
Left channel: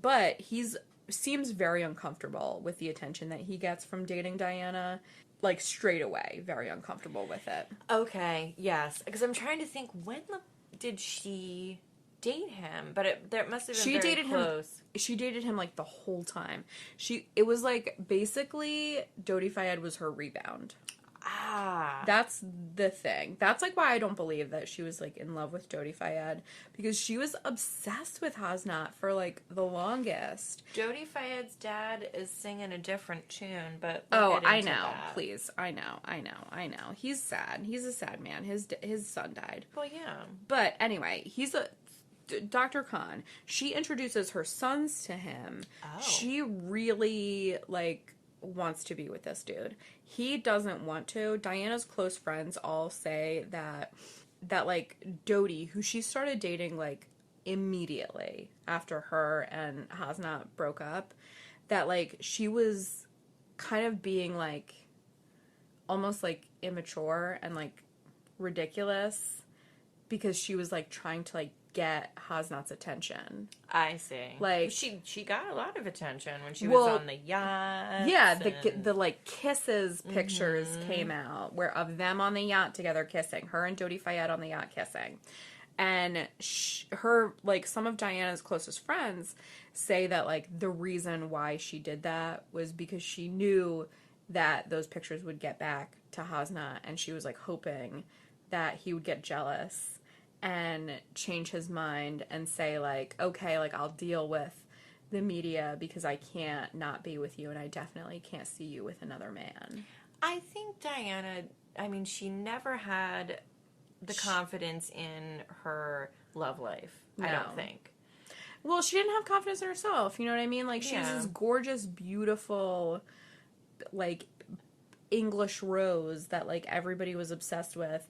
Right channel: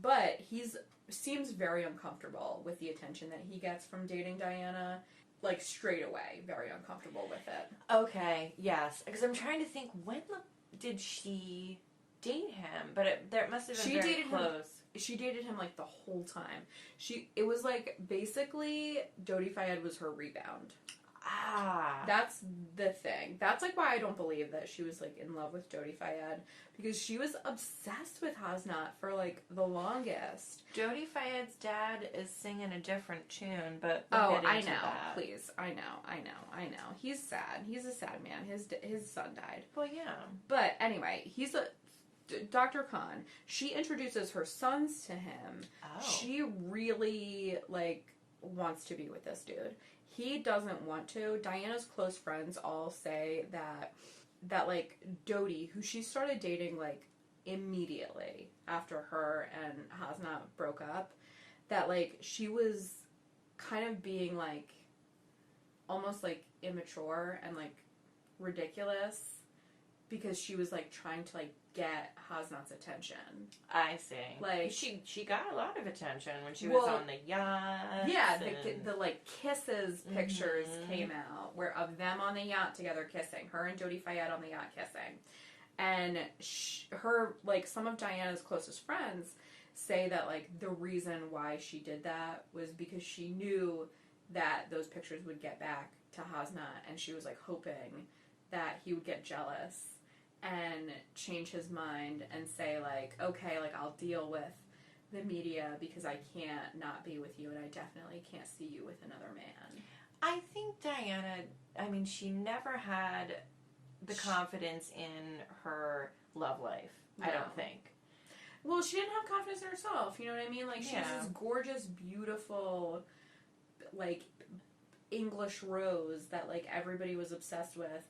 But seems very uncomfortable with the attention that he gets from dating Diana. Like, straight away, very uncomfortable with it. Okay, yes. Because I'm trying to think, when did she date him? But there must have been very close. She dated him, like, the whole time. It was, like, basically, Dodi Fayed was her rebound. Ah. That's the thing. That's, like, why I don't believe that she was, like, in love with Dodi Fayed. Because she was obsessed with Hasnat for, like, the longest. Dodi Fayed's dad is singing a different tune, but... I know. That. Please. I know. He's sad. He's a sad man. His son died. Well, yeah. But, anyway, Dr. Khan, she introduces her sons to him. Oh. She really, like, wants to be with this dude. He doesn't want to. Diana's close friends all say that like, Dodi, who she started dating, like, immediately after her and Hasnat broke up, that, like, she was kind of being, like, almost, like, immature and, like, ridiculous because she was, like, trying to, like, get Hasnat's attention. I see. Like, she got a lot of attention when she was on the yacht. Yeah, the like kisses pictures came out of them on the yacht together kissing. Her and Dodi Fayed on the yacht kissing. And her, like, some of Diana's closest friends say that, like, the reason why she did that was because she knew that those pictures would get back to Hasnat, and she was, like, hoping that he would get jealous and change his mind and say, like, okay, like, I'll deal with the media because I can't not be with you, and I definitely can't see you with another man. I think Diana, I mean, she never had the confidence in her love life, I don't think. Well, she didn't have confidence in herself, you know what I mean? Like, she was this gorgeous, beautiful, like, English rose that, like, everybody was obsessed with.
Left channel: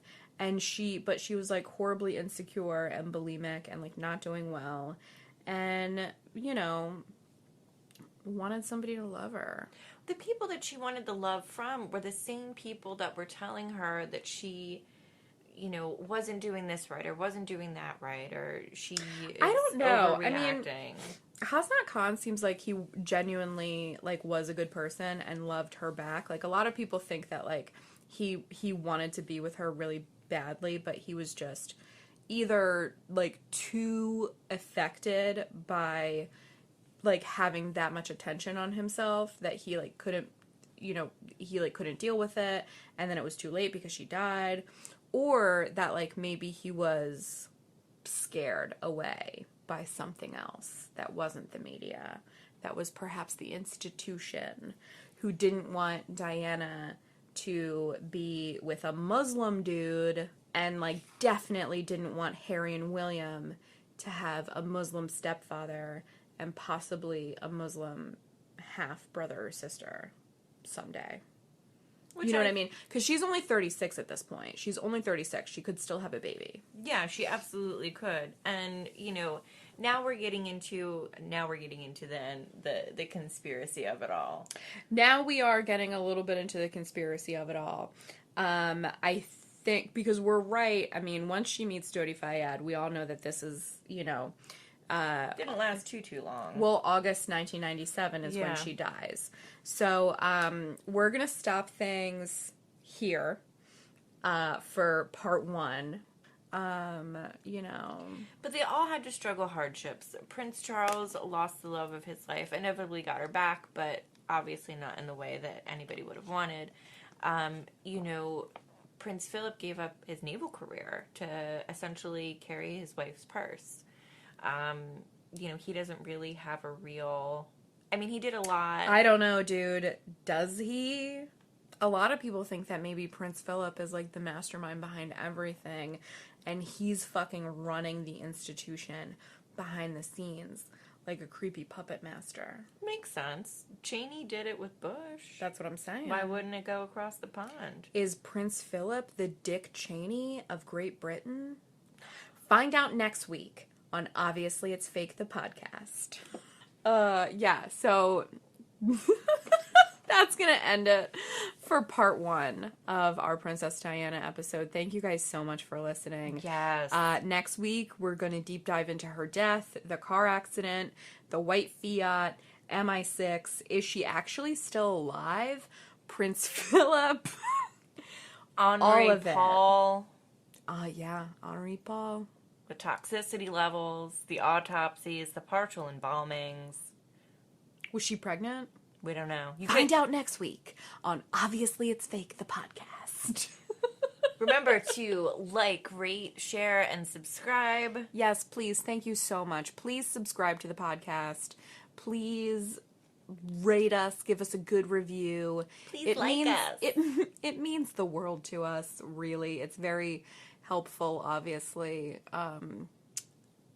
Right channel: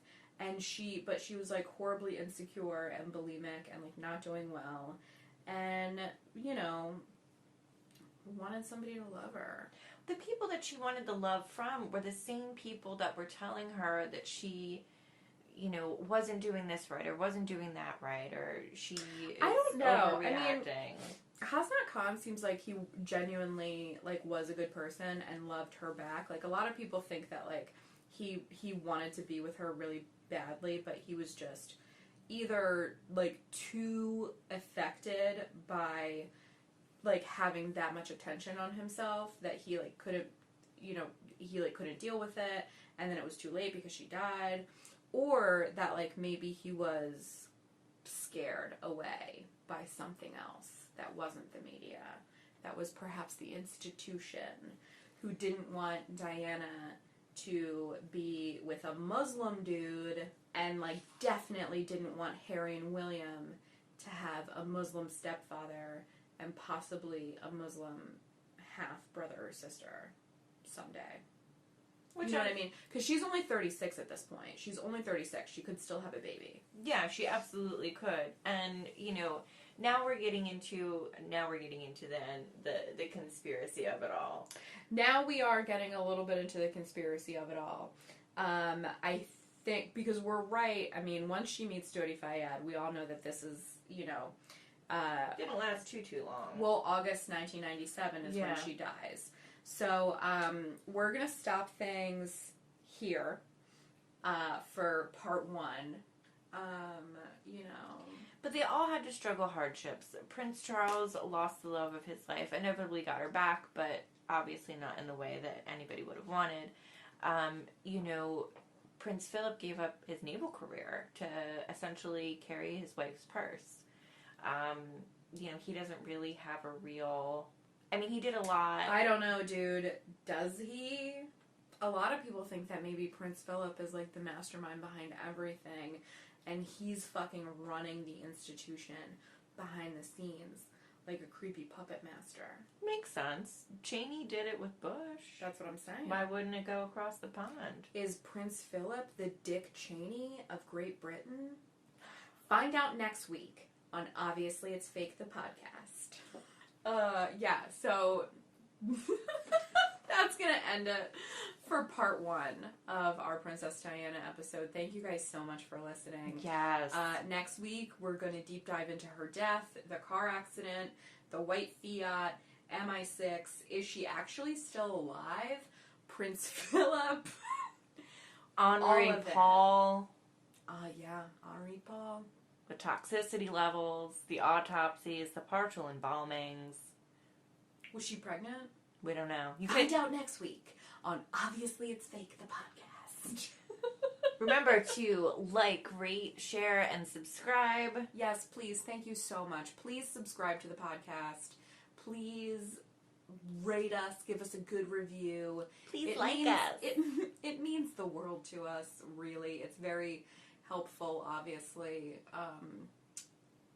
But she was, like, horribly insecure and bulimic and, like, not doing well. And, you know, wanted somebody to love her. The people that she wanted the love from were the same people that were telling her that she, you know, wasn't doing this right or wasn't doing that right, or she is I don't know. overreacting. I mean, Hasnat Khan seems like he genuinely, like, was a good person and loved her back. Like, a lot of people think that, like, he wanted to be with her really badly, but he was just either, like, too affected by, like, having that much attention on himself that he, like, couldn't, you know, couldn't deal with it, and then it was too late because she died, or that, like, maybe he was scared away by something else that wasn't the media, that was perhaps the institution, who didn't want Diana to be with a Muslim dude, and, like, definitely didn't want Harry and William to have a Muslim stepfather and possibly a Muslim half-brother or sister someday. You know what I mean? Because she's only 36 at this point. She's only 36. She could still have a baby. Yeah, she absolutely could. And, you know, now we're getting into the conspiracy of it all. Now we are getting a little bit into the conspiracy of it all. I think, because we're right, I mean, once she meets Jodie Fayed, we all know that this is, you know... didn't last too long. Well, August 1997 is when she dies. So, we're going to stop things here for part 1. You know. But they all had to struggle hardships. Prince Charles lost the love of his life, inevitably got her back, but obviously not in the way that anybody would have wanted. You know, Prince Philip gave up his naval career to essentially carry his wife's purse. You know, he doesn't really have a real... I mean, he did a lot. I don't know, dude. Does he? A lot of people think that maybe Prince Philip is, like, the mastermind behind everything, and he's fucking running the institution behind the scenes like a creepy puppet master. Makes sense. Cheney did it with Bush. That's what I'm saying. Why wouldn't it go across the pond? Is Prince Philip the Dick Cheney of Great Britain? Find out next week on Obviously It's Fake, the podcast. Yeah, so that's gonna end it for part 1 of our Princess Diana episode. Thank you guys so much for listening. Yes. Next week, we're gonna deep dive into her death, the car accident, the white Fiat, MI6. Is she actually still alive? Prince Philip. Henri all of Paul. it. Yeah, Henri Paul. The toxicity levels, the autopsies, the partial embalmings. Was she pregnant? We don't know. Find out next week on Obviously It's Fake, the podcast. Remember to like, rate, share, and subscribe. Yes, please. Thank you so much. Please subscribe to the podcast. Please rate us. Give us a good review. Please us. It means the world to us, really. It's very helpful, obviously.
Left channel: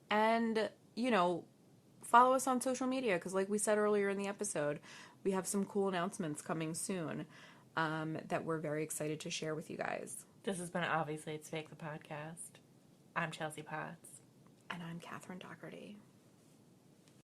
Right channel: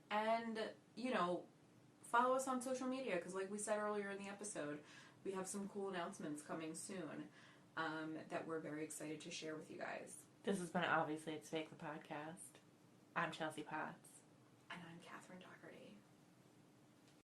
And, you know, follow us on social media, because like we said earlier in the episode, we have some cool announcements coming soon that we're very excited to share with you guys. This has been Obviously It's Fake, the podcast. I'm Chelsea Potts. And I'm Catherine Doherty.